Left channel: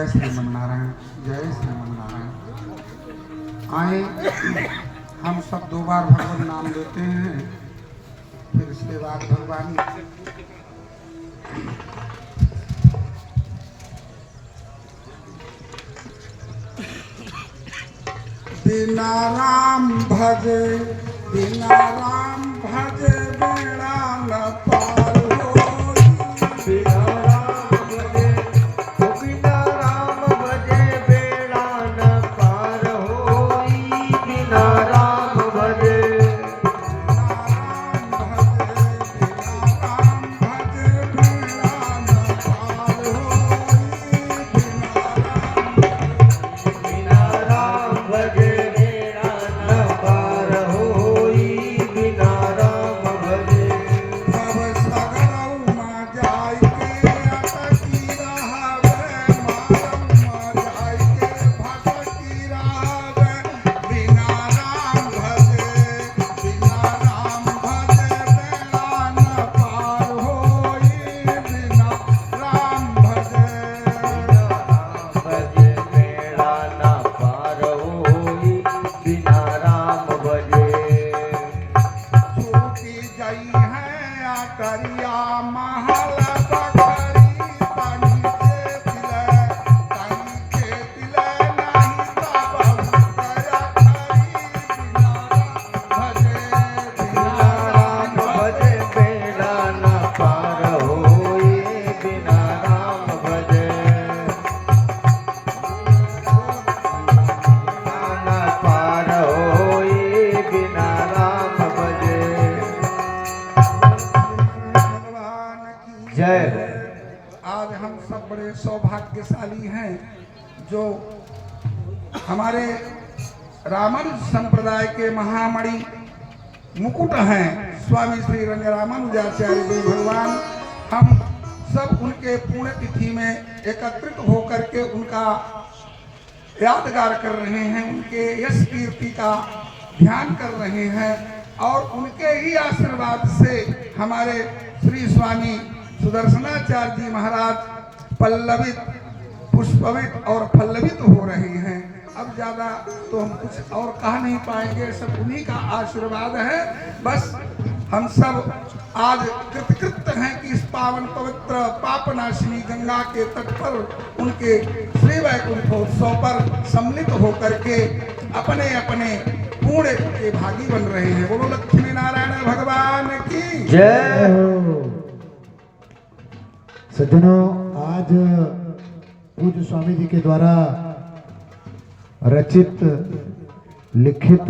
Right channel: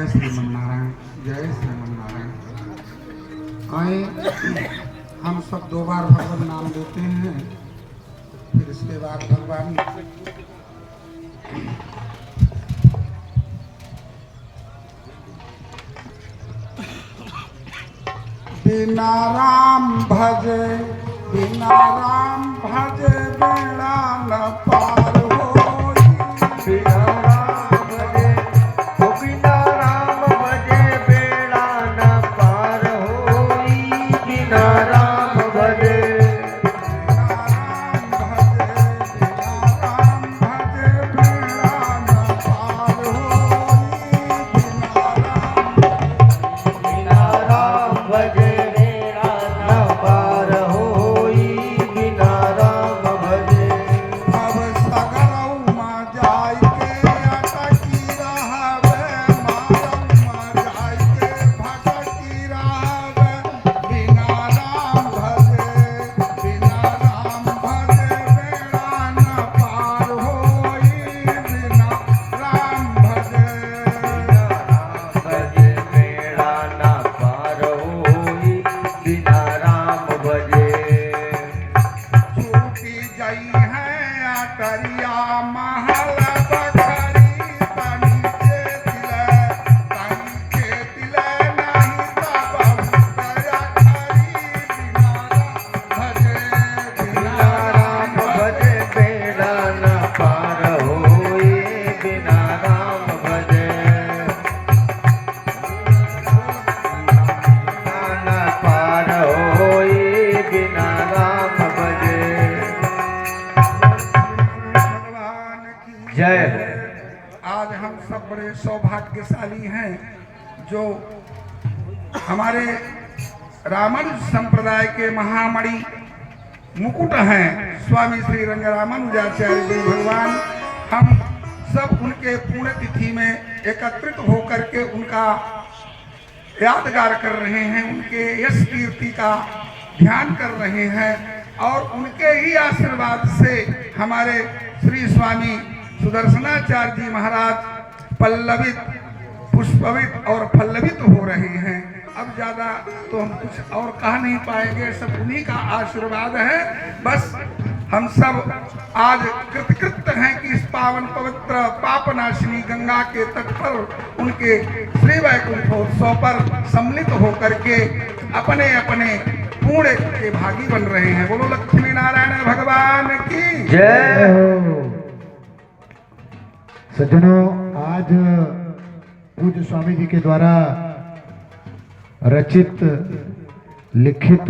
जय श्रीमन्नारायण, जय श्रीमन्नारायण। आए हम सब 2 बार भगवान नाम लेते हैं, फिर इसके बाद भगवान बिना राम भजे, बिना राम भजे बेड़ा न पार होई। बिना राम भजे, ओ बिना राम भजे बेड़ा न पार होई। बिना राम भजे, बिना राम भजे बेड़ा न पार होई। बिना राम भजे, भव सगरौ मा जाय के अटकी रहबै, मारौ मा जाय के भटकी रहबै। बिना राम भजे, बिना राम भजे बेड़ा न पार होई। बिना राम भजे, भजे बेड़ा न पार होई। बिना राम भजे, छूटी गई है अटरिया महल बखरी। तनी के तिले नहीं तब दया खरी। बिना राम भजे, बिना राम भजे बेड़ा न पार होई। बिना राम भजे, न पार होई। बिना राम भजे, भगवान की जय हो। आज हम सब बड़े सौभाग्यशाली हैं जो हमारे रामानुज संप्रदाय के महामणि मुकुट हैं स्वामी श्री रंग रामानुजाचार्य जी भगवान। हम सब उनके पुण्यतिथि में एकत्रित होकर के उनका यादगार कर रहे हैं, उनके यश कीर्ति का ध्यान कर रहे हैं और उनके ही आशीर्वाद से हमारे श्री स्वामी सुदर्शनाचार्य जी महाराज पल्लवित, पुष्पवित और पल्लवित हो रहे हैं। अब ज्यादा तो हम कुछ और कह नहीं पाएंगे, सब उन्हीं का आशीर्वाद है। बस हम सब आज कृतकृत्य हैं कि इस पावन पवित्र पापनाशिनी गंगा के तट पर उनके श्री वैकुंठोत्सव पर सम्मिलित होकर के अपने अपने पुण्य के भागी बन रहे हैं। बोलो लक्ष्मी नारायण भगवान की जय हो। सज्जनों, आज पूज्य स्वामी जी के द्वारा रचित लिखित,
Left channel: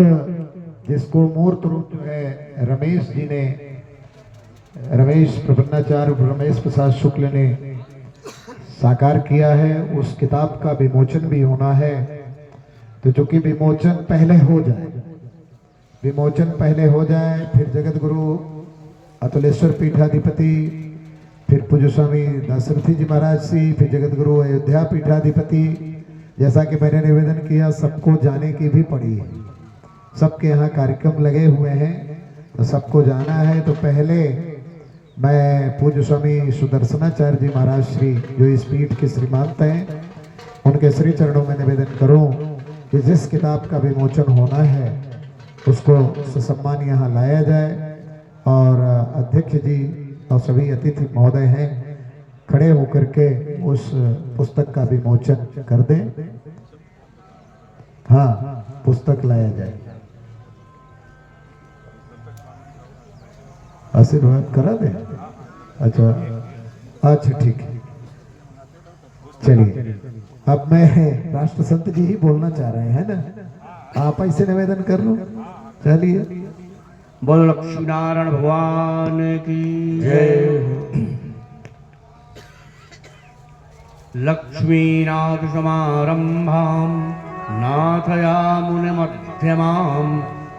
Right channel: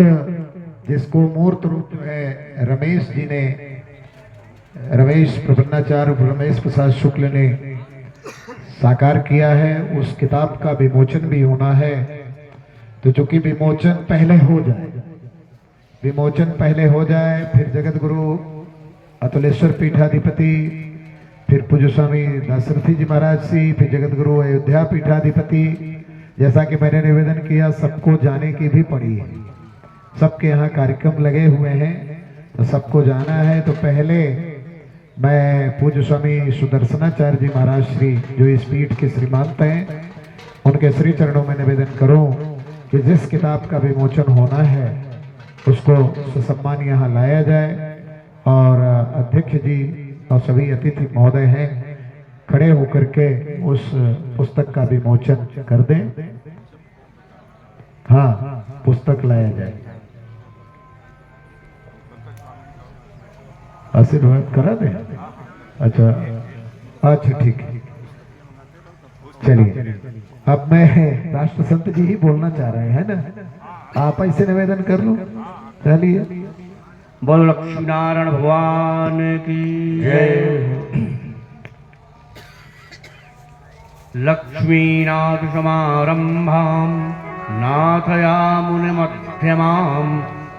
जिसको मूर्त रूप है रमेश जी ने, रमेश प्रबन्धाचार्य रमेश प्रसाद शुक्ल ने साकार किया है, उस किताब का विमोचन भी होना है। तो चूंकि विमोचन पहले हो जाए, फिर जगत गुरु अतुलेश्वर पीठाधिपति, फिर पूज्य स्वामी दासरथी जी महाराज जी, फिर जगत गुरु अयोध्या पीठाधिपति, जैसा कि मैंने निवेदन किया सबको जाने की भी पड़ी है। सबके यहाँ कार्यक्रम लगे हुए हैं तो सबको जाना है। तो पहले मैं पूज्य स्वामी सुदर्शनाचार्य जी महाराज श्री, जो इस पीठ के श्रीमंत हैं, उनके श्री चरणों में निवेदन करूं कि जिस किताब का विमोचन होना है उसको ससम्मान यहाँ लाया जाए और अध्यक्ष जी और सभी अतिथि महोदय हैं खड़े होकर के उस पुस्तक का विमोचन कर दें। हाँ, पुस्तक लाया जाए। आशीर्वाद करा दें। अच्छा ठीक है, चलिए। अब मैं राष्ट्र संत जी ही बोलना चाह रहे हैं ना, आप ऐसे निवेदन कर लो। चलिए, बोलो लक्ष्मी नारायण भगवान की जय। लक्ष्मीनाथ समारंभां नाथयामुनिमध्यमाम्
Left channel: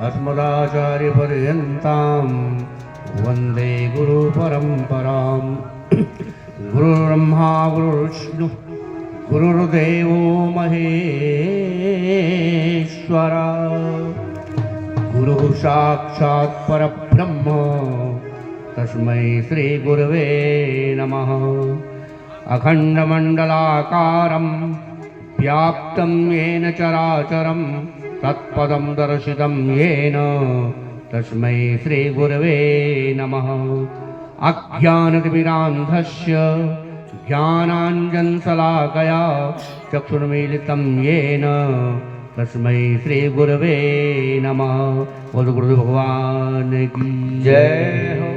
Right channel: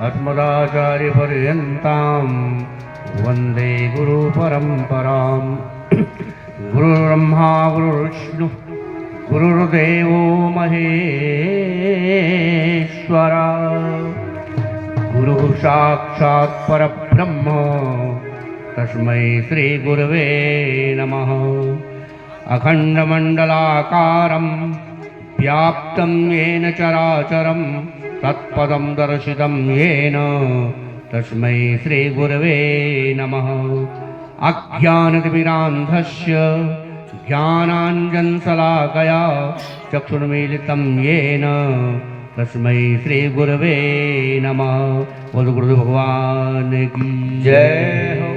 अस्मदाचार्य पर्यन्तां वन्दे गुरु परम्पराम्। गुरुर्ब्रह्मा गुरुर्विष्णु गुरुर्देवो महेश्वरा, गुरु साक्षात् परब्रह्म तस्मै श्री गुरवे नमः। अखण्डमण्डलाकारं व्याप्तं येन चराचरं तत्पदं दर्शितं येन तस्मै श्रीगुरवे नमः। अज्ञानतिमिरान्धस्य ज्ञानाञ्जनशलाकया चक्षुर्मीलितं येन तस्मै श्रीगुरवे नमः। बोल गुरुदेव भगवान की जय हो।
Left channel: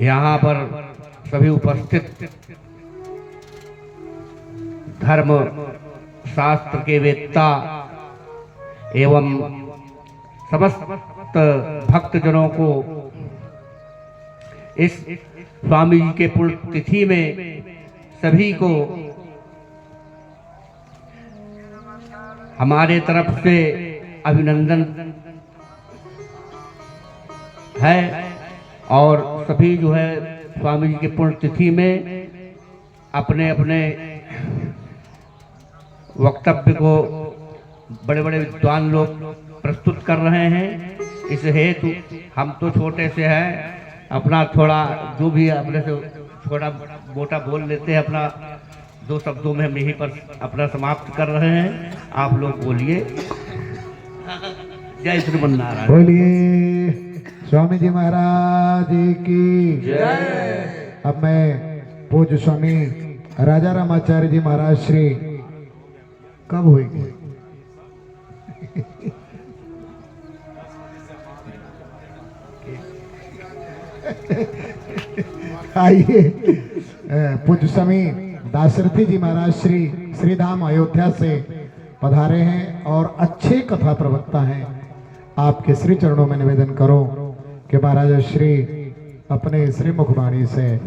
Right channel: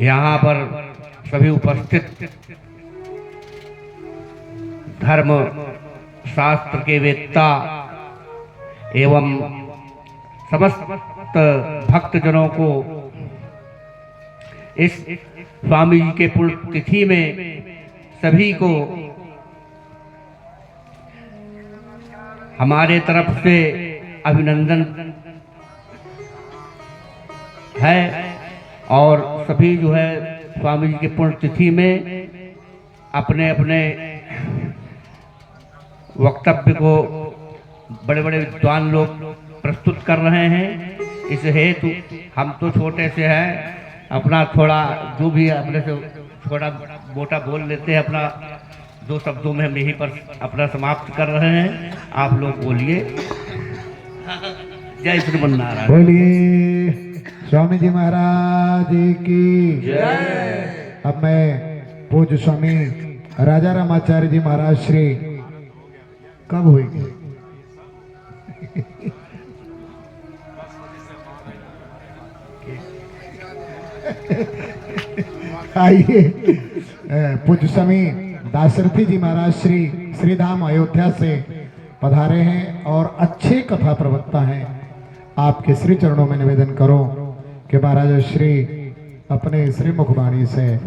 यहाँ पर सभी उपस्थित धर्म शास्त्र के वेत्ता एवं समस्त भक्तजनों को इस स्वामी जी के पुण्यतिथि में सभी को हमारे तरफ से अभिनंदन है और सभी जो है स्वामी जी के पुण्यतिथि में अपने अपने वक्तव्य को बड़े बड़े विद्वान लोग प्रस्तुत कर रहे हैं। इस हेतु हम तो छोटे से हैं, अपना थोड़ा जो भी अपने से छोटा मोटा बोल लेते हैं, अपना 2 शब्दों में हम यहीं पर अपना समाप्त कर रहे हैं। आप लोग बोलिए जय श्रीमन्नारायण। बोलिए स्वामी जी महाराज की जय। अब मैं पूज्य स्वामी राजा रामाचार्य जी महाराज श्री कब हुई आइए पूज्य स्वामी दाशरथी जी महाराज श्री धाम अयोध्या से पधारे हैं और अच्छे कथा प्रवक्ता हैं। आपके श्री चरणों में निवेदन करो कि महाराज श्री अपने श्री मुखवाणी से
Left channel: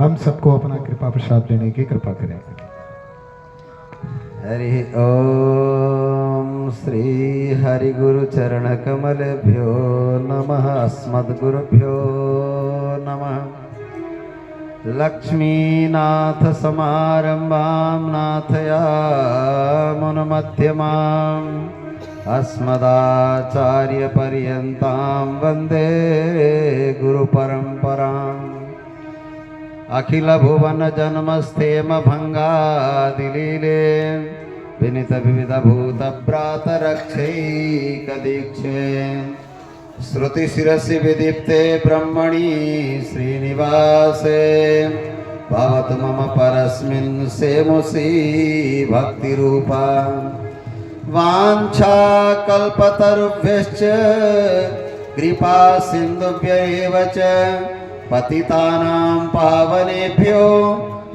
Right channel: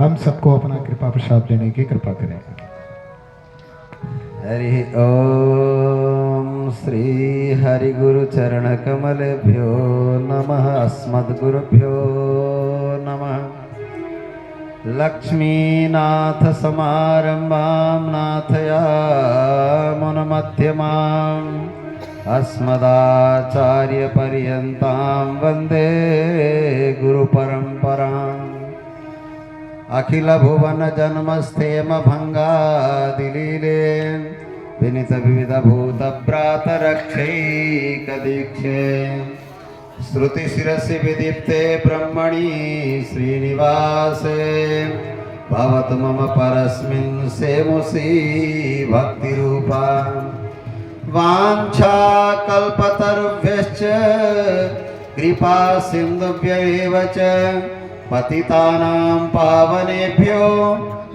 हम सबको अपना कृपा प्रसाद देने की कृपा करें। हरि ओम श्री हरि गुरु चरण कमलभ्यो नमः। अस्मद्गुरुभ्यो नमः। लक्ष्मीनाथ समारंभां नाथयामुनमध्यमाम् अस्मदाचार्य पर्यन्तां वन्दे गुरुपरम्पराम्। अखिल भुवन जन्मस्थेम भंगादिलीले विनित विविध भूत ब्रात रक्षैकदीक्षे श्रुति शिरसि विदीप्ते ब्रह्मणि श्रीनिवासे भवतु मम परस्मिन् सेमुषी भक्तिरूपा। वाञ्छा कल्पतरुभ्यश्च कृपा सिन्धुभ्यैव च पतितानां पावनेभ्यो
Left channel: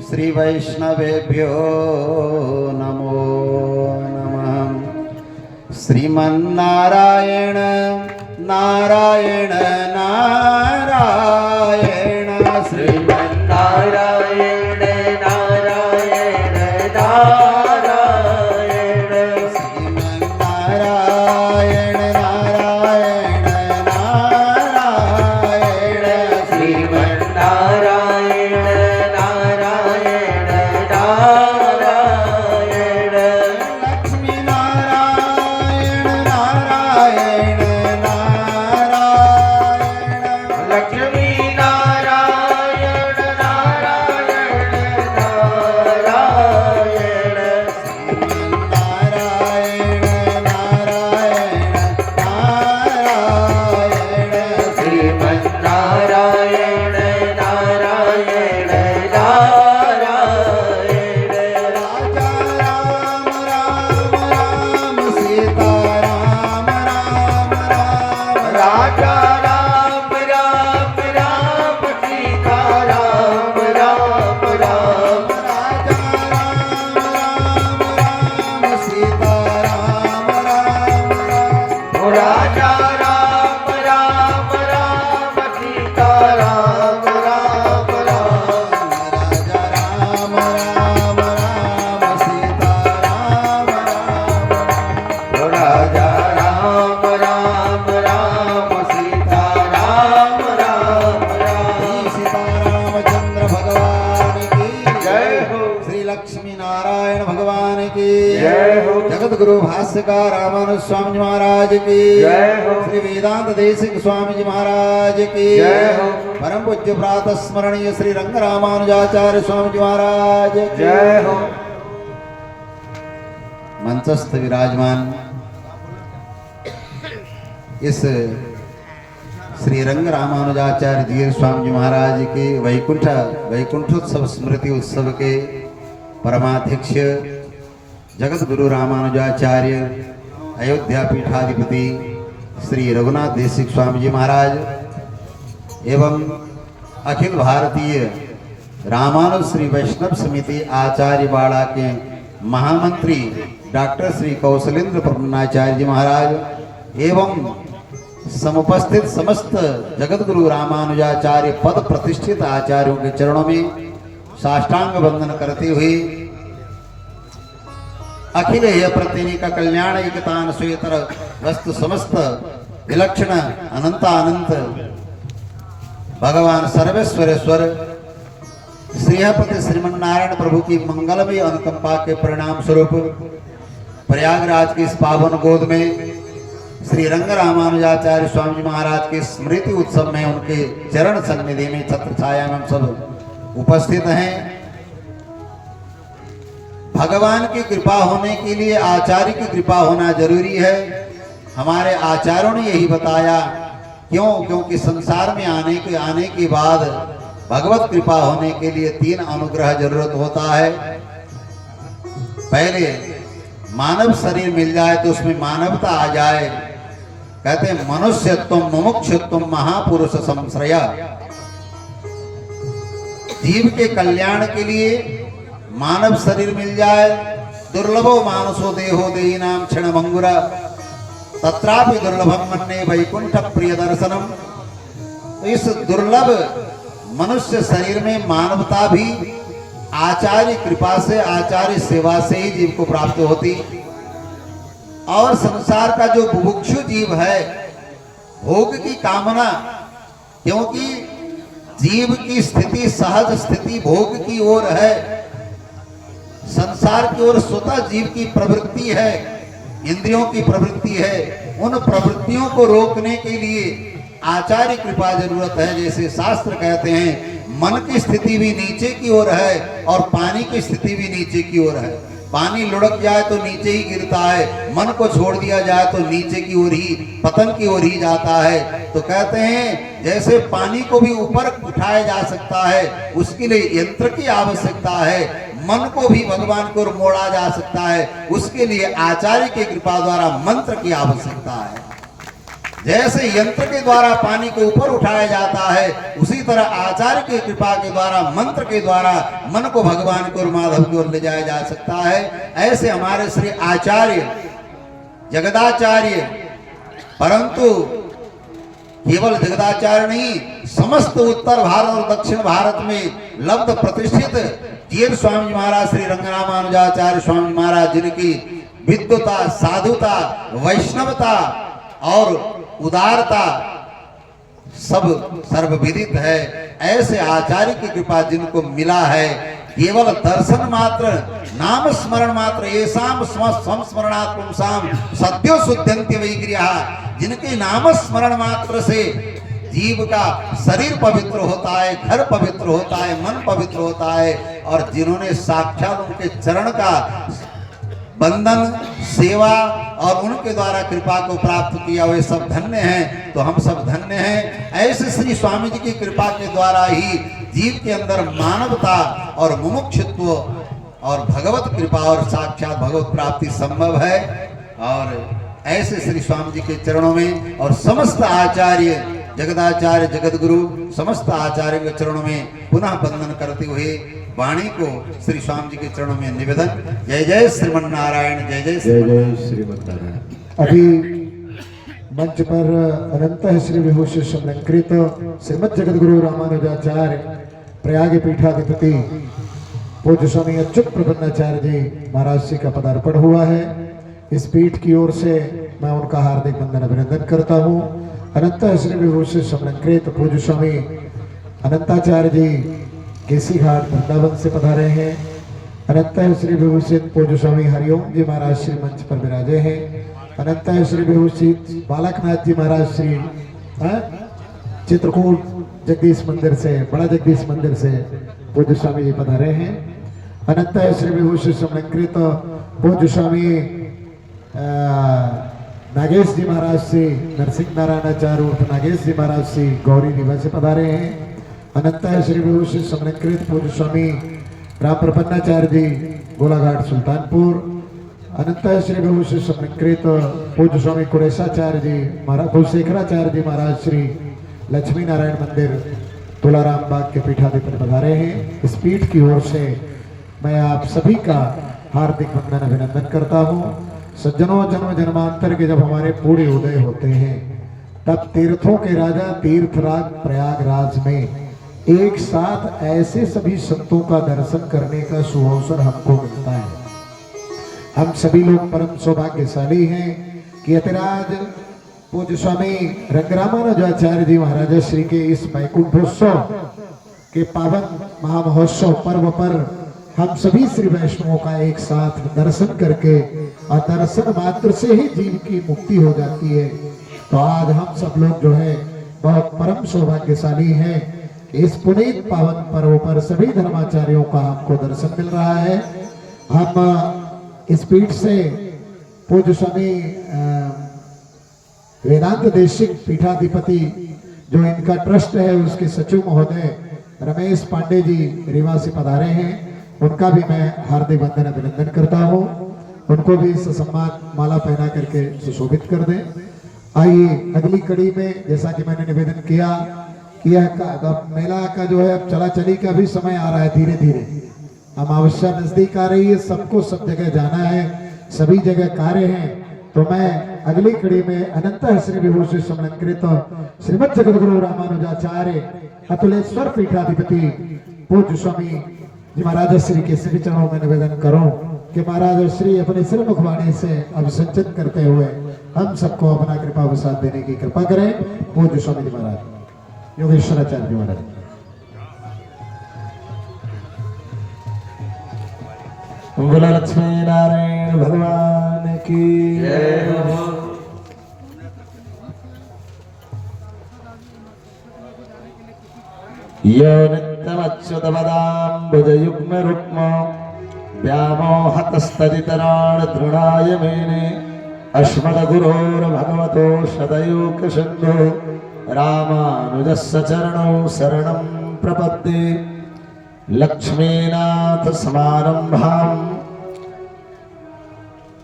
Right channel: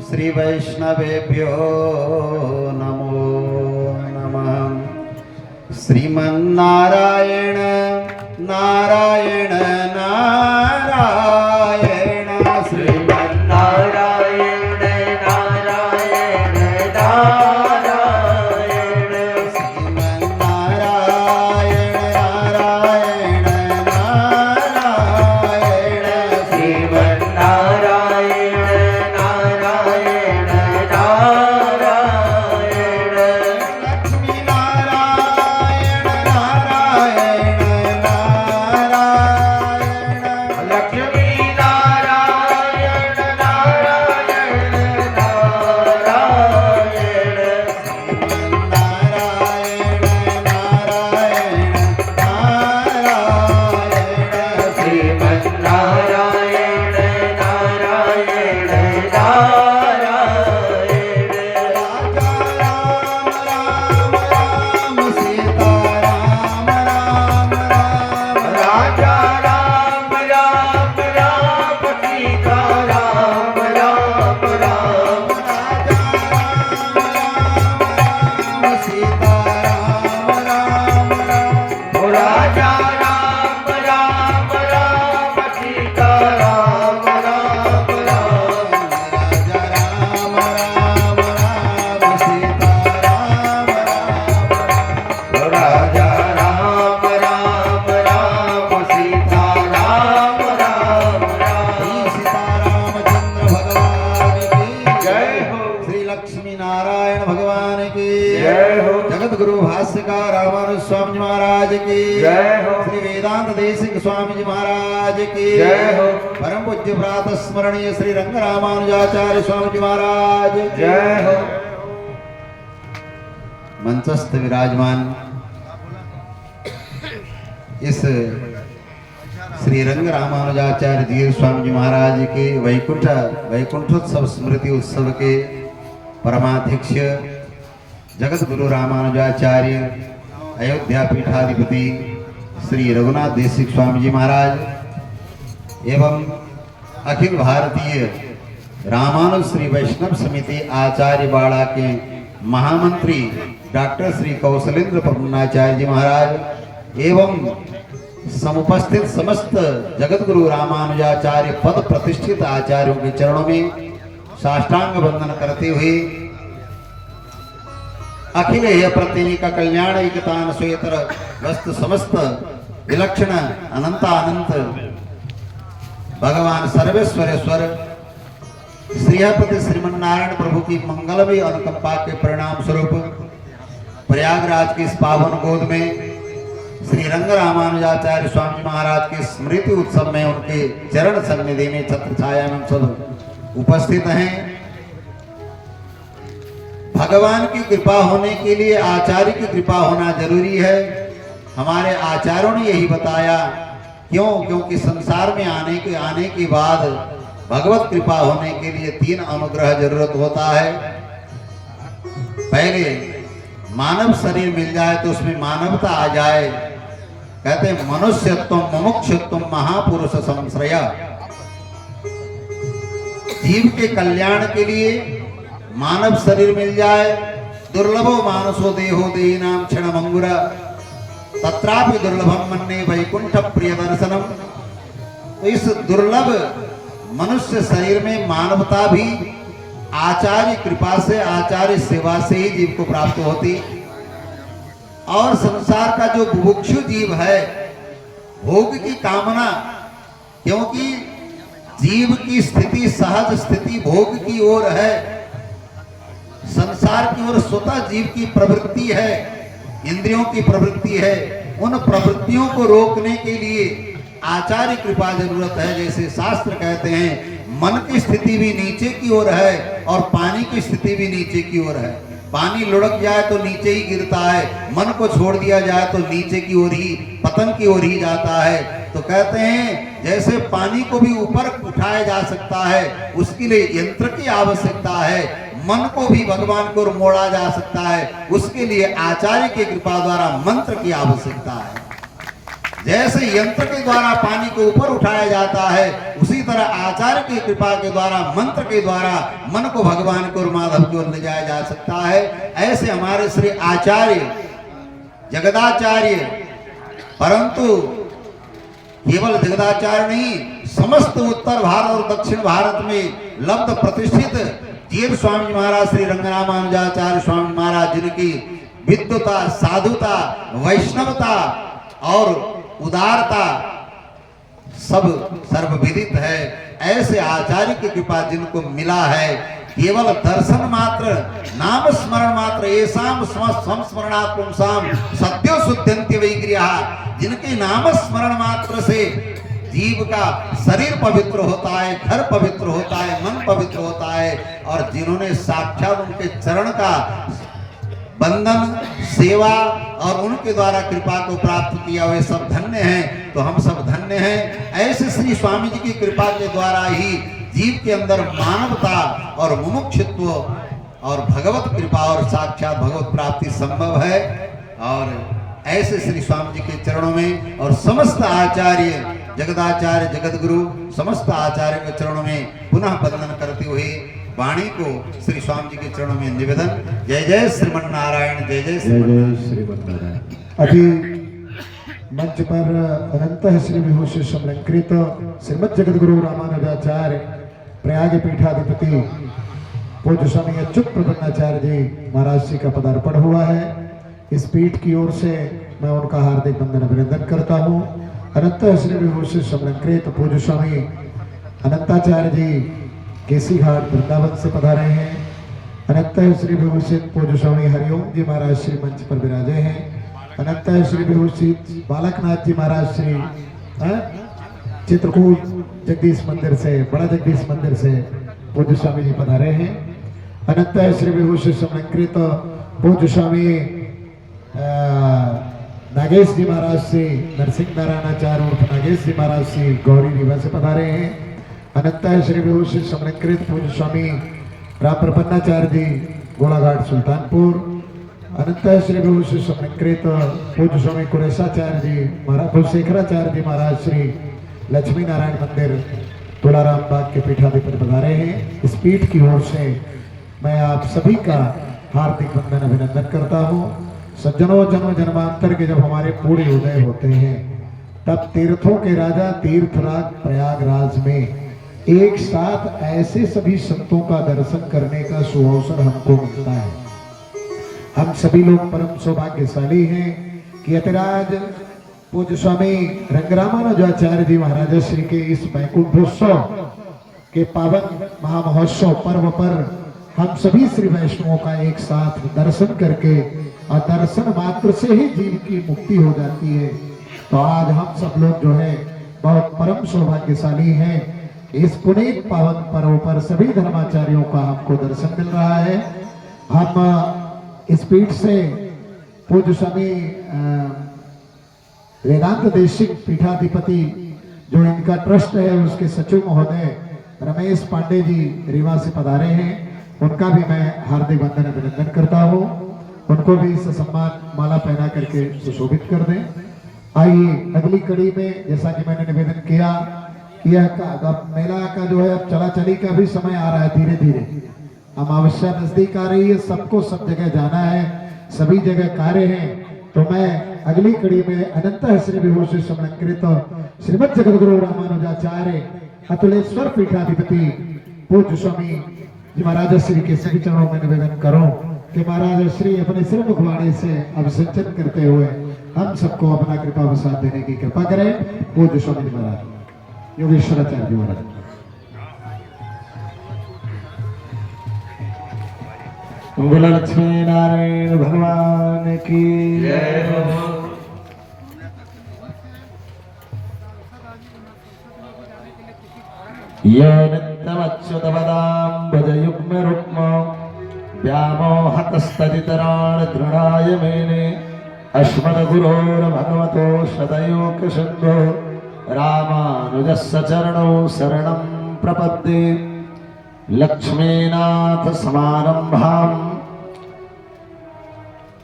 श्री वैष्णवेभ्यो नमो नमः। श्रीमन्नारायण नारायण नारायण श्रीमन्नारायण नारायण नारायण श्रीमन्नारायण नारायण नारायण श्रीमन्नारायण नारायण नारायण लक्ष्मीनारायण नारायण नारायण जय हो जगत गुरु भाष्यकार रामानुज स्वामी जी महाराज की जय हो श्री वेदांत देशिक स्वामी जी महाराज की जय हो परम पूज्य प्रातः स्मरणीय श्री रंग रामानुजाचार्य स्वामी जी महाराज की जय हो मंचस्थ विराजमान इस श्री रंग रामानुजाचार्य धीर स्वामी जी महाराज के वैकुंठोत्सव स्मृति उत्सव के परमाध्यक्ष जगत गुरु रामानुजाचार्य अयोध्या पीठाधिपति श्री रघुनाथ देशिक स्वामी जी महाराज एवं अखिल भारतीय रामानुज श्री वैष्णव समिति आचार्य बाड़ा के महामंत्री डॉक्टर श्री कौशलेंद्र प्रपन्नाचार्य जी महाराज एवं समुपस्थित समस्त जगत गुरु रामानुजाचार्य पद प्रतिष्ठित आचार्यों के चरणों में साष्टांग वंदन करते हुए अखिल हे प्रतिनिका कल्याण एकतान स्वेतर वस्तु समस्त विलक्षण अनंत भगवान सर्वेश्वरेश्वर श्रीहपति श्रीमन्नारायण प्रभु की मंगलमय अनुकंपा के परिणाम स्वरूप प्रयागराज की इस पावन गोद में श्री रंग रामानुजाचार्य स्वामी जी महाराज के स्मृति उत्सव में उनके चरण सन्निधि में छत्र छाया में सब उपस्थित हैं। भगवान की कृपा होने के लिए आचार्य की कृपा होना जरूरी है। हमारे आचार्यों ने यही बताया। क्यों? क्योंकि संसार में आने के बाद भगवत कृपा होने के लिए 3 अनुग्रह जरूरत होता है। पहले मानव शरीर मिल जाए तो उसमें मानवता आ जाए। कहते हैं मनुष्यत्व मुमुक्षुत्व महापुरुष संश्रया। जीव के कल्याण के लिए मानव शरीर मिल जाए। दुर्लभो मानसो देहो देही नाम क्षण मंगुरा तत्रापि दुर्लभम मन्ने वैकुंठ प्रिय दर्शनम। तो इस दुर्लभ मनुष्य शरीर में मानवता भी आचार्य कृपा से आचार्य सेवा से ही जीव को प्राप्त होती। और संसार का जो बुभुक्षु जीव है भोग की कामना, क्योंकि जीव की स्थिति सहज स्थिति भोग की ओर है, संसार की ओर स्वतः जीव की प्रवृत्ति है, इंद्रियों की प्रवृत्ति है। उन प्रवृत्तियों को रोकने के लिए आचार्य कृपा जरूरत है। जैसे शास्त्र कहते हैं मन की स्थिति भी नीचे की ओर है और पानी की स्थिति भी नीचे की ओर है। पानी लुढ़क जाए तो नीचे ही गिरता है, मन को छोड़ दिया जाए तो नीचे की ओर ही पतन की ओर ही जाता है। तो कहते हैं जैसे पानी को भी ऊपर उठाया जा सकता है उसके लिए यंत्र की आवश्यकता है, मन को भी भगवान की ओर मोड़ा जा सकता है उसके लिए आचार्य की कृपा द्वारा मंत्र की आवश्यकता है। जैसे यंत्र के द्वारा पानी को ऊपर उठाया जाता है उसी तरह आचार्य की कृपा के द्वारा मंत्र के द्वारा मन को भगवान को माधव की ओर ले जाया जा सकता है। ऐसे हमारे श्री आचार्य जगदाचार्य, परंतु केवल जगदाचार्य नहीं, समस्त उत्तर भारत और दक्षिण भारत में लब्ध प्रतिष्ठित जीर स्वामी महाराज श्री रंगरामानुजाचार्य स्वामी महाराज जिनकी विद्वता, साधुता, वैष्णवता और उदारता सब सर्वविदित है। ऐसे आचार्य की कृपा जिनको मिला है, केवल दर्शन मात्र नाम स्मरण मात्र येषाम संस्मरणात् पुंसाम सद्यो शुद्धन्ति वैगृहाः। जिनके नाम स्मरण मात्र से जीव का शरीर पवित्र होता है, घर पवित्र होता है, मन पवित्र होता है। और जिन्होंने साक्षात उनके चरण का बंधन, सेवा और उनके द्वारा कृपा को प्राप्त किया वे सब धन्य हैं। तो हम सब धन्य हैं। ऐसे श्री स्वामी जी की कृपा के द्वारा ही जीव के अंदर मानवता और मुमुक्षुत्व और भगवत कृपा और साक्षात भगवत प्राप्ति संभव है। और ऐसे श्री स्वामी जी के चरणों में और समस्त आचार्य जगदाचार्य जगत गुरु समस्त आचार्यों के चरणों में पुनः वंदन करते हुए वाणी को श्री स्वामी जी के चरणों में निवेदन। जय जय श्रीमन्नारायण, जय जय श्रीमन्नारायण। अभी मंच पर अनंत श्री विभूषण समलंकृत श्रीमद जगत गुरु रामानुजाचार्य प्रयाग पीठाधिपति पूज्य स्वामी अच्युत प्रपन्नाचार्य जी महाराज जी का पदार्पण हुआ है। इस पीठ की ओर से मैं उनका हार्दिक वंदन अभिनंदन करता हूँ। अनंत श्री विभूषण समलंकृत पूज्य स्वामी अनंताचार्य जी केसी घाट वृंदावन से पधारे हैं। अनंत श्री विभूषित पूज्य स्वामी हरिओम जी महाराज श्री मंच पर विराजे हैं। अनंत श्री विभूषित बालकनाथ जी महाराज श्री चित्रकूट जगदीश मंदिर से, बड़ा जगदीश मंदिर से पूज्य स्वामी जी पधारे हैं। अनंत श्री विभूषित समलंकृत पूज्य स्वामी नागेश जी महाराज श्री नरसिंह नारायणाचार्य उर्फ नागेश जी महाराज श्री गौरी रीवा से पधारे हैं। अनंत श्री विभूषित समलंकृत पूज्य स्वामी राम प्रपन्नाचार्य जी गोलाघाट सुल्तानपुर। अनंत श्री विभूषित समलंकृत पूज्य स्वामी कुरेशाचार्य जी महाराज कुलशेखराचार्य जी महाराज श्री लक्ष्मी नारायण मंदिर तुलाराम बाग के पीठाधिपति पधारे हैं। इस पीठ की ओर से मैं आप सभी का हार्दिक वंदन अभिनंदन करता हूँ। सज्जनों, जन्म जन्मांतर के जब हमारे पूरे उदय होते हैं तब तीर्थों के राजा तीर्थराज प्रयागराज में एक साथ ऐसे सभी संतों का दर्शन करने का सुअवसर हमको मिलता है। हम सभी लोग परम सौभाग्यशाली हैं कि अतिराज पूज्य स्वामी रंगरामानुजाचार्य जी महाराज श्री के इस वैकुंठोत्सव के पावन महामहोत्सव पर्व पर हम सभी श्री वैष्णवों का एक साथ दर्शन करके और दर्शन मात्र से ही जीव की मुक्ति हो जाती है। तो आज हम सब लोग जो है बहुत परम सौभाग्यशाली हैं। इस पुनीत पावन पर्व पर सभी धर्माचार्यों का हमको दर्शन मिल रहा है। हम इस पीठ से पूज्य स्वामी वेदांत देशिक पीठाधिपति जो इनका ट्रस्ट है उसके सचिव महोदय रमेश पांडे जी रीवा से पधारे हैं। उनका भी मैं हार्दिक वंदन अभिनंदन करता हूँ। उनको भी सम्मान माला पहना करके सुशोभित कर दें। आइए अगली कड़ी में, जैसा कि मैंने निवेदन किया कि यह मेला का जो है अब चला चली का भी समय आ रहा है। धीरे धीरे अमावस्या नजदीक आ रही है, सबको सब जगह जाना है, सभी जगह कार्य हैं। तो मैं अगली कड़ी में अनंत श्री विभूषित समलंकृत श्रीमद जगद्गुरु रामानुजाचार्य अतुलेश्वर पीठाधिपति पूज्य स्वामी जी महाराज श्री के सभी चरणों में निवेदन करूं कि महाराज श्री अपने श्रीमुख वाणी से अभिसंचन करते हुए हम सबको अपना कृपा प्रसाद देने की कृपा करें। पूज्य स्वामी महाराज योगेश्वराचार्य जी महाराज। बोलो लक्ष्मी नारायण भगवान की जय। यो नित्यमच्युतपदाम्बुजयुग्मरुक्म व्यामोहतस्तदितराणि दृढाय मेने अस्मद्गुरोर्भगवतो शतयोगसिन्धो रामानुजस्य चरणौ शरणं प्रपद्ये। लक्ष्मीनाथ समारंभाम।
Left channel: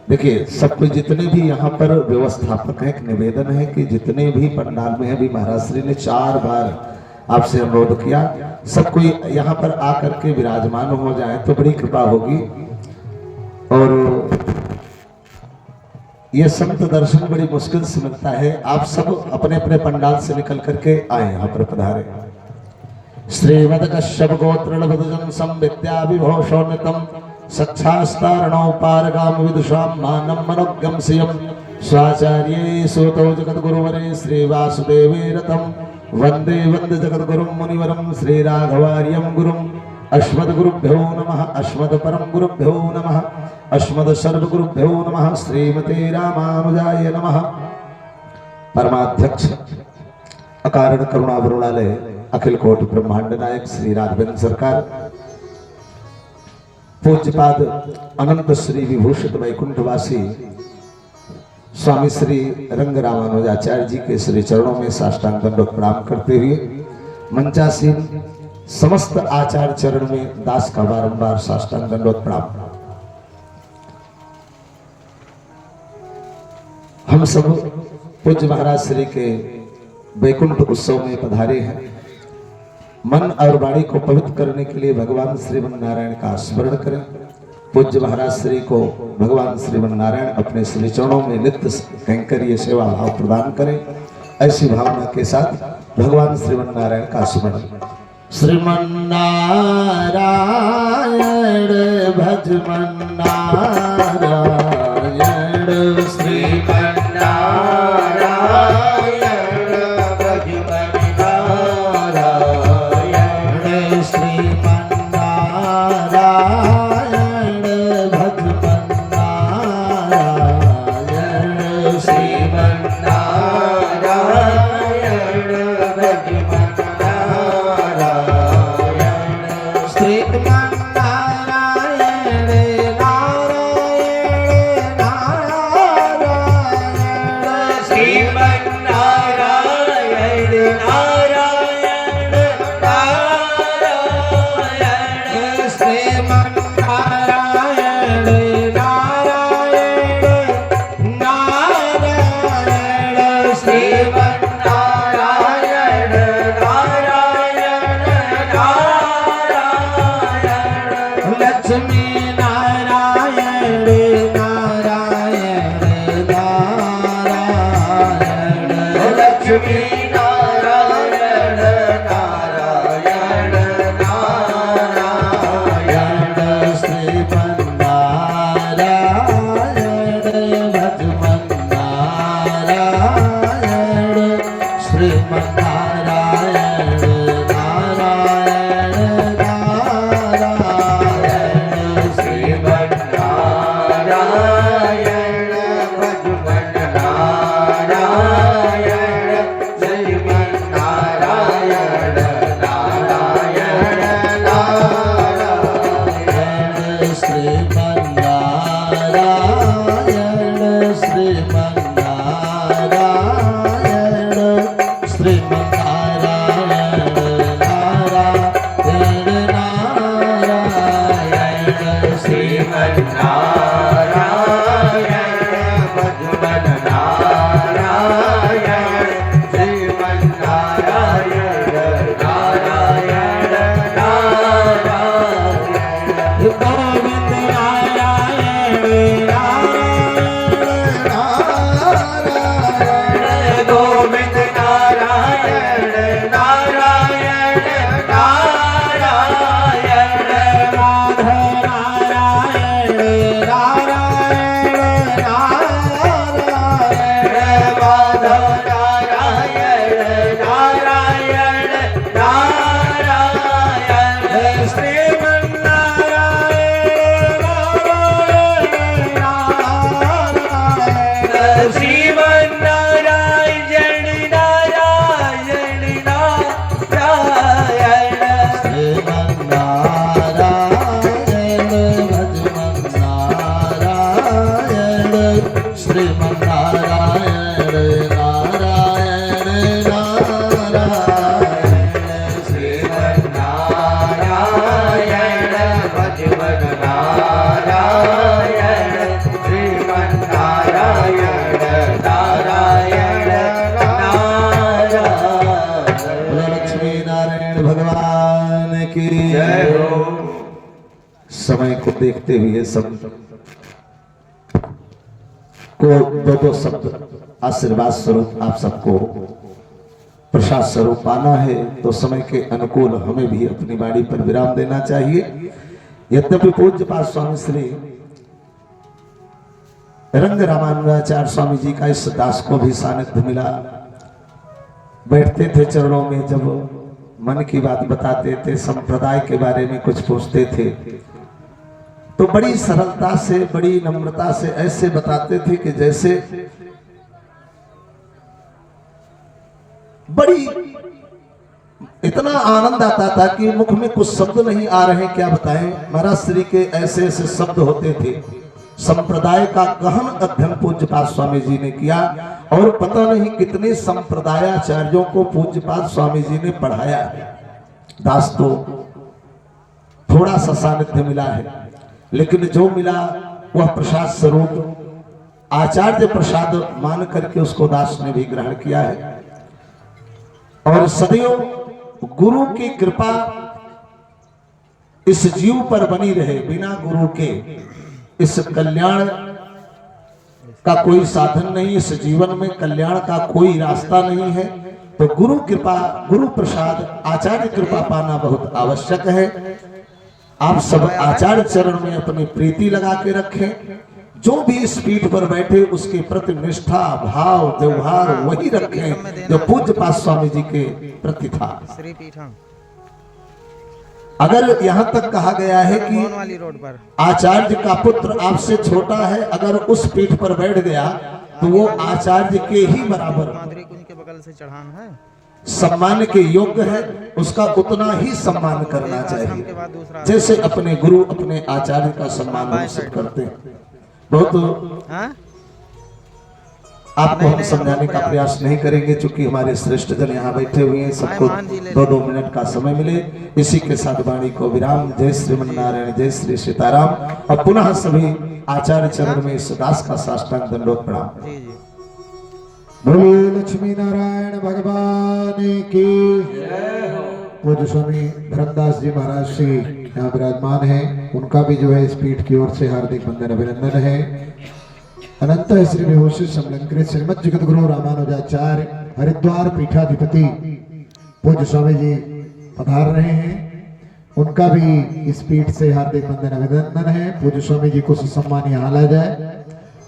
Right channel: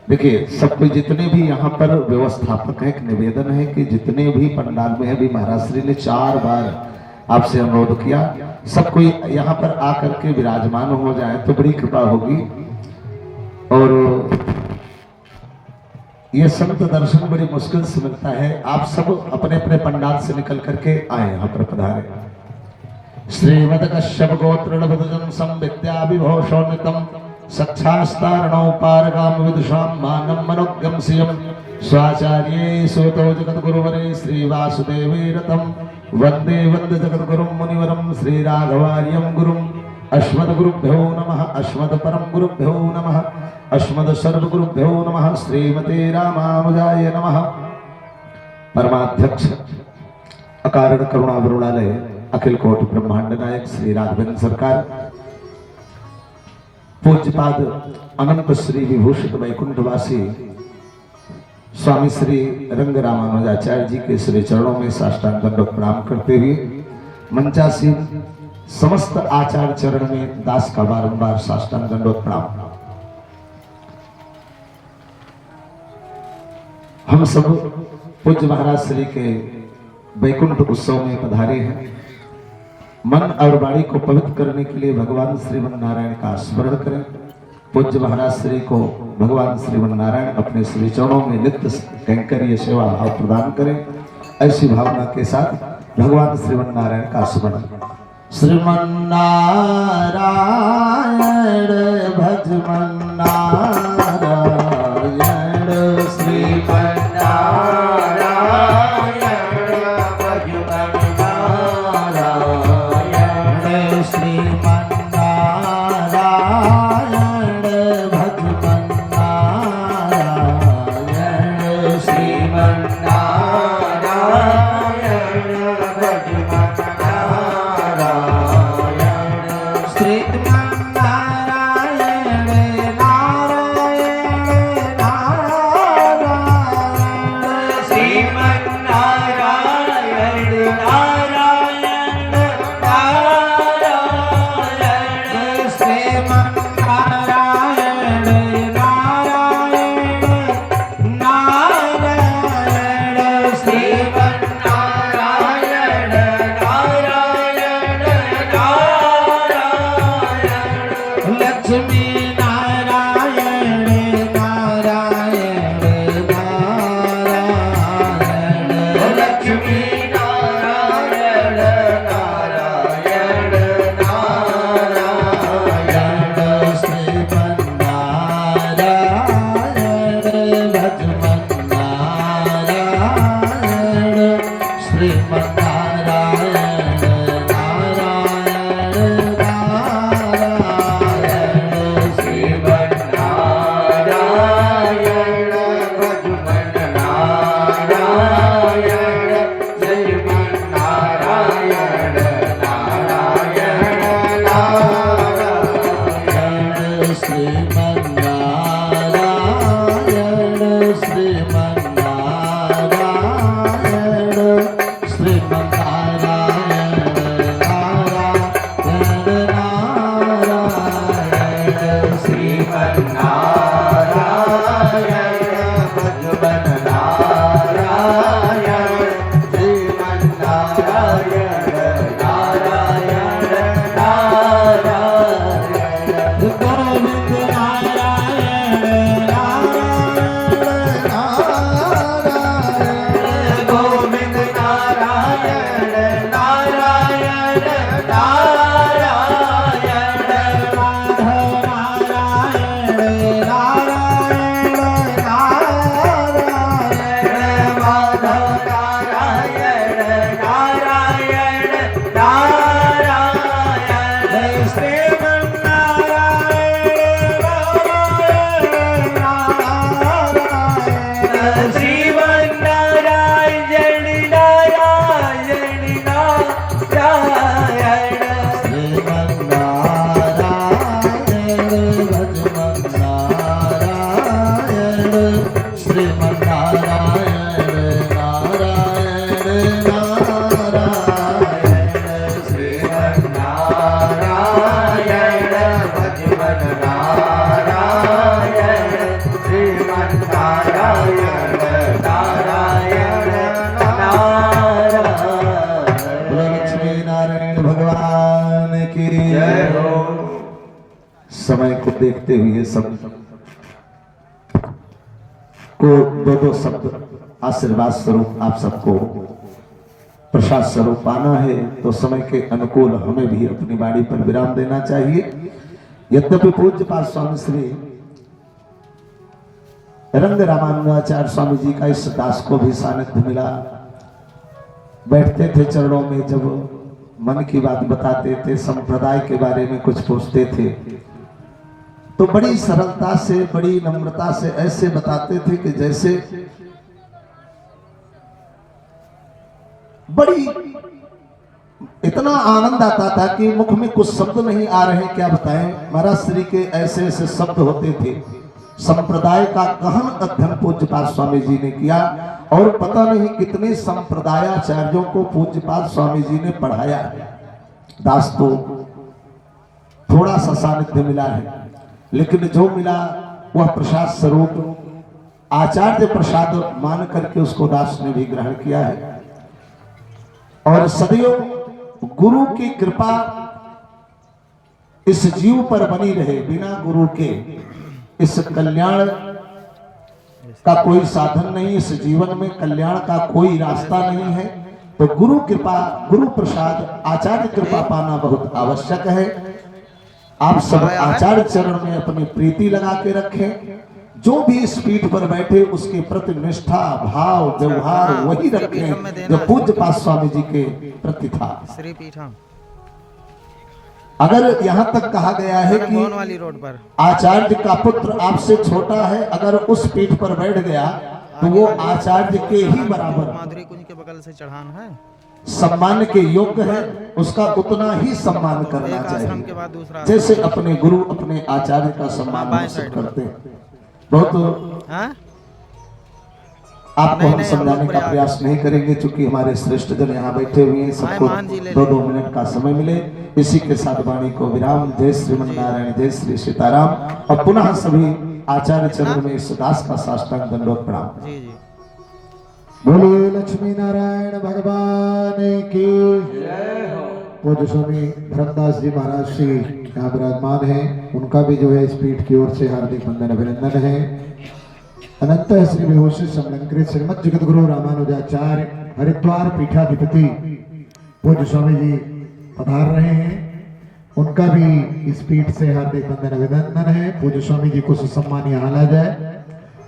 देखिए, सब कोई जितने भी यहाँ पर व्यवस्थापक हैं, एक निवेदन है कि जितने भी पंडाल में है, भी महाराज श्री ने 4 बार आपसे अनुरोध किया सब कोई यहाँ पर आकर के विराजमान हो जाए तो बड़ी कृपा होगी। और ये संत दर्शन बड़ी मुश्किल से मिलता है। आप सब अपने अपने पंडाल से निकल करके आए, यहाँ पर पधारे। श्रीमद कश्यप गोत्र लघुजन संविद्याभिभूषोन्नतम सक्षास्तारणौ पारगाम विदुषां मानं मनोज्ञं सियं स्वाचार्ये सूतो जगद्गुरुवरे श्री वासुदेवे रतं वंदे वंदे जगद्गुरुं मुनिवरं श्री राघवार्यं गुरुं। अस्मद्गुरुभ्यो नमः, अस्मद्परं गुरुभ्यो नमः, अस्मद् सर्वगुरुभ्यो नमः। श्रीमते रामानुजाय नमः। परमाध्यक्ष अकारण करुणावरुणालय अखिल कोटि ब्रह्मांड नायक श्री राघवेंद्र सरकार, पूज्यपाद अनंत श्री विभूषित वैकुंठवासी स्वामी श्री रंग रामानुजाचार्य जी के श्री चरणों में साष्टांग दंडवत प्रणाम करते हुए मंचासीन समस्त आचार्य चरण में दास का बारंबार साष्टांग दंडवत प्रणाम। हम सब पूज्य महाराज श्री के वैकुंठ उत्सव में पधारे हैं। मन और वाणी को पवित्र करने के लिए भगवान श्रीमन नारायण का स्मरण करें। पूज्य महाराज श्री को भगवान श्रीमन नारायण अपने श्री चरणों में नित्य कैंकर्य सेवा भाव प्रदान करें। ऐसी भावना के साथ भगवान श्रीमन नारायण का स्मरण। श्रीमन नारायण भजमन नारायण, श्रीमन नारायण लक्ष्मी नारायण नारायण नारायण लक्ष्मी नारायण नारायण नारायण श्रीमन्नारायण लक्ष्मण नारायण श्रीमन्नारायण नारायण नारायण श्रीमन्नारायण भगवन् नारायण श्रीमन्नारायण नारायण नारायण श्रीमन्नारायण श्रीमन्नारायण श्रीमन्नारायण नारायण नारायण श्रीमन्नारायण भगवन् नारायण श्रीमन्नारायण नारायण नारायण गोविंद नारायण नारायण नारायण गोविंद नारायण नारायण नारायण राधा नारायण नारायण नारायण माधव नारायण नारायण नारायण श्रीमन्नारायण नारायण नारायण श्रीमन्नारायण भगवन् नारायण श्रीमन्नारायण नारायण नारायण लक्ष्मी नारायण भगवान की जय हो। समय को देखते हुए सब को दो शब्द आशीर्वाद स्वरूप आप सबको प्रसाद स्वरूप पाना है, तो समय के अनुकूल हमें भी अपनी वाणी पर विराम देना चाहिए। यद्यपि पूज्यपाद स्वामी श्री रंग रामानुजाचार्य स्वामी जी का इस दास को भी सानिध्य मिला। बैठते थे चरणों में, जब मन की बात बताते थे, संप्रदाय के बारे में कुछ पूछते थे, तो बड़ी सरलता से, बड़ी नम्रता से ऐसे बताते थे कि जैसे बड़ी इतना आनंद आता था कि मुख में कुछ शब्द नहीं आ रहे, क्या बताएं। महाराज श्री के ऐसे ऐसे शब्द होते थे। संप्रदाय का गहन अध्ययन पूज्यपाद स्वामी जी ने किया और पता नहीं कितने संप्रदायाचार्यों को पूज्यपाद स्वामी जी ने पढ़ाया है। दास तो थोड़ा सा सानिध्य मिला है, लेकिन जो मिला वह प्रसाद स्वरूप आचार्य प्रसाद मान करके उसको दास ने भी ग्रहण किया है। और सदैव गुरु की कृपा इस जीव पर बनी रहे। बिना गुरु के इस कल्याण का कोई साधन नहीं, इस जीवन में कल्याण का कोई रास्ता नहीं है। तो गुरु कृपा, गुरु प्रसाद, आचार्य कृपा पाना बहुत आवश्यक है। आप सब आचार्य चरण में अपनी प्रीति लगा के रखें। जो भी इस पीठ पर बैठे उसके प्रति निष्ठा, भाव, व्यवहार वही रखें जो पूज्यपाद स्वामी जी के प्रति था। श्री पीठम अगर यहाँ तक कहा गया है कि भवन वाली रोड पर आचार्य का पुत्र आपसे छोटा है, अगर उस पीठ पर बैठ गया तो वो आचार्य के ही बराबर माधुरी कुंज के बगल से चढ़ान है। सम्मान के योग्य है, उसका उतना ही सम्मान करना एक आश्रम के चाहिए बाद दूसरा जैसे अपने गुरु, अपने आचार्य का सम्मान बाएं हम सब साइड में। करते हैं। बहुत हाँ? आपको नहीं, हम नहीं, हम समझाने लोग का प्रयास नहीं करेंगे, चूंकि हमारे श्रेष्ठ जन यहाँ बैठे हुए हैं। सबको मान जी ले 2-2 मिनट का समय मिले। इसी के साथ वाणी को विराम। जय श्रीमन्नारायण, जय श्री सीताराम। और पुनः सभी आचार्य चरण में इस दास का साष्टांग दंडवत प्रणाम। जी जी। बोलिए लक्ष्मी नारायण भगवान की। पूज्य स्वामी धर्मदास जी महाराज श्री यहाँ विराजमान हैं, उनका भी जो है इस पीठ की ओर से हार्दिक वंदन अभिनंदन है। अनंत श्री विभूषित समलंकृत श्रीमद जगत गुरु रामानुजाचार्य हरिद्वार पीठाधिपति पूज्य स्वामी जी पधार रहे हैं, उनका भी इस पीठ से हार्दिक वंदन अभिनंदन है। पूज्य स्वामी जी को सुसम्मान यहाँ ला जाए।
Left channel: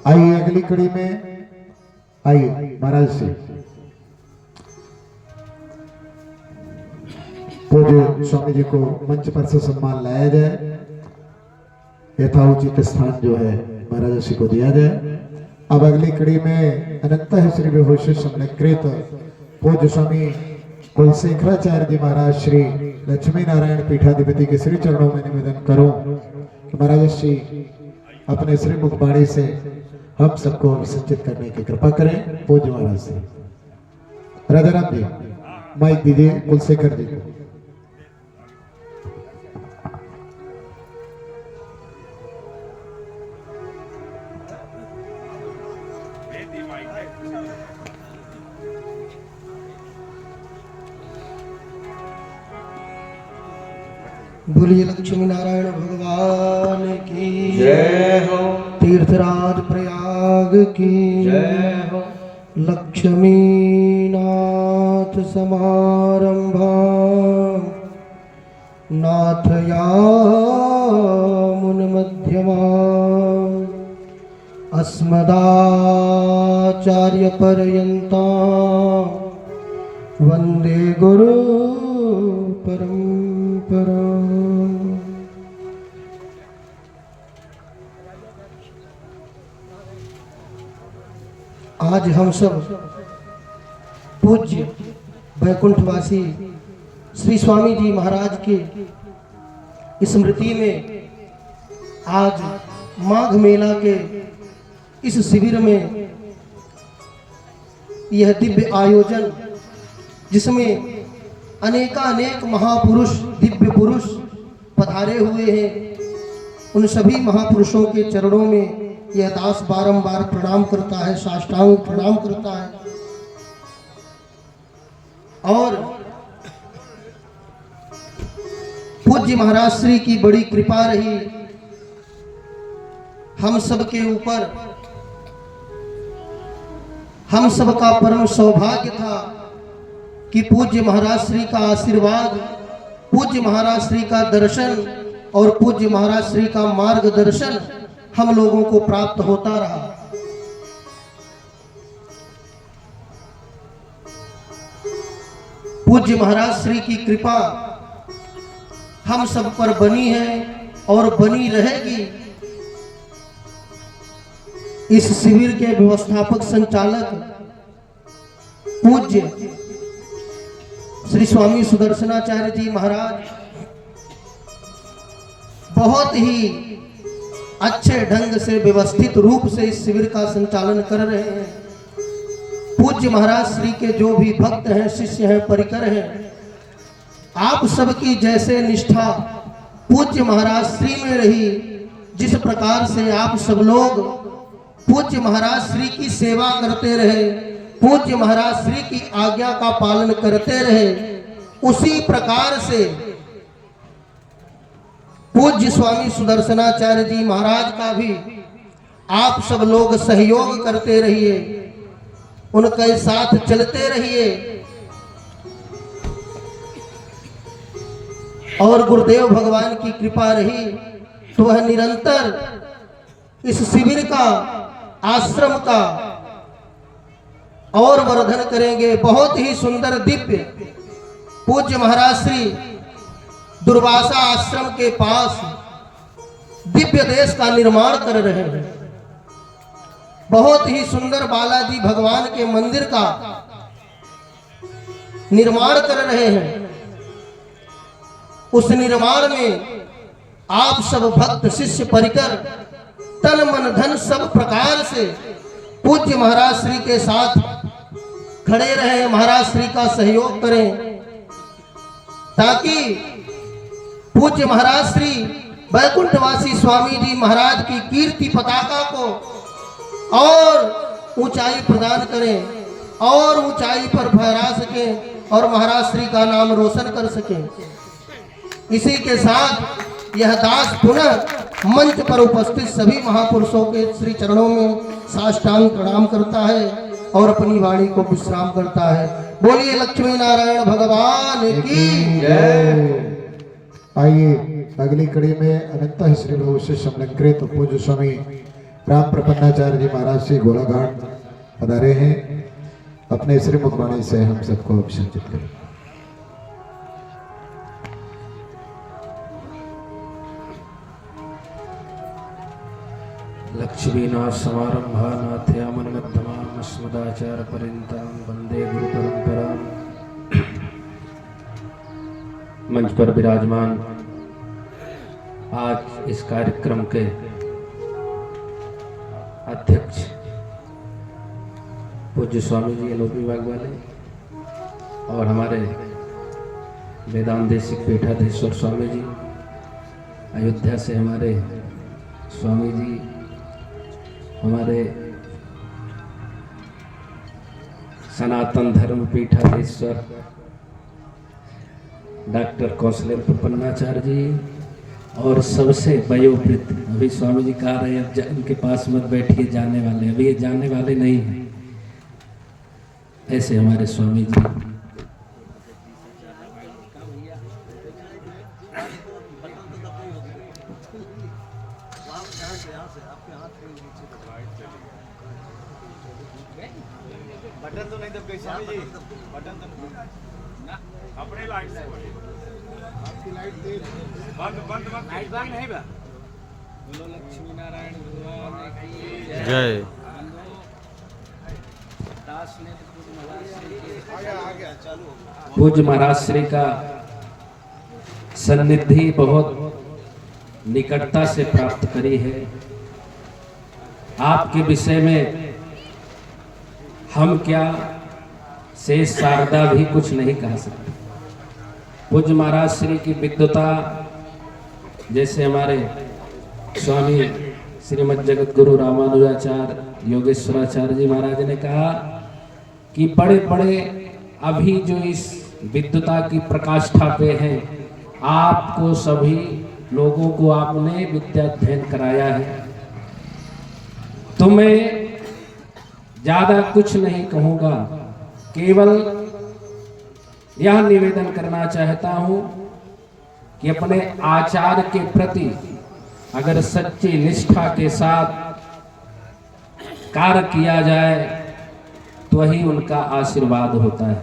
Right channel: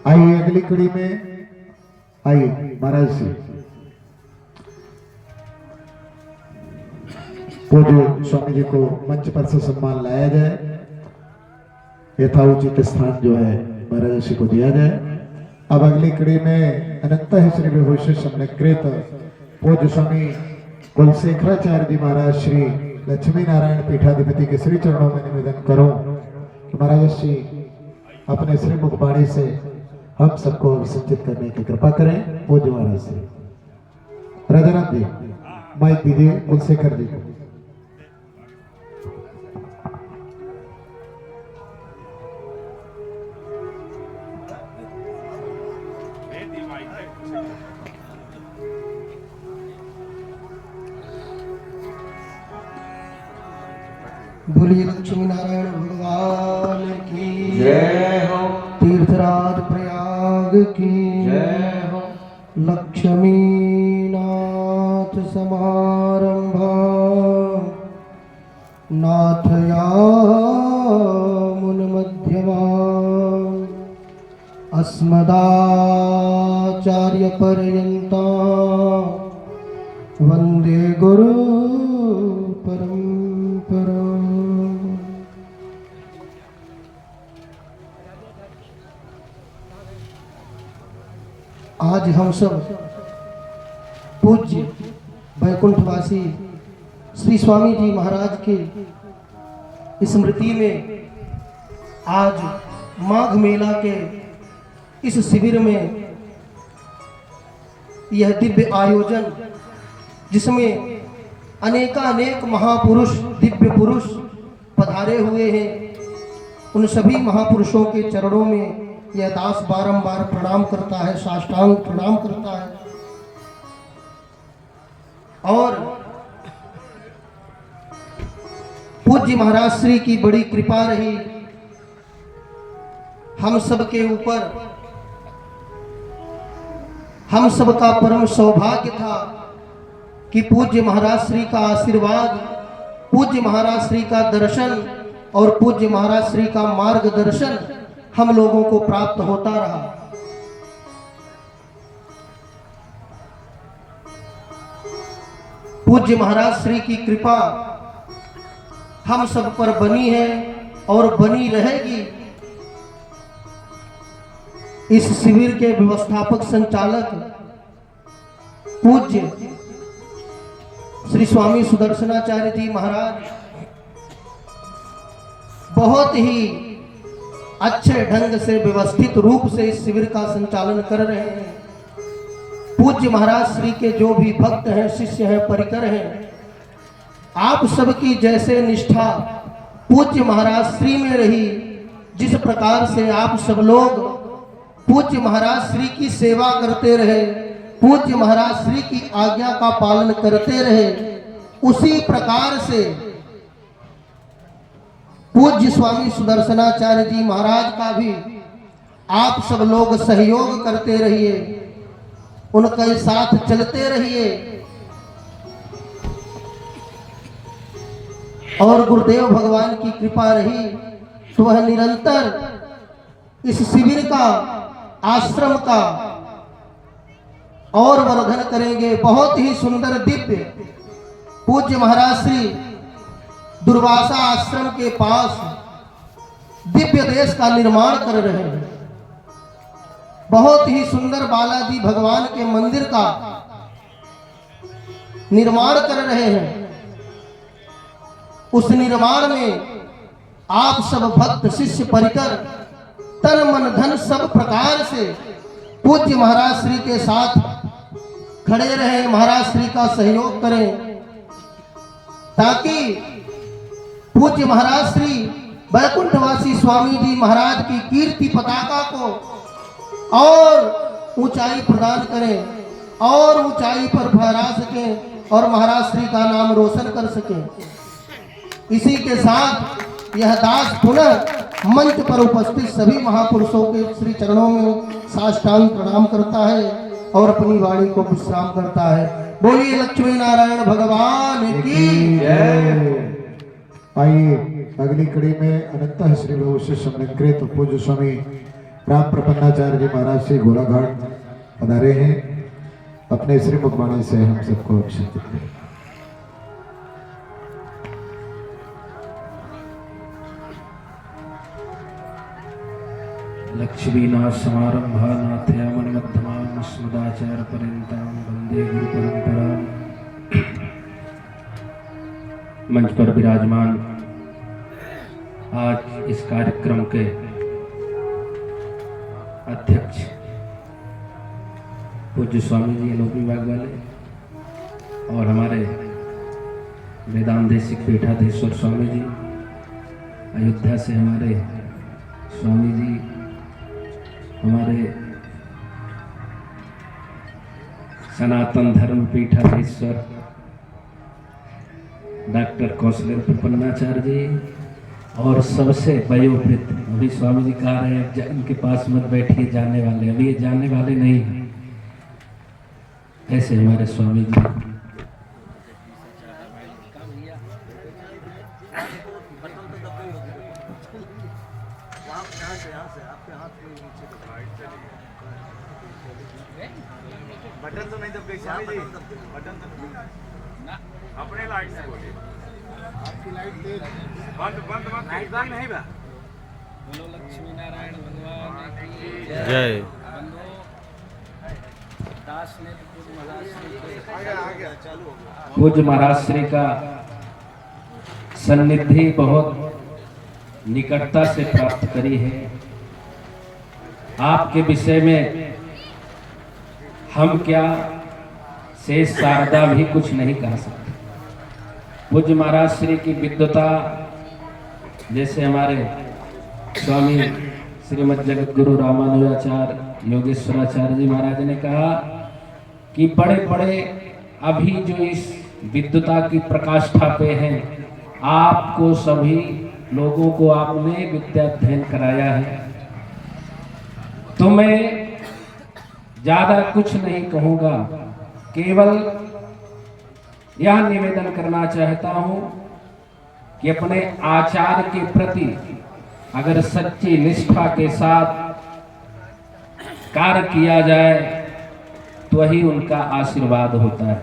आइए अगली कड़ी में आइए महाराज से पूज्य स्वामी जी को मंच पर से सम्मान लाया जाए, यथाउचित स्थान जो है महाराज श्री को दिया जाए। अब अगली कड़ी में अनंत श्री विभूषित समलंकृत पूज्य स्वामी कुलशेखराचार्य जी महाराज श्री लक्ष्मी नारायण पीठाधिपति के श्री चरणों में निवेदन करो कि महाराज श्री अपने श्री मुखबाणी से हम सबको संचित करने की कृपा करें। पूज्य महाराज से राजाराम जी माइक दीजिए कुलशेखर जी को। बोलिए लक्ष्मी नारायण भगवान की जय हो, तीर्थराज प्रयाग की जय हो। लक्ष्मी नाथ समारंभा नाथया मुन मध्यमा अस्मदाचार्य पर्यंता वंदे गुरु परंपरा। आज हम सब पूज्य वैकुंठवासी श्री स्वामी जी महाराज के स्मृति में आज माघ मेला के इस शिविर में यह दिव्य आयोजन, जिसमें अनेकानेक महापुरुष दिव्य पुरुष पधारे हुए हैं, उन सभी महापुरुषों के चरणों में यह दास बारंबार प्रणाम करता है, साष्टांग प्रणाम करता है। और पूज्य महाराज श्री की बड़ी कृपा रही हम सब के ऊपर, हम सब का परम सौभाग्य था कि पूज्य महाराज श्री का आशीर्वाद, पूज्य महाराज श्री का दर्शन और पूज्य महाराज श्री का मार्गदर्शन हम लोगों को प्राप्त होता रहा। पूज्य महाराज श्री की कृपा हम सब पर बनी है और बनी रहेगी। इस शिविर के व्यवस्थापक संचालक पूज्य श्री स्वामी सुदर्शनाचार्य जी महाराज बहुत ही अच्छे ढंग से व्यवस्थित रूप से इस शिविर का संचालन कर रहे हैं। पूज्य महाराज श्री के जो भी भक्त हैं, शिष्य हैं, परिकर हैं, आप सबकी जैसे निष्ठा पूज्य महाराज श्री में रही, जिस प्रकार से आप सब लोग पूज्य महाराज श्री की सेवा करते रहे, पूज्य महाराज श्री की आज्ञा का पालन करते रहे, उसी प्रकार से पूज्य स्वामी सुदर्शनाचार्य जी महाराज का भी आप सब लोग सहयोग करते रहिए, उनके साथ चलते रहिए। और गुरुदेव भगवान की कृपा रही तो वह निरंतर इस शिविर का, आश्रम का और वर्धन करेंगे। बहुत ही सुंदर दिव्य पूज्य महाराज श्री दुर्वासा आश्रम के पास दिव्य देश का निर्माण कर रहे हैं। बहुत ही सुंदर बालाजी भगवान के मंदिर का निर्माण कर रहे हैं। उस निर्माण में आप सब भक्त शिष्य परिकर तन मन धन सब प्रकार से पूज्य महाराज श्री के साथ खड़े रहें, महाराज श्री का सहयोग करें, ताकि पूज्य महाराज श्री वैकुंठवासी स्वामी जी महाराज की कीर्ति पताका को और ऊंचाई प्रदान करें और ऊंचाई पर फहरा सकें और महाराज श्री का नाम रोशन कर सकें। इसी के साथ यह दास पुनः मंच पर उपस्थित सभी महापुरुषों के श्री चरणों में साष्टांग प्रणाम करता है और अपनी वाणी को विश्राम करता है। बोलिए लक्ष्मी नारायण भगवान की आइए अगली कड़ी में अनंत श्री लघु से समलंकृत पूज्य स्वामी राम प्रपन्नाचार्य जी महाराज से गोलाघाट पधारे हैं। अपने श्री मुखवाणी से हम सबको अभिषेकित करें। लक्ष्मीनाथसमारम्भानाथयामन्मध्यमाम् अस्मदाचार्यपर्यन्तां वन्दे गुरुपरम्पराम्। मंच पर विराजमान आज इस कार्यक्रम के अध्यक्ष पूज्य स्वामी जी अनूप विभाग वाले और हमारे वेदांत देशिक पीठाधीश्वर स्वामी जी, अयोध्या से हमारे स्वामी जी, हमारे सनातन धर्म पीठाधीश्वर डॉक्टर कौशलेंद्र प्रपन्नाचार्य जी और सबसे वयोवृद्ध, अभी स्वामी जी कहा रहे अब इनके पास मत बैठिए जाने वाले, अभी ये जाने वाले नहीं हैं, ऐसे हमारे स्वामी जी। बटन तो नहीं दबे स्वामी जी, बटन तो ना अपने लाइट से बोलिए। आपकी लाइट तेज बंद बंद बंद लाइट बंद नहीं बा। बोलो लक्ष्मी नारायण भगवान की जय। दास ने तो पूज्य महाराज श्री के आ गया चालू हो गया। पूज्य महाराज श्री का सन्निधि बहुत निकटता से प्राप्त करी है। आपके विषय में हम क्या शेष शारदा भी कुछ नहीं कह सकते। पूज्य महाराज श्री की विद्वता, जैसे हमारे स्वामी श्रीमद जगत गुरु रामानुजाचार्य योगेश्वराचार्य जी महाराज ने कहा कि बड़े बड़े अभी जो इस विद्वता की प्रकाष्ठा पे हैं, आपको सभी लोगों को आपने विद्या अध्ययन कराया है। तो मैं ज्यादा कुछ नहीं कहूंगा, केवल यह निवेदन करना चाहता हूं कि अपने आचार्य के प्रति अगर सच्ची निष्ठा के साथ कार्य किया जाए तो वही उनका आशीर्वाद होता है।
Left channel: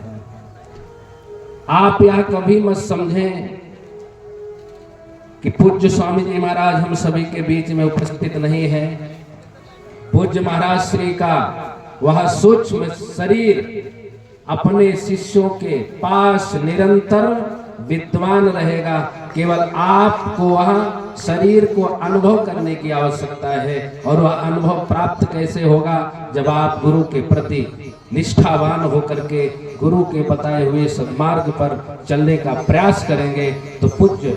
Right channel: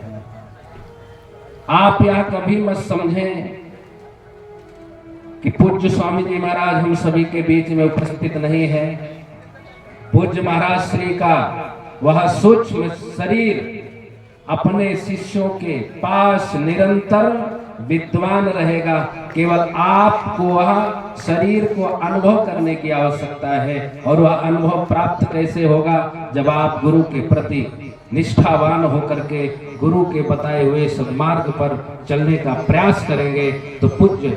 आप यह कभी मत समझें कि पूज्य स्वामी जी महाराज हम सभी के बीच में उपस्थित नहीं है। पूज्य महाराज श्री का वह सूक्ष्म शरीर अपने शिष्यों के पास निरंतर विद्वान रहेगा। केवल आपको वह शरीर को अनुभव करने की आवश्यकता है, और वह अनुभव प्राप्त कैसे होगा? जब आप गुरु के प्रति निष्ठावान होकर के गुरु के बताए हुए सन्मार्ग पर चलने का प्रयास करेंगे तो पूज्य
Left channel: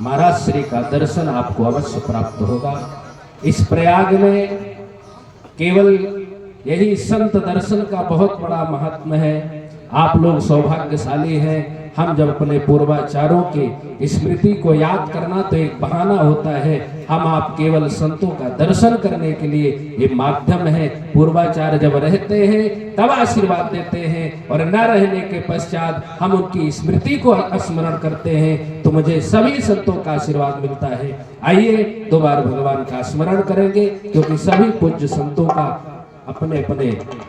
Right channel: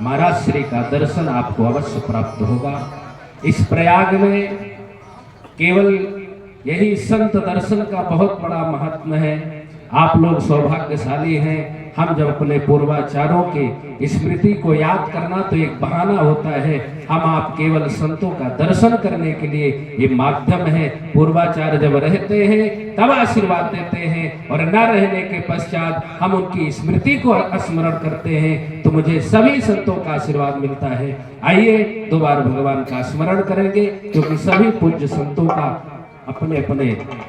महाराज श्री का दर्शन आपको अवश्य प्राप्त होगा। इस प्रयाग में केवल यही संत दर्शन का बहुत बड़ा महत्व है। आप लोग सौभाग्यशाली हैं। हम जब अपने पूर्वाचारों के स्मृति को याद करना तो एक बहाना होता है, हम आप केवल संतों का दर्शन करने के लिए ये माध्यम है। पूर्वाचार्य जब रहते हैं तब आशीर्वाद देते हैं, और न रहने के पश्चात हम उनकी स्मृति को स्मरण करते हैं तो मुझे सभी संतों का आशीर्वाद मिलता है। आइए दो बार भगवान का स्मरण करेंगे, क्योंकि सभी पूज्य संतों का अपने अपने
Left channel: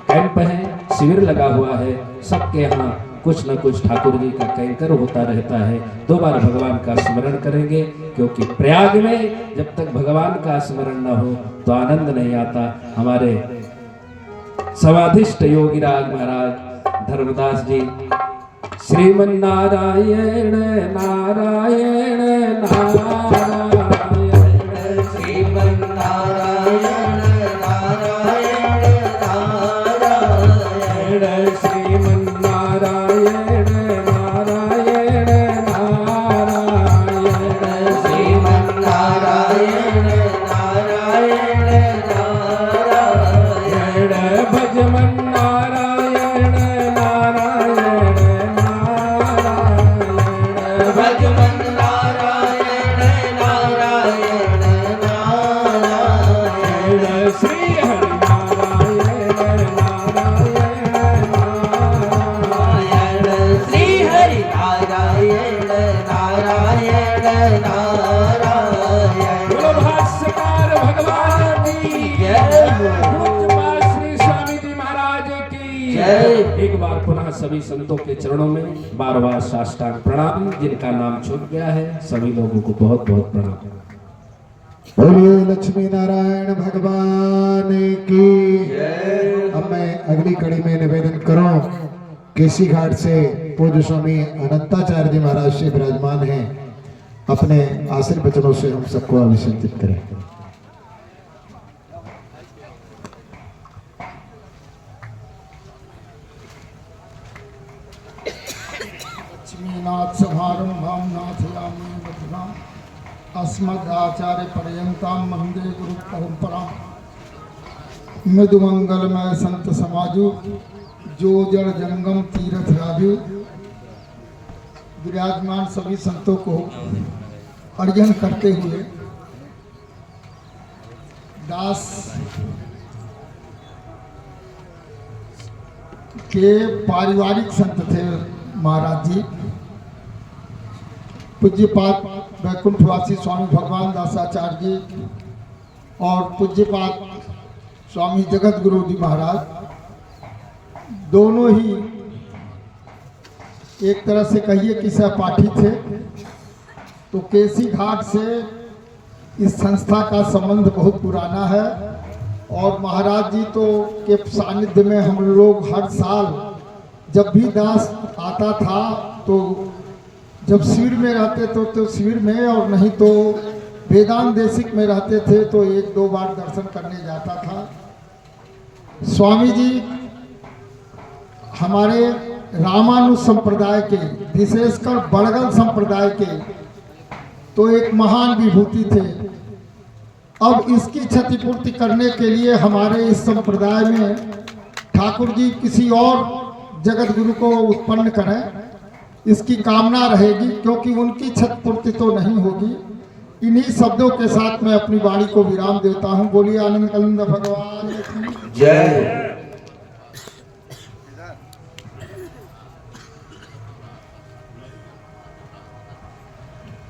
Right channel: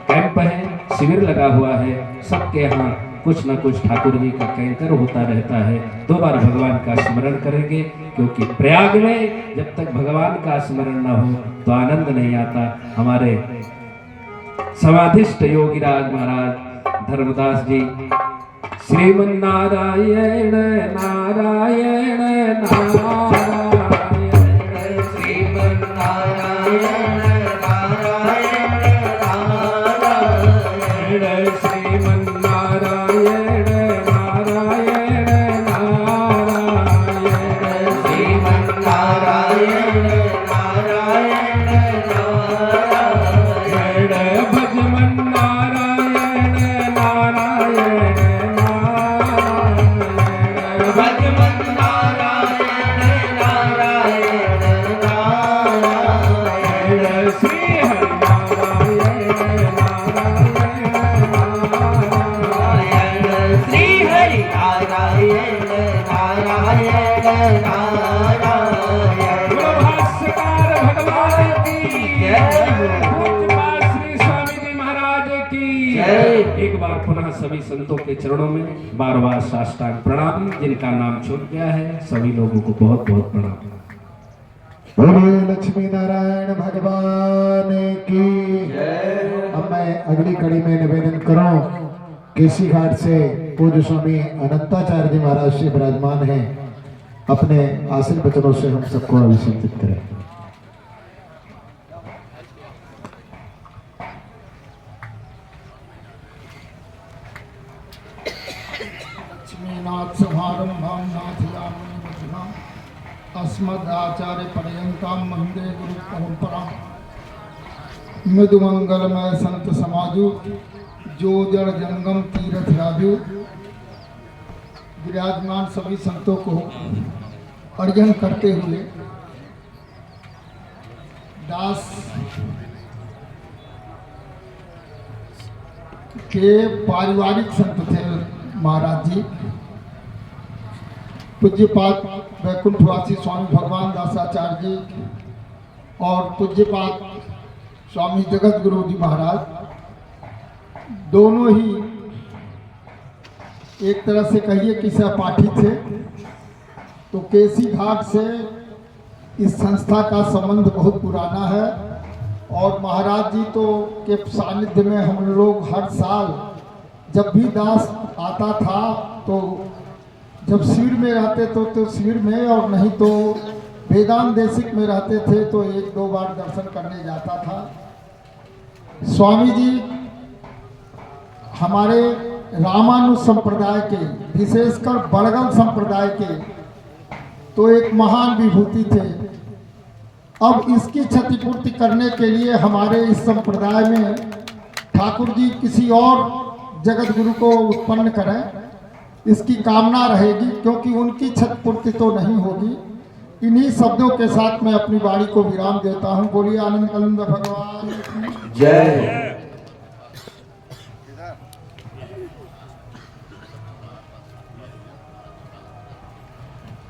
कैंप है, शिविर लगा हुआ है। सबके यहाँ कुछ न कुछ ठाकुर जी का कैंकर होता रहता है। दो बार भगवान का स्मरण करेंगे, क्योंकि प्रयाग में जब तक भगवान का स्मरण न हो तो आनंद नहीं आता। हमारे समाधिष्ठ योगीराज महाराज धर्मदास जी, श्रीमन नारायण नारायण नारायण, श्रीमन नारायण भगवान नारायण बार पुनः सभी संतों के चरणों में बार बार साष्टांग प्रणाम। जिनका नाम छूट गया है सभी लोगों को बहुत बहुत प्रणाम। बोलिए लक्ष्मी नारायण भगवान की। अब मैं अगली कड़ी में निवेदन करूं, केसी घाट से पूज्य स्वामी अनंताचार्य जी महाराज से विराजमान हैं, अपने आशीर्वचनों से हम सबको अभिषेकित करें। लक्ष्मीनाथ समारंभां नाथयामि मध्यमाम् अस्मदाचार्य पर्यन्तां वन्दे गुरु परंपरा। मृदुमंगलमय संत समाजो जो जड़ जंगम तीरथ राजू। विराजमान सभी संतों को अर्घन करते हुए दास के पारिवारिक संत थे महाराज जी, पूज्यपाद वैकुंठवासी स्वामी भगवान दासाचार्य जी और पूज्यपाद स्वामी जगत गुरु जी महाराज, दोनों ही एक तरह से कहिए कि सहपाठी थे। तो केसी घाट से इस संस्था का संबंध बहुत पुराना है और महाराज जी तो के सानिध्य में हम लोग हर साल जब भी दास आता था तो जब शिविर में रहते तो शिविर में, और नहीं तो वेदांत देशिक में रहते थे तो एक दो बार दर्शन करने जाता था। स्वामी जी हमारे रामानुज संप्रदाय के, विशेषकर बड़गल संप्रदाय के तो एक महान विभूति थे। अब इसकी क्षतिपूर्ति करने के लिए हमारे इस संप्रदाय में ठाकुर जी किसी और जगत गुरु को उत्पन्न करें, इसकी कामना रहेगी, क्योंकि उनकी क्षतिपूर्ति तो नहीं होगी। इन्हीं शब्दों के साथ मैं अपनी वाणी को विराम देता हूँ। बोलिए आनंद कलिंद भगवान की जय।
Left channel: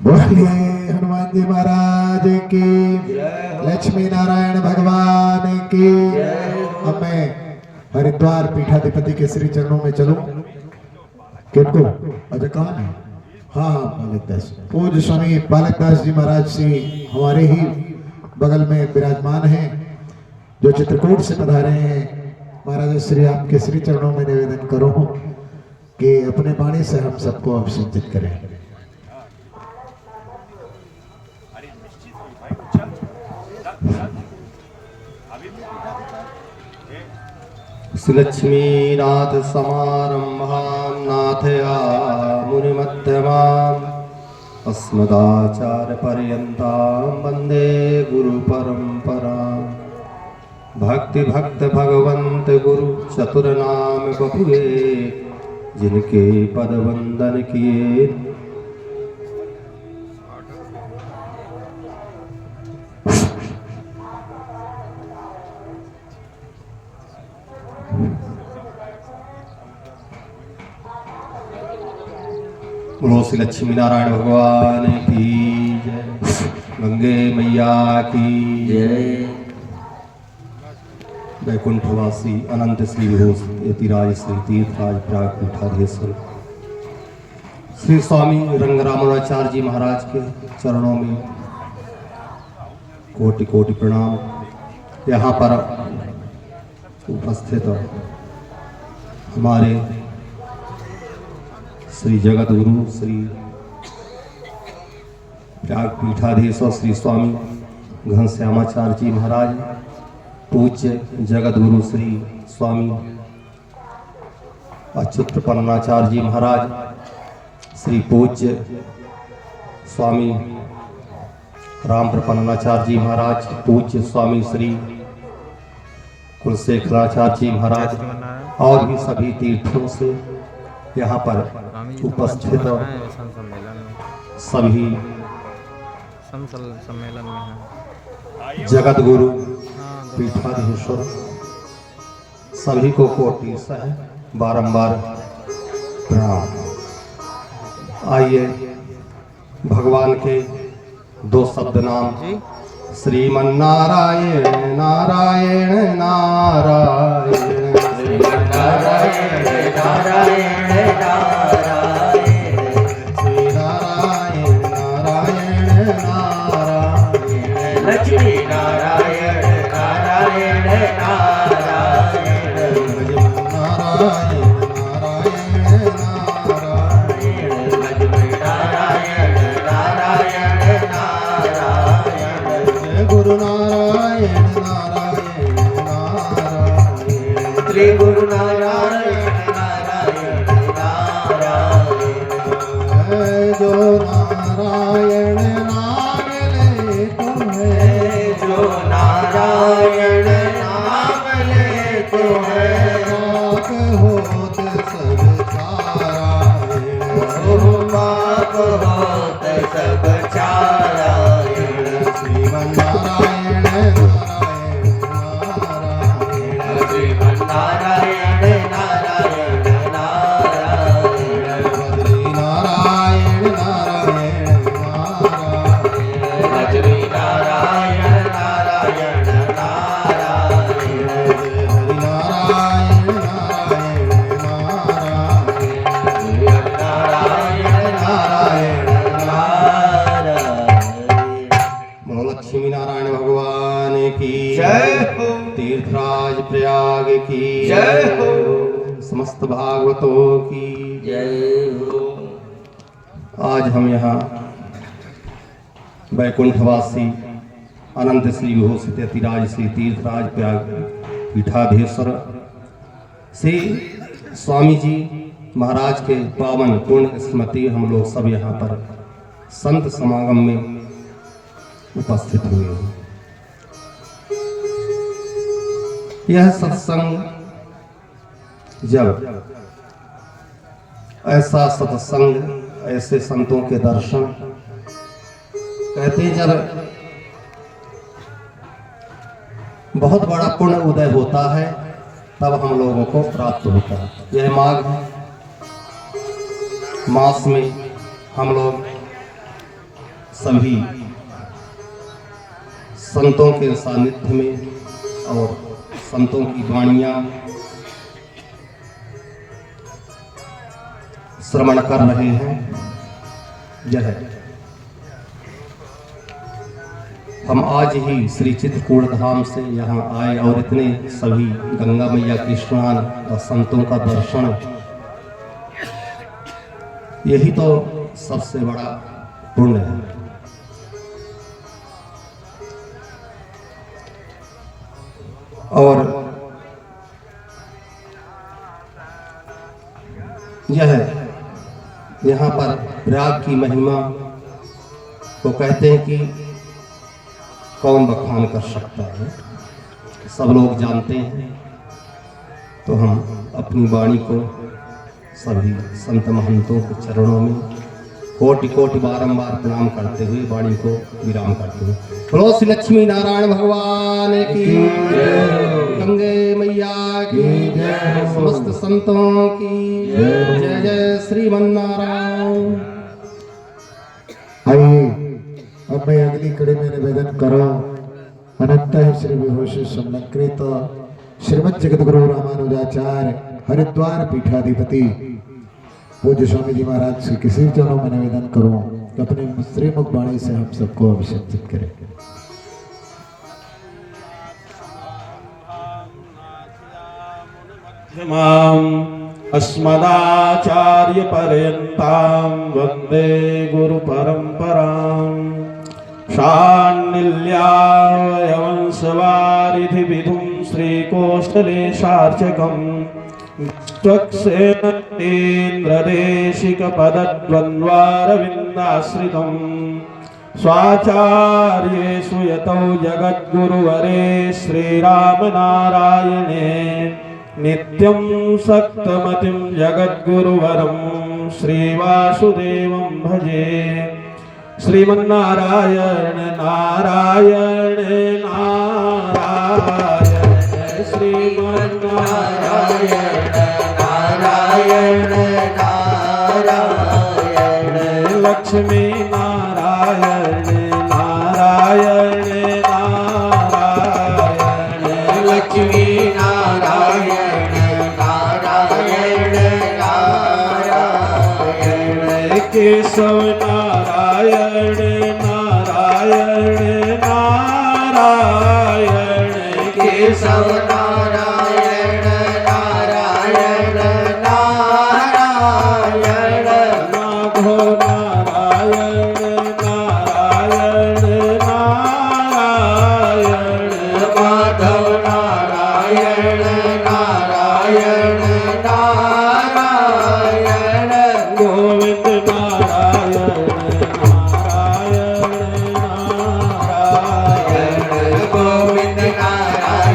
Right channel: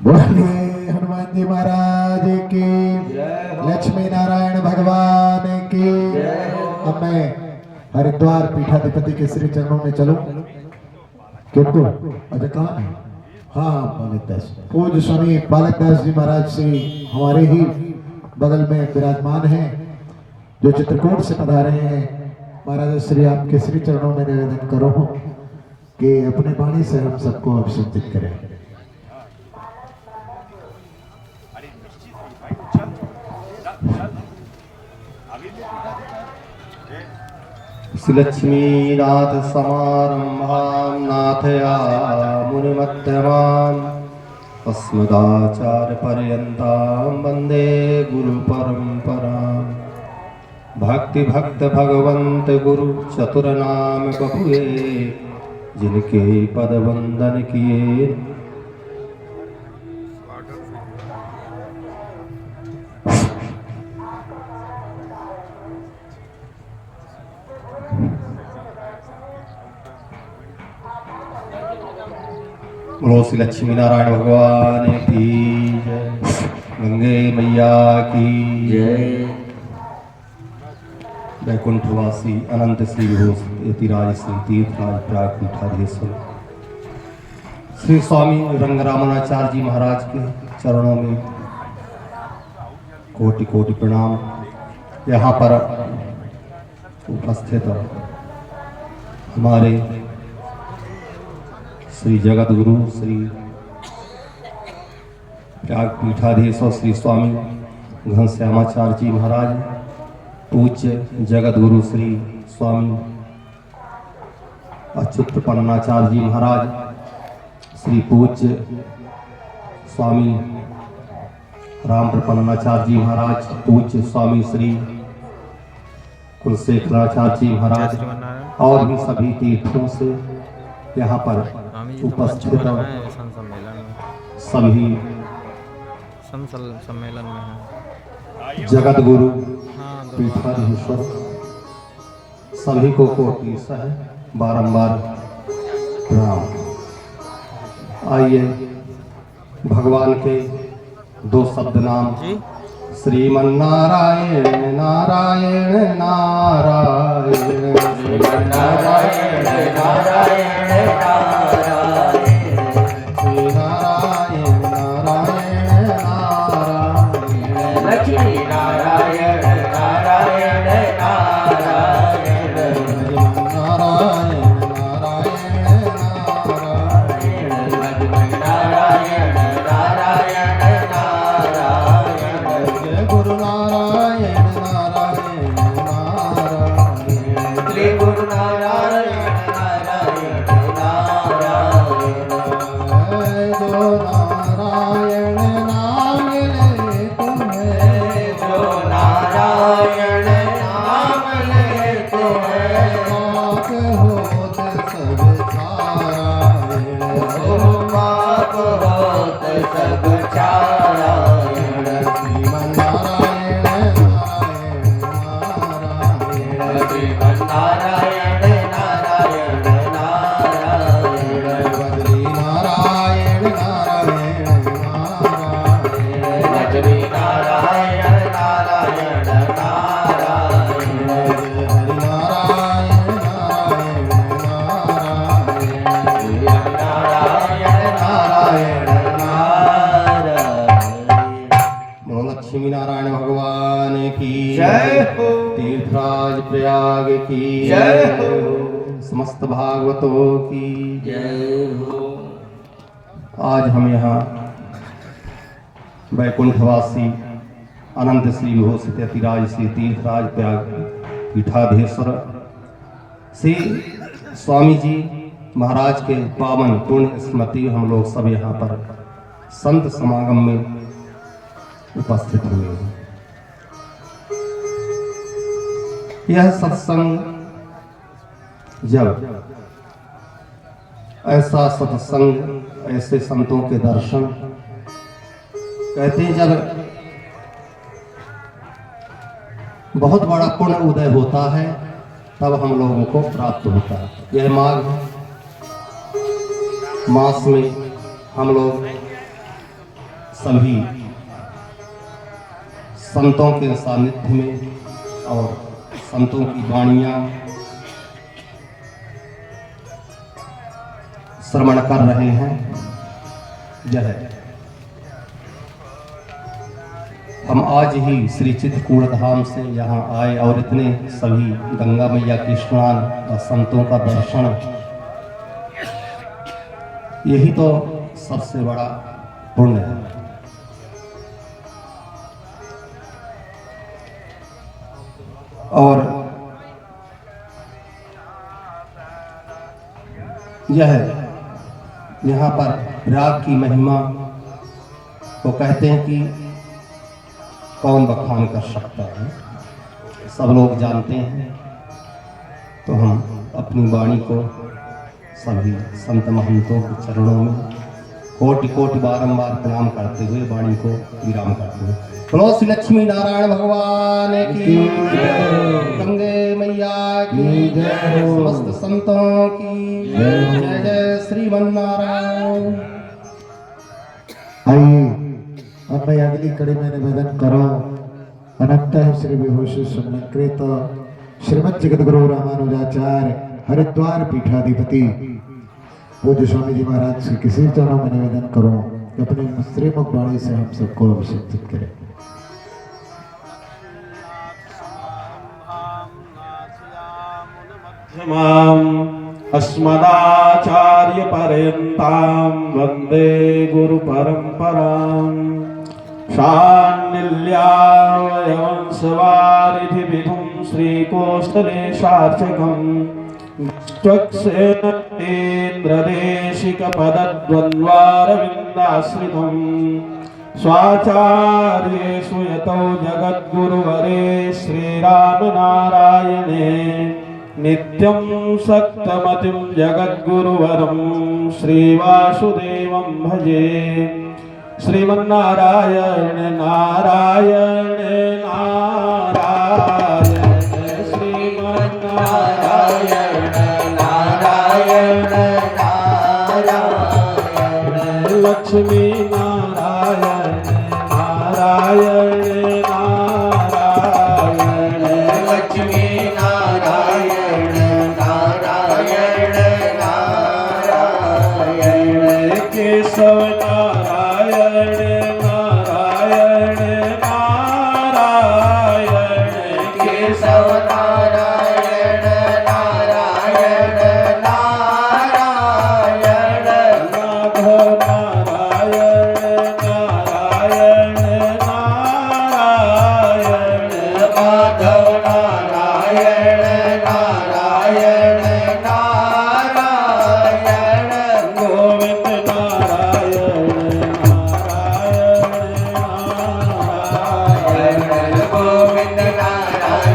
बोलिए हनुमान जी महाराज की, लक्ष्मी नारायण भगवान की। अब मैं हरिद्वार पीठाधिपति के श्री चरणों में चलूं, क्योंकि अच्छा कहाँ है? हाँ, बालक दास, पूज्य स्वामी बालक दास जी महाराज से हमारे ही बगल में विराजमान हैं, जो चित्रकूट से पधारे हैं। महाराज श्री आपके श्री चरणों में निवेदन करो कि अपने वाणी से हम सबको अभिषेकित करें। लक्ष्मीनाथ समारंभां नाथयामि मुनिमध्यमाम् अस्मदाचार्य पर्यन्तां वन्दे गुरु परंपराम्। भक्ति भक्त भगवंत गुरु चतुर नाम बपुए, जिनके पद वंदन किए। बोलो श्री लक्ष्मी नारायण भगवान की जय, गंगे मैया की जय। वैकुंठवासी अनंत श्री विभूतिराज श्री तीर्थराज प्राग पीठाधीश्वर श्री स्वामी रंगरामाचार्य जी महाराज के चरणों में कोटि कोटि प्रणाम। यहाँ पर उपस्थित हमारे श्री जगत गुरु श्री प्राग पीठाधीश्वर श्री स्वामी घनश्यामाचार्य जी महाराज, पूज्य जगत गुरु श्री स्वामी अच्युत परमाचार्य जी महाराज, श्री पूज्य स्वामी राम प्रपन्नाचार्य जी महाराज, पूज्य स्वामी श्री कुलशेखराचार्य जी महाराज और भी सभी तीर्थों से यहाँ पर उपस्थित सभी सम्मेलन में है जगत गुरु हाँ, पीठाधीश्वर सभी को कोटि सह बारंबार प्रणाम। आइए भगवान के दो शब्द नाम श्रीमन नारायण नारायण नारायण। नारायण नारायण नारायण लक्ष्मी नारायण नारायण नारायण लक्ष्मी नारायण नारायण नारायण गुरु नारायण नारायण नारायण श्री गुरु नारायण नारायण नारायण जो नारायण नाम ले तुम्हें जो नारायण नाम ले तुम्हें पाप होत सब छारायण पाप होत सब छारायण श्रीमन्नारायण श्रीमन्नारायण नारायण नारायण बद्री नारायण नारायण नारायण लक्ष्मी नारायण नारायण नारायण हरि नारायण नारायण नारायण नारायण बोलो लक्ष्मी नारायण भगवान की जय हो। तीर्थराज प्रयाग की जय हो। समस्त भागवतों की जय हो। आज हम यहाँ वैकुंठवासी अनंत श्री विभूषित अतिराज श्री तीर्थराज प्रयाग पीठाधीश्वर श्री स्वामी जी महाराज के पावन पूर्ण स्मृति हम लोग सब यहाँ पर संत समागम में उपस्थित हुए हैं। यह सत्संग जब ऐसा सत्संग ऐसे संतों के दर्शन कहते हैं, जब बहुत बड़ा पुण्य उदय होता है तब हम लोगों को प्राप्त होता है। यह माघ मास में हम लोग सभी संतों के सानिध्य में और संतों की वाणियाँ श्रवण कर रहे हैं। यह हम आज ही श्री चित्रकूट धाम से यहाँ आए और इतने सभी गंगा मैया के स्नान और संतों का दर्शन, यही तो सबसे बड़ा पुण्य है। और यह यहाँ पर प्रयाग की महिमा को कहते हैं कि कौन बखान कर सकता है, सब लोग जानते हैं। तो हम अपनी वाणी को सभी संत महंतों के चरणों में कोटि कोटि बारंबार प्रणाम करते हुए वाणी को विराम करते हुए बोलो श्री लक्ष्मी नारायण भगवान की गंगे मैया की समस्त संतों की जय जय श्रीमन्नारायण। आइए अब मैं अगली कड़ी में निवेदन करो अनंत श्री विभूषण समलंकृत श्रीमद जगतगुरु रामानुजाचार्य हरिद्वार पीठाधिपति पूज्य स्वामी जी महाराज से किसी चरणों में निवेदन करो कि अपने श्रीमुख वाणी से हम सबको अभिषेकित करें। अस्मदाचार्य पर्यन्तां वन्दे गुरु परंपरां शान्निल्यावयवंशवारिधि विधुं श्रीकोष्ठलेशार्चकम् त्वक्सेन्द्रदेशिकपदद्वन्द्वारविन्दाश्रितं स्वाचार्येषु यतो जगद्गुरुवरे श्रीरामनारायणे नित्यं सक्तमतिं जगद्गुरुवरं श्रीवासुदेवं भजे। श्रीमन्नारायण नारायण नारायण श्रीमन्नारायण नारायण नारायण लक्ष्मी नारायण नारायण नारायण लक्ष्मी नारायण नारायण माधव नारायण नारायण नारायण माधव नारायण नारायण नारायण माधव नारायण नारायण नारायण गोविंद नारायण नारायण नारायण गोविंद नारायण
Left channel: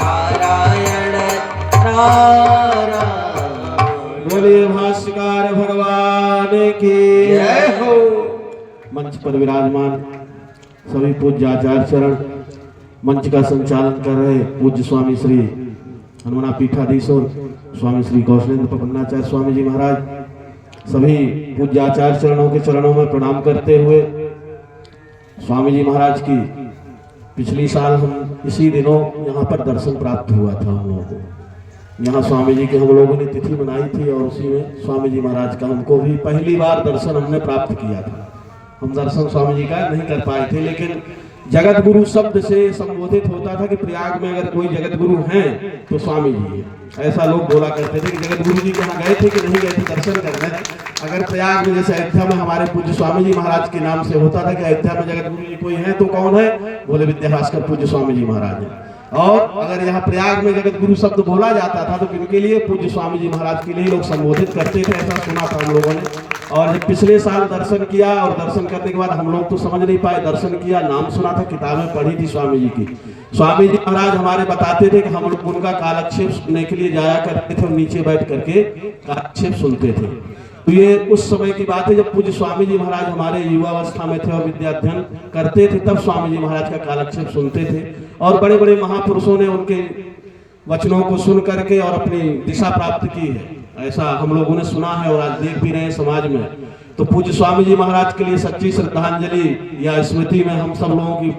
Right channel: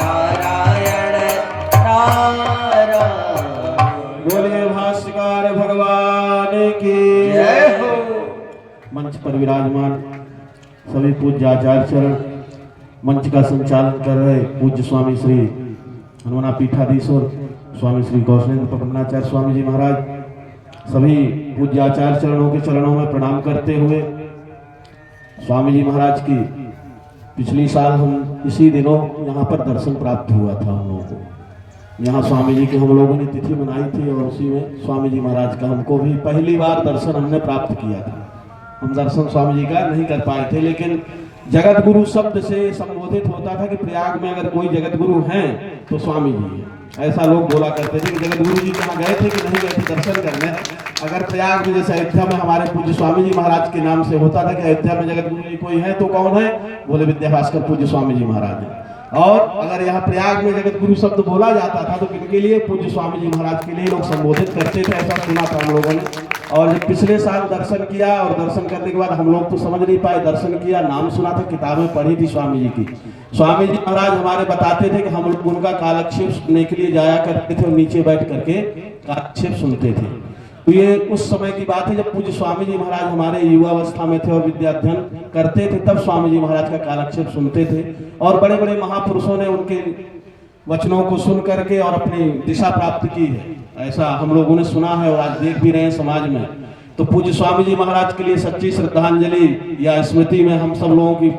नारायण नारायण बोलिए भाष्यकार भगवान की जय हो। मंच पर विराजमान सभी पूज्य आचार्य चरण, मंच का संचालन कर रहे पूज्य स्वामी श्री हनुमाना पीठाधीश्वर स्वामी श्री कौशलेंद्र प्रबंधाचार्य स्वामी जी महाराज, सभी पूज्य आचार्य चरणों के चरणों में प्रणाम करते हुए स्वामी जी महाराज की पिछली साल हम इसी दिनों यहाँ पर दर्शन प्राप्त हुआ था हम लोगों को। यहाँ स्वामी जी की हम लोगों ने तिथि मनाई थी और उसी में स्वामी जी महाराज का हमको भी पहली बार दर्शन हमने प्राप्त किया था। हम दर्शन स्वामी जी का नहीं कर पाए थे, लेकिन जगत गुरु शब्द से संबोधित होता था कि प्रयाग में अगर कोई जगत गुरु हैं तो स्वामी जी है। ऐसा लोग बोला करते थे कि जगत गुरु जी कहाँ गए थे कि नहीं गए थे दर्शन करने। अगर प्रयाग में जैसे अयोध्या में हमारे पूज्य स्वामी जी महाराज के नाम से होता था कि अयोध्या में जगत गुरु जी कोई है तो कौन है, बोले विद्याभास्कर पूज्य स्वामी जी महाराज है। और अगर यहाँ प्रयाग में जगत गुरु शब्द बोला जाता था तो किनके लिए, पूज्य स्वामी जी महाराज के लिए लोग संबोधित करते थे, ऐसा सुना था हम लोगों ने। और जब पिछले साल दर्शन किया और दर्शन करने के बाद हम लोग तो समझ नहीं पाए, दर्शन किया, नाम सुना था, किताबें पढ़ी थी स्वामी जी की। स्वामी जी महाराज हमारे बताते थे कि हम लोग उनका कालक्षेप सुनने के लिए जाया करते थे और नीचे बैठ करके कालक्षेप सुनते थे। तो ये उस समय की बात है जब पूज्य स्वामी जी महाराज हमारे युवावस्था में थे और विद्या अध्ययन करते थे, तब स्वामी जी महाराज का कालक्षेप सुनते थे। और बड़े बड़े महापुरुषों ने उनके वचनों को सुन करके और अपनी दिशा प्राप्त की है, ऐसा हम लोगों ने सुना है और आज देख भी रहे हैं समाज में। तो पूज्य स्वामी जी महाराज के लिए सच्ची श्रद्धांजलि या स्मृति में हम सब लोगों की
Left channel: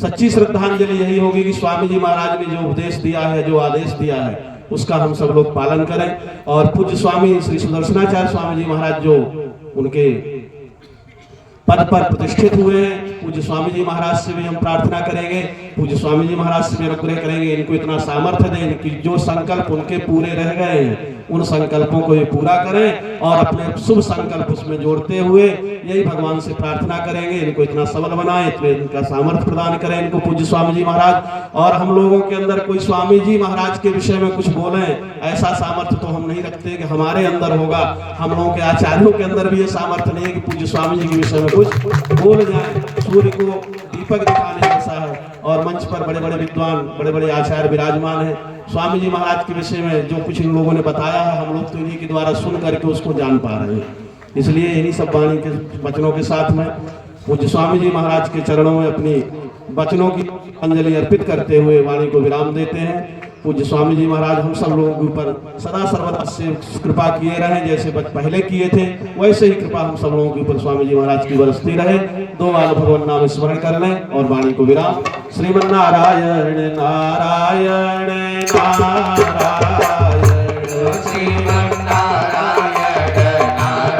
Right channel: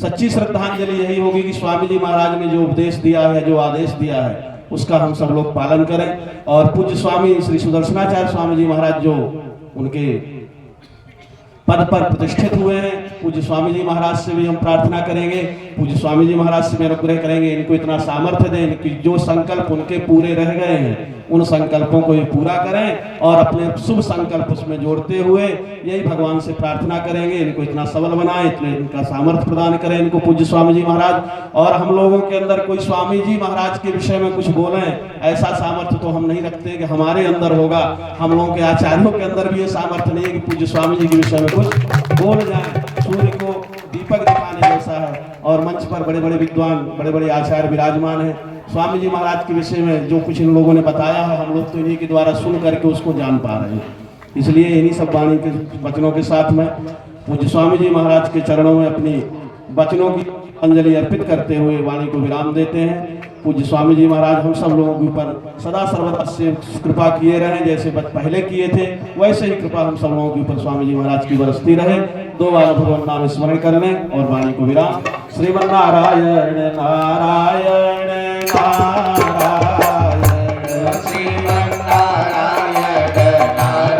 सच्ची श्रद्धांजलि यही होगी कि स्वामी जी महाराज ने जो उपदेश दिया है, जो आदेश दिया है, उसका हम सब लोग पालन करें। और पूज्य स्वामी श्री सुदर्शनाचार्य स्वामी जी महाराज जो उनके पद पर प्रतिष्ठित हुए हैं, पूज्य स्वामी जी महाराज से भी हम प्रार्थना करेंगे, पूज्य स्वामी जी महाराज से भी अनुग्रह करेंगे, इनको इतना सामर्थ्य दें, इनकी जो संकल्प उनके पूरे रह गए हैं उन संकल्पों को ये पूरा करें और अपने शुभ संकल्प उसमें जोड़ते हुए यही भगवान से प्रार्थना करेंगे, इनको इतना सबल बनाएं, इतने इनका सामर्थ्य प्रदान करें इनको पूज्य स्वामी जी महाराज। और हम लोगों के अंदर कोई स्वामी जी महाराज के विषय में कुछ बोलें, ऐसा सामर्थ्य तो हम नहीं रखते कि हमारे अंदर होगा। हम लोगों के आचार्यों के अंदर भी ये सामर्थ्य नहीं है कि पूज्य स्वामी जी के विषय में कुछ बोल जाए। सूर्य को दीपक दिखाने जैसा है और मंच पर बड़े बड़े विद्वान, बड़े बड़े आचार्य विराजमान हैं। स्वामी जी महाराज के विषय में जो कुछ इन लोगों ने बताया है, हम लोग तो इन्हीं के द्वारा सुन करके उसको जान पा रहे हैं। इसलिए इन्हीं सब वाणी के वचनों के साथ में पूज्य स्वामी जी महाराज के चरणों में अपनी वचनों की अंजलि अर्पित करते हुए वाणी को विराम देते हैं। पूज्य स्वामी जी महाराज हम सब लोगों के ऊपर सदा सर्वदा से कृपा किए रहे, जैसे पहले किए थे वैसे ही कृपा हम सब लोगों के ऊपर स्वामी जी महाराज की बरसती रहे। दो बार भगवान नाम स्मरण कर लें और वाणी को विराम। श्रीमन्नारायण नारायण नारायण श्रीमन्नारायण नारायण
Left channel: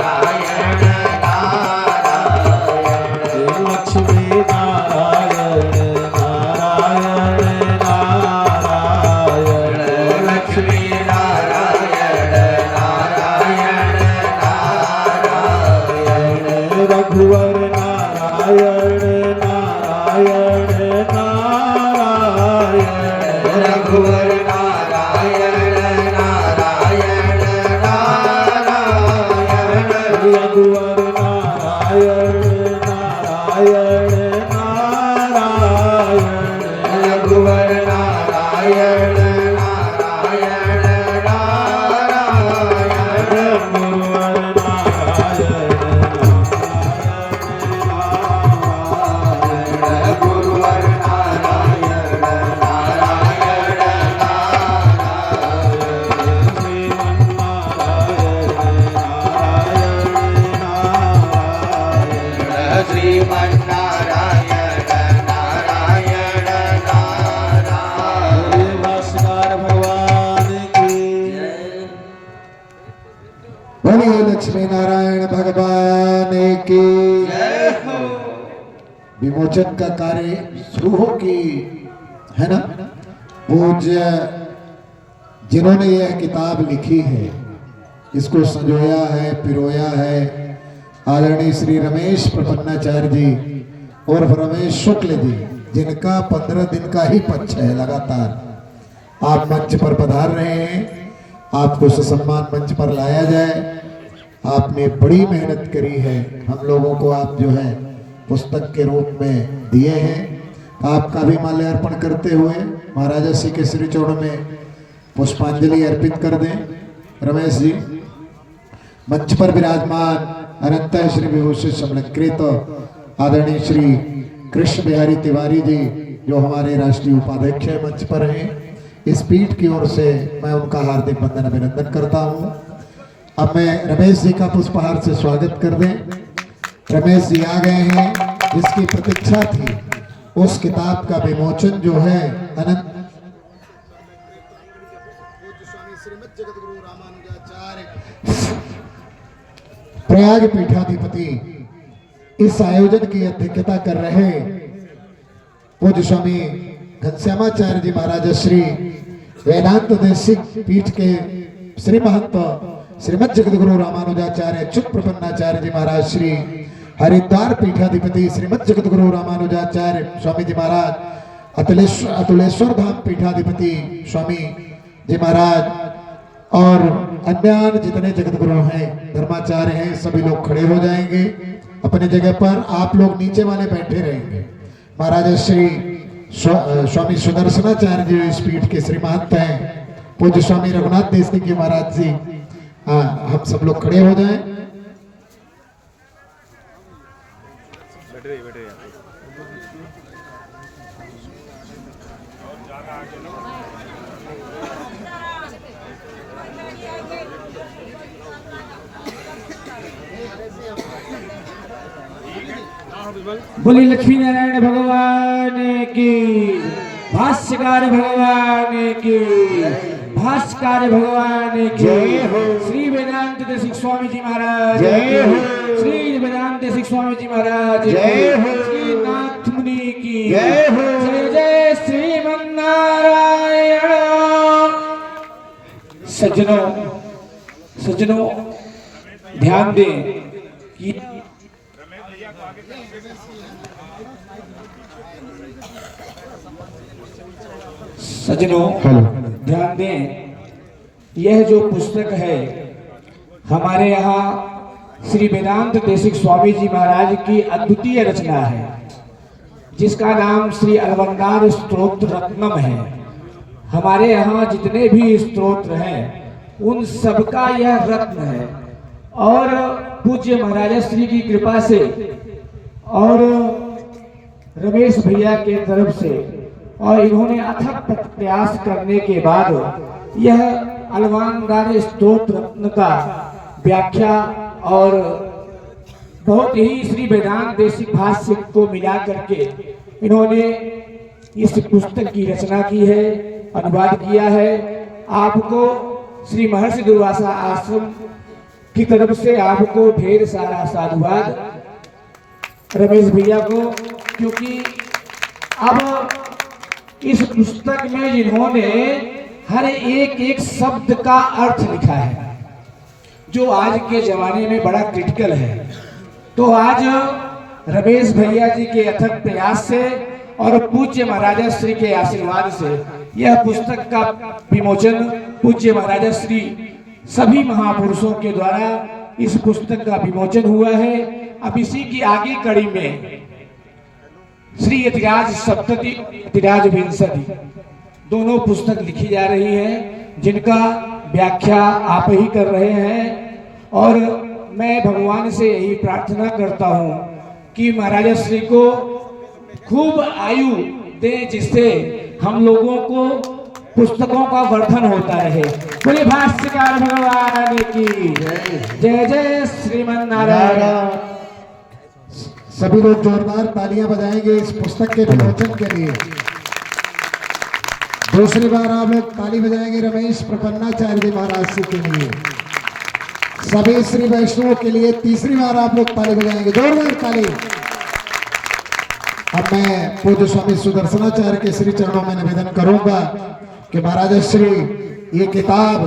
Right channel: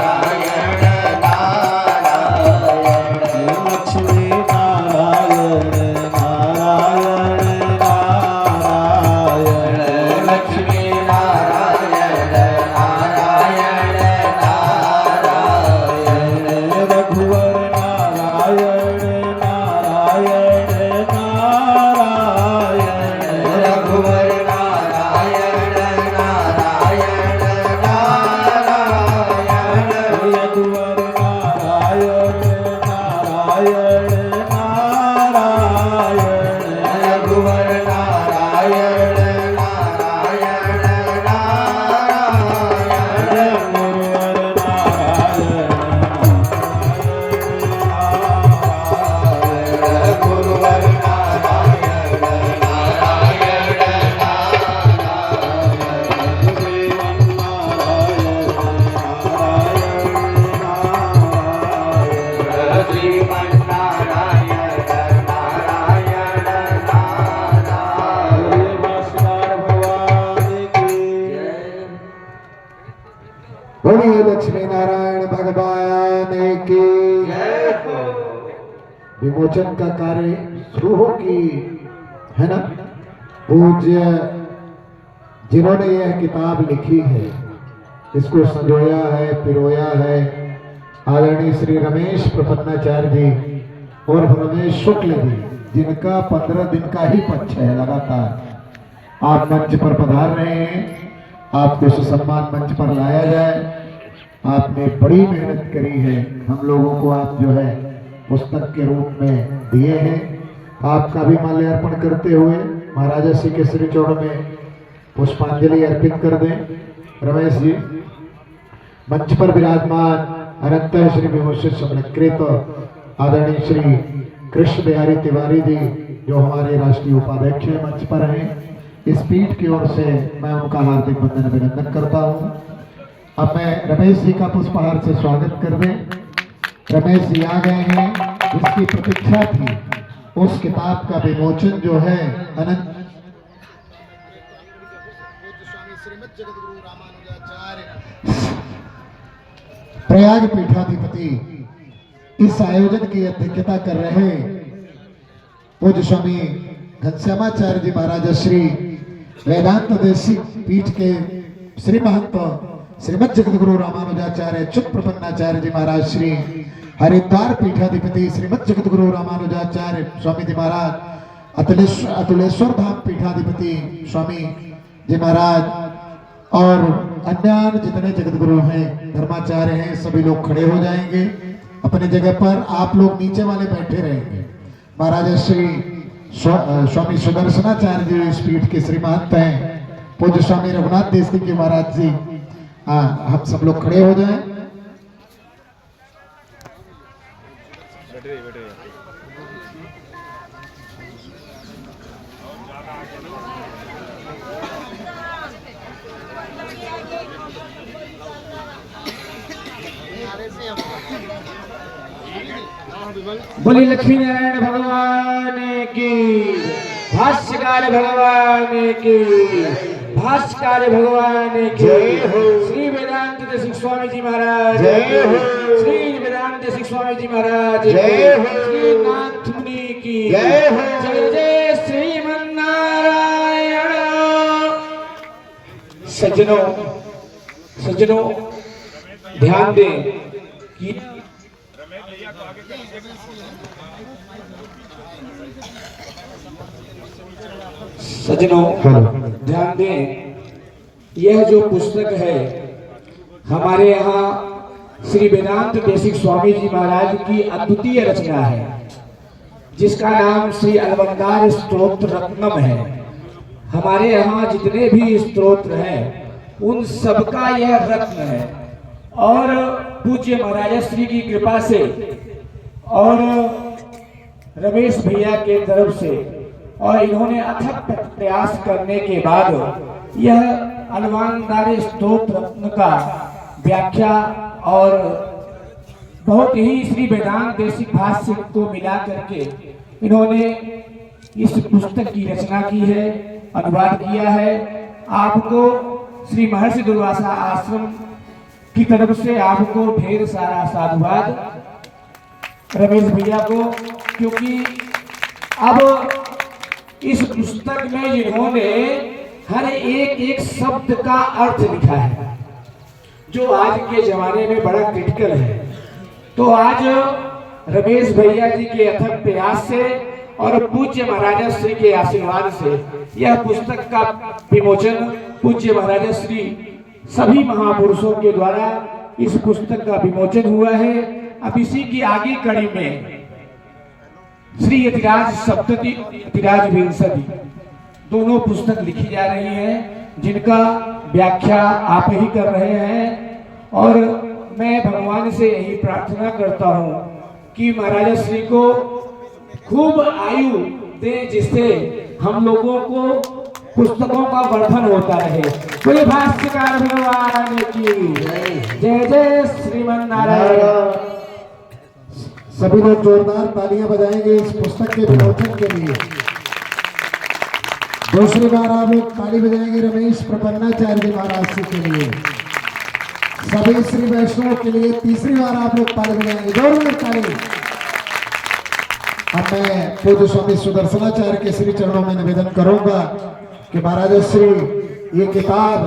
नारायण लक्ष्मी नारायण नारायण नारायण लक्ष्मी नारायण नारायण नारायण रघुवर नारायण नारायण नारायण रघुवर नारायण नारायण नारायण रघुवर नारायण नारायण नारायण रघुवर नारायण नारायण नारायण गुरुवर नारायण नारायण लक्ष्मी नारायण भगवान की विमोचन का कार्य शुरू हो कि है ना। पूज्य जिन्होंने यह किताब लिखी है, इसको संजोया है, पिरोया है, आदरणीय श्री रमेश प्रपन्नाचार्य जी और रमेश शुक्ल जी, जिनका 15 दिन का ही पक्ष है लगातार। आप मंच पर पधार रहे हैं, आपको सम्मान मंच पर लाया जाए। आपने बड़ी मेहनत करी है, हम लोगों को आप जो है पुस्तक के रूप में दिए हैं। आपका भी माल्यार्पण करते हुए महाराजा श्री के श्री चरणों में पुष्पांजलि अर्पित कर दें। रमेश जी मंच पर विराजमान अनंत श्री विभूषित समलकृत आदरणीय श्री कृष्ण बिहारी तिवारी जी, जो हमारे राष्ट्रीय उपाध्यक्ष हैं, मंच पर हैं। इस पीठ की ओर से मैं उनका हार्दिक वंदन अभिनंदन करता हूं। अब मैं रमेश जी का पुष्पहार से स्वागत कर दें। रमेश जी आ गए हैं, जिसकी प्रतीक्षा थी उस किताब का विमोचन जो है अनंत प्रयाग पीठाधिपति इस आयोजन की अध्यक्षता कर रहे पूज्य स्वामी घनश्यामाचार्य जी महाराज श्री वेदांत देशिक पीठ के श्री महंत श्रीमद जगतगुरु रामानुजाचार्य च्युत प्रपन्नाचार्य जी महाराज श्री हरिद्वार पीठाधिपति श्रीमद जगतगुरु रामानुजाचार्य स्वामी जी महाराज अतुलेश्वर धाम पीठाधिपति स्वामी जी महाराज और अन्य जितने जगतगुरु हैं, धर्माचार्य हैं, सभी लोग खड़े हो जाएंगे अपने जगह पर। आप लोग नीचे वाले बैठे रहेंगे। महाराज श्री स्वामी सुदर्शनाचार्य जी इस पीठ के श्री महंत हैं। पूज्य स्वामी रघुनाथ देसी के महाराज जी, हम सब लोग खड़े हो जाएं। बोली लक्ष्मी नारायण भगवान की, भाष्यकार भगवान की, भाष्यकार भगवान की, श्री वेदांत देशिक स्वामी जी महाराज, श्री वेदांत देशिक स्वामी जी महाराज, श्री नाथ मुनि की जय जय श्रीमन्नारायण। सज्जनों ध्यान दें कि ध्यान दें, यह जो पुस्तक है हमारे यहाँ श्री वेदांत देशिक स्वामी जी महाराज की अद्वितीय रचना है, जिसका नाम श्री अलंकार स्तोत्र रत्नम है। हमारे यहाँ जितने भी स्तोत्र हैं उन सबका यह रत्न है, और पूज्य महाराज श्री की कृपा से और रमेश भैया के तरफ से और इन्होंने अथक प्रयास करने के बाद यह अलंकार स्तोत्र रत्न का व्याख्या और बहुत ही श्री वेदांत देशिक भाष्य को मिला करके इन्होंने इस पुस्तक की रचना की है, अनुवाद किया है। आपको श्री महर्षि दुर्वासा आश्रम की तरफ से आपको ढेर सारा साधुवाद रमेश भैया को, क्योंकि अब इस पुस्तक में इन्होंने हर एक शब्द का अर्थ लिखा है, जो आज के जमाने में बड़ा क्रिटिकल है। तो आज रमेश भैया जी के अथक प्रयास से और पूज्य महाराजा श्री के आशीर्वाद से यह पुस्तक का विमोचन पूज्य महाराजा श्री सभी महापुरुषों के द्वारा इस पुस्तक का विमोचन हुआ है। अब इसी की आगे कड़ी में श्री यतिराज सप्तति यतिराज विंशति दोनों पुस्तक लिखी जा रही है, जिनका व्याख्या आप ही कर रहे हैं। और मैं भगवान से यही प्रार्थना करता हूँ कि महाराजा श्री को खूब आयु दे, जिससे हम लोगों को पुस्तकों का वर्धन होता है। कोई भाष्यकार भगवान की जय जय श्रीमन्नारायण। सभी लोग जोरदार तालियां बजाएंगे इस पुस्तक के विमोचन के लिए। दूसरी बार आप लोग ताली बजाएंगे रमेश प्रपन्नाचार्य जी महाराज जी के लिए। सभी श्री वैष्णव के लिए तीसरी बार आप लोग ताली बजाएंगे, जोरदार ताली। अब मैं पूज्य स्वामी सुदर्शनाचार्य के श्री चरणों में निवेदन करूंगा कि महाराज श्री ये किताब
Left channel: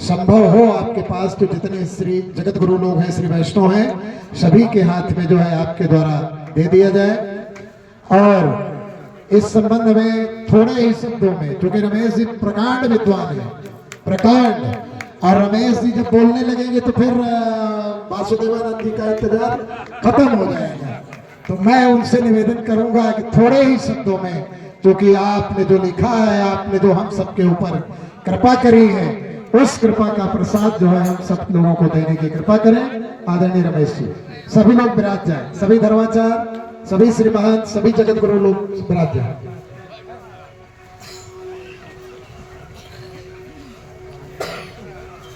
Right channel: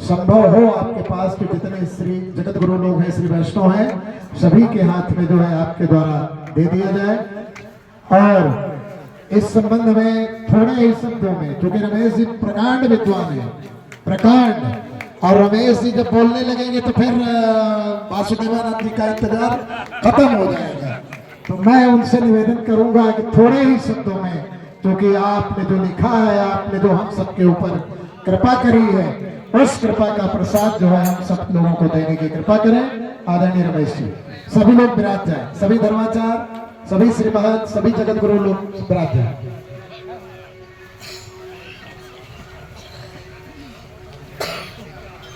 संभव हो आपके पास तो जितने श्री जगत गुरु लोग हैं, श्री वैष्णव हैं, सभी के हाथ में जो है आपके द्वारा दे दिया जाए। और इस संबंध में थोड़े ही शब्दों में, क्योंकि रमेश जी प्रकांड विद्वान है, प्रकांड, और रमेश जी जब बोलने लगेंगे तो फिर वासुदेवानंद जी का इंतजार खत्म हो जाएगा। तो मैं उनसे निवेदन करूंगा कि थोड़े ही शब्दों में, क्योंकि आपने जो लिखा है, आपने जो हम सबके ऊपर कृपा करी है, उस कृपा का प्रसाद जो है हम सब लोगों को देने की कृपा करें। आदरणीय रमेश जी, सभी लोग विराज जाए, सभी धर्माचार्य, सभी श्रीमान, सभी जगत गुरु लोग विराज जाए।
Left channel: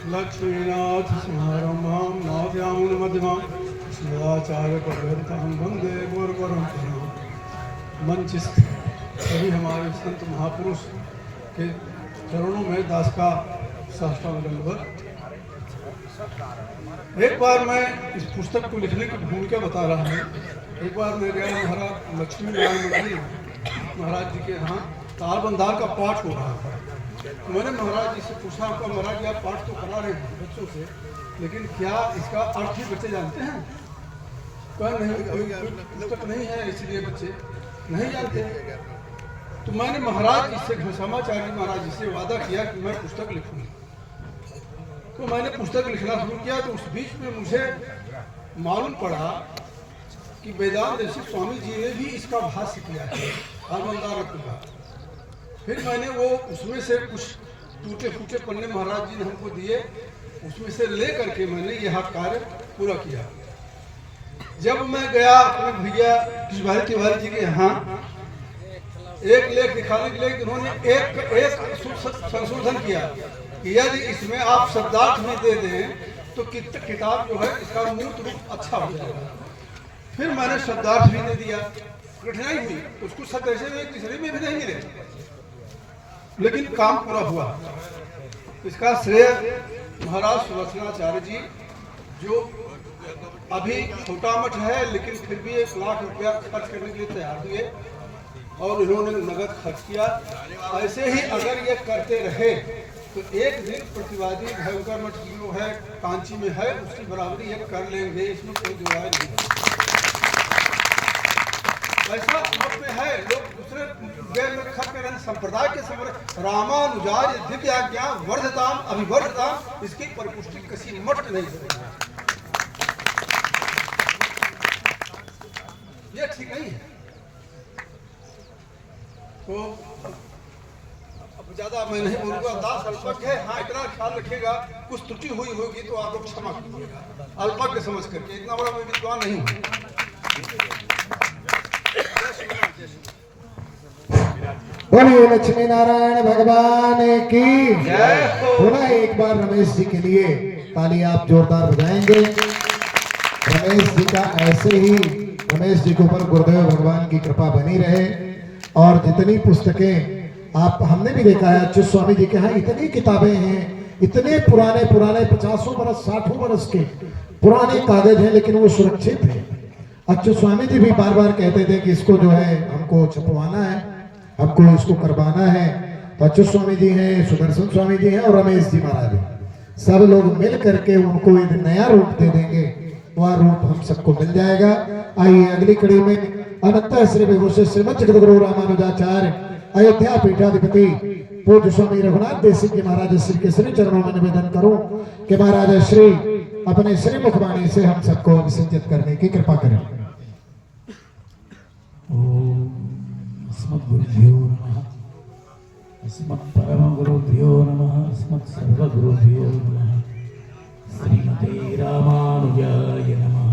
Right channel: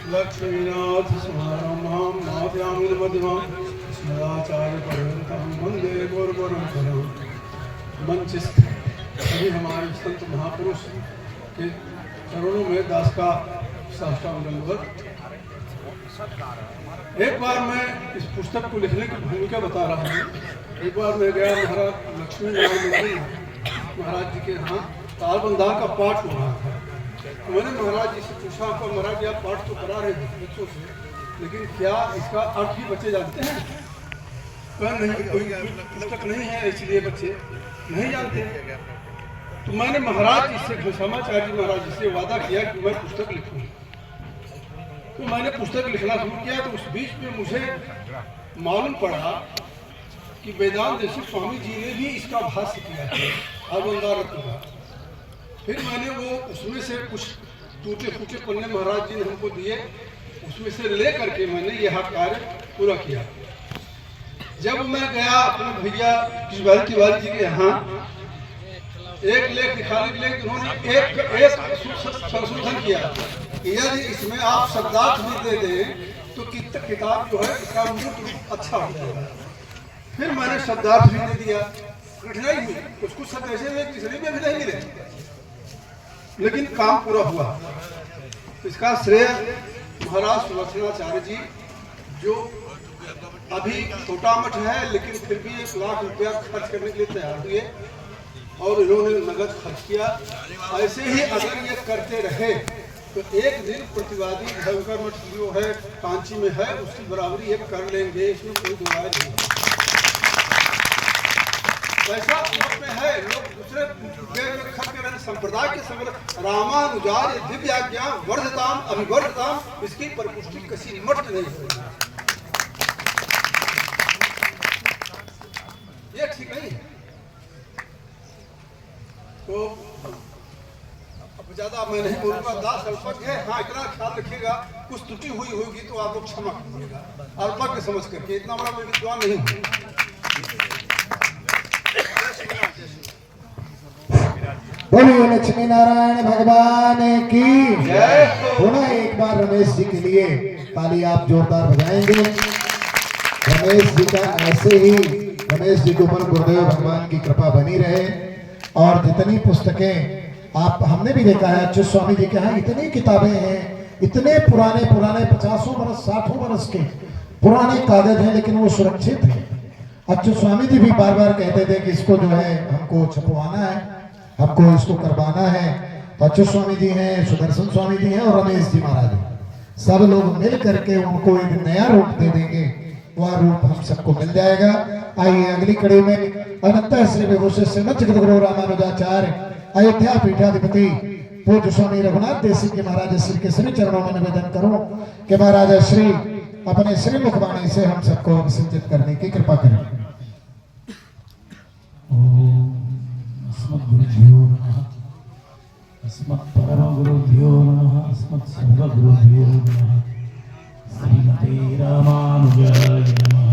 लक्ष्मीनाथ समारंभां नाथयामुन मध्यमां सदाचार्य पर्यन्तं वन्दे गौरपरम्परां। मंचस्थ सभी हमारे संत महापुरुष के चरणों में दास का साष्टांग दंडवत। एक बार मैं इस पुस्तक को लिखने की भूमिका बता रहा हूँ। एक बार मैं गया महाराज लक्ष्मी नारायण महाराज जी के यहाँ तालबंदार का पाठ हो रहा था। तो मैंने महाराज जी से पूछा, महाराज जी आप पाठ तो करा रहे हैं बच्चों से, लेकिन क्या इसका अर्थ ही बच्चे जानते हैं? कहा नहीं, कोई पुस्तक नहीं है इसलिए बच्चे नहीं जानते हैं। तो मैंने महाराज जी से, घनश्यामाचार्य महाराज जी से वादा किया कि मैं पुस्तक लिखूँ। तो मैंने पुस्तक लिखना शुरू किया। तो उस बीच में मुझे मालूम पड़ा कि वेदांत ऋषि स्वामी जी ने भी इसका भाष्य किया है तालबंदार रत्न का। फिर मैंने वो उसमें से कुछ टूटे फूटे पन्ने महाराज जी ने हमको दिए, उसमें से ले करके मैंने यह कार्य पूरा किया। जब मैं गया अपने भैया कृष्णभाई तिवारी जी के यहाँ, एक लेख दिखाने के लिए उन्होंने एक संशोधन किया कि यदि इसमें आप शब्दार्थ भी दे दें तो किताब जो है इसका मूर्त रूप अच्छा हो जाएगा। फिर मैंने शब्दार्थ भी दे दिया। कठिनाई हुई, कुछ शब्द ऐसे हुए किसी में भी नहीं मिले, लेकिन काम पूरा हुआ। इसका श्रेय महाराज सुदर्शनाचार्य जी, जो अभी छोटा मठ है लेकिन फिर भी 1 लाख रुपया खर्च करने के लिए तैयार हुए और इन्होंने नगद खर्च किया। ऐसे ही अगर ये करते रहे तो एक दिन प्रतिवादी भयंकर मठ जो है कांची में है, उसकी बराबरी ये कर लेंगे, इसमें कोई दो राय नहीं। ऐसा लोग में है, लोग दूसरे संप्रदाय के रामानुजार्य दिव्य आज्ञा वर्धताम अभिवर्धताम, इसकी परिपुष्टि किसी मठ नहीं हो रही है। ये ठीक नहीं है। तो अब ज्यादा मैं नहीं बोलूंगा, दास अल्पज्ञ है। हाँ, इतना ख्याल रखिएगा, कुछ त्रुटि हुई होगी तो आप लोग क्षमा कीजिएगा, अल्पज्ञ समझ करके। इतना बड़ा मैं विद्वान नहीं हूँ। बोलिए लक्ष्मी नारायण भगवान की जय। पुनः एक बार रमेश जी के लिए ताली आप जोरदार बजाएंगे। रमेश जी का ऐसे ही, रमेश जी के ऊपर गुरुदेव भगवान की कृपा बनी रहे। और जितनी पुस्तकें आप, हमने भी देखा है अच्युत स्वामी जी के यहाँ इतनी किताबें हैं, इतने पुराने 50 बरस 60 बरस के पुराने कागज हैं, लेकिन वो सुरक्षित है। अच्युत स्वामी जी भी बार बार कहते थे कि इसको जो है हमको छपवाना है, हमको इसको करवाना है। अच्युत स्वामी जी हैं, सुदर्शन स्वामी जी हैं और रमेश जी महाराज हैं। सब लोग मिल करके उनको एक नया रूप दे देंगे, वह रूप हम सबको मिल जाएगा। आइए अगली कड़ी में अनंत श्री विभूषण श्रीमद जगत गुरु रामानुजाचार्य अयोध्या पीठाधिपति पूज्य स्वामी रघुनाथ देव जी महाराज श्री के श्री चरणों में निवेदन करूं कि महाराज श्री अपने श्री मुखवाणी से हम सबको अभिसंचित करने की कृपा करें। अस्मद्गुरुभ्यो नमः, अस्मत्परमगुरुभ्यो नमः, अस्मत्सर्वगुरुभ्यो नमः। श्रीमते रामानुजाय नमः।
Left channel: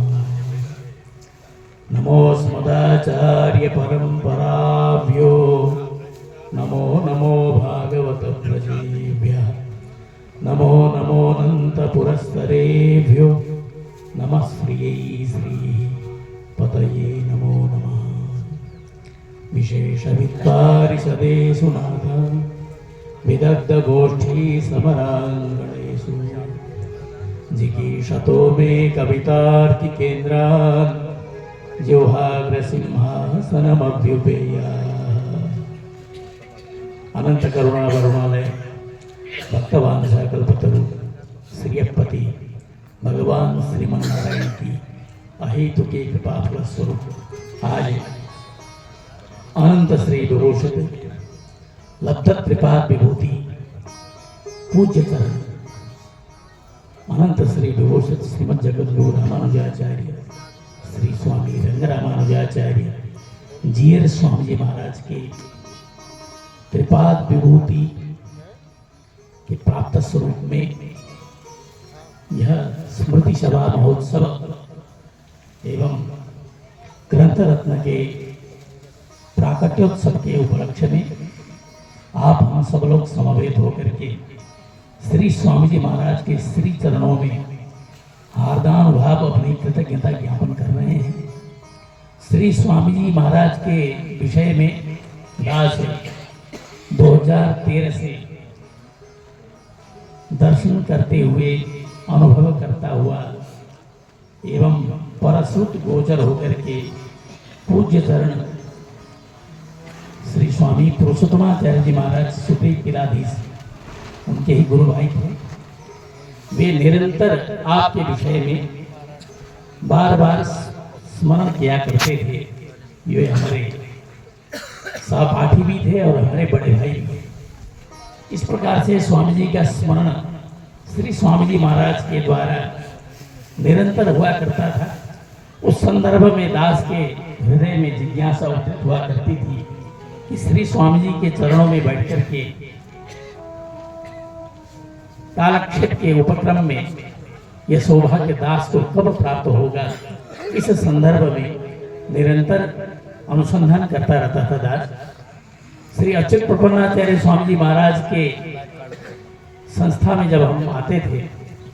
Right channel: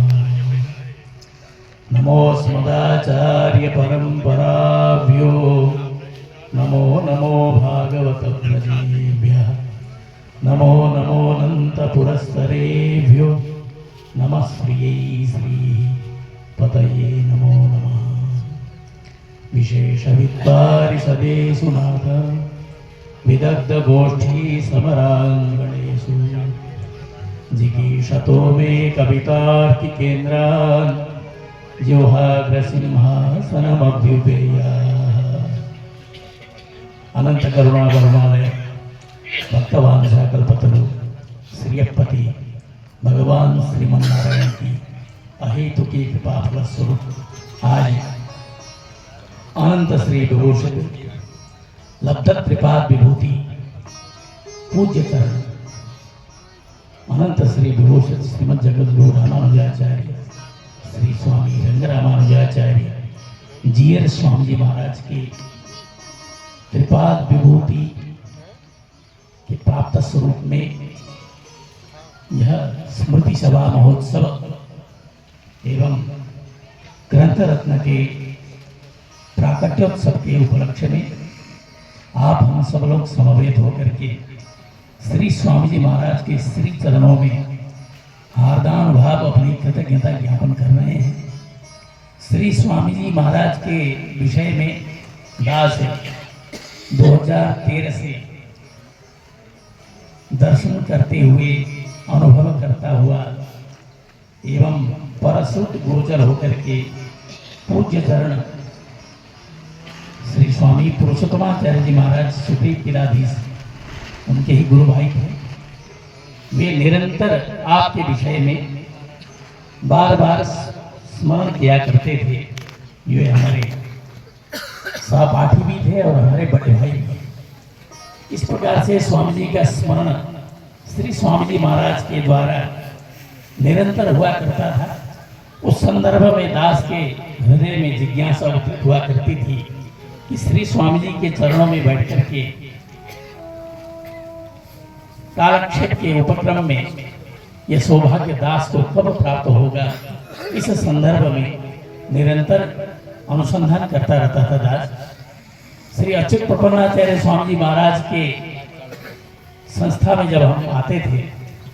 नमोऽस्मदाचार्य परम्पराभ्यो, नमो नमो भागवत प्रजेभ्यः, नमो नमो अनंत पुरस्सरेभ्यो, नमः श्रियै श्री पतये नमो नमः। विशेष विद्वारि सदेषु नाथ, विदग्ध गोष्ठी समरांगणेषु, जिगीषतो मे कवितार्किकेन्द्रान् जिह्वाग्रसिंहासनमभ्युपेया। अनंत करुणा करुणालय भक्तवान कल्पतरु श्रीयपति भगवान श्रीमन्नारायण की अहेतुकी कृपा फलस्वरूप आज अनंत श्री विभूषित लब्ध त्रिपाद विभूति पूज्य चरण अनंत श्री विभूषित श्रीमद जगत गुरु रामानुजाचार्य श्री स्वामी रंगरामानुजाचार्य जीयर स्वामी जी महाराज के त्रिपाद विभूति के प्राप्त स्वरूप में यह स्मृति सभा महोत्सव एवं ग्रंथ रत्न के प्राकट्योत्सव के उपलक्ष्य में आप हम सब लोग समवेत होकर के श्री स्वामी जी महाराज के श्री चरणों में हार्दानुभाव अपनी कृतज्ञता ज्ञापन कर रहे हैं। श्री स्वामी जी महाराज के विषय में दास 2013 से दर्शन करते हुए अनुभव करता हुआ एवं परसुत गोचर होकर के पूज्य चरण श्री स्वामी पुरुषोत्तमाचार्य जी महाराज सुप्रीम पीठाधीश उनके ही गुरु भाई थे। वे निरंतर आपके विषय में बार बार स्मरण किया करते थे। ये हमारे सहपाठी भी थे और हमारे बड़े भाई भी थे। इस प्रकार से स्वामी जी का स्मरण श्री स्वामी जी महाराज के द्वारा निरंतर हुआ करता था। उस संदर्भ में दास के हृदय में जिज्ञासा उत्पन्न हुआ करती थी कि श्री स्वामी जी के चरणों में बैठ करके कालक्षेप के उपक्रम में यह सौभाग्य दास को कब प्राप्त होगा, इस संदर्भ में निरंतर अनुसंधान करता रहता था दास। श्री अच्युत प्रपन्नाचार्य स्वामी जी महाराज के संस्था में जब हम आते थे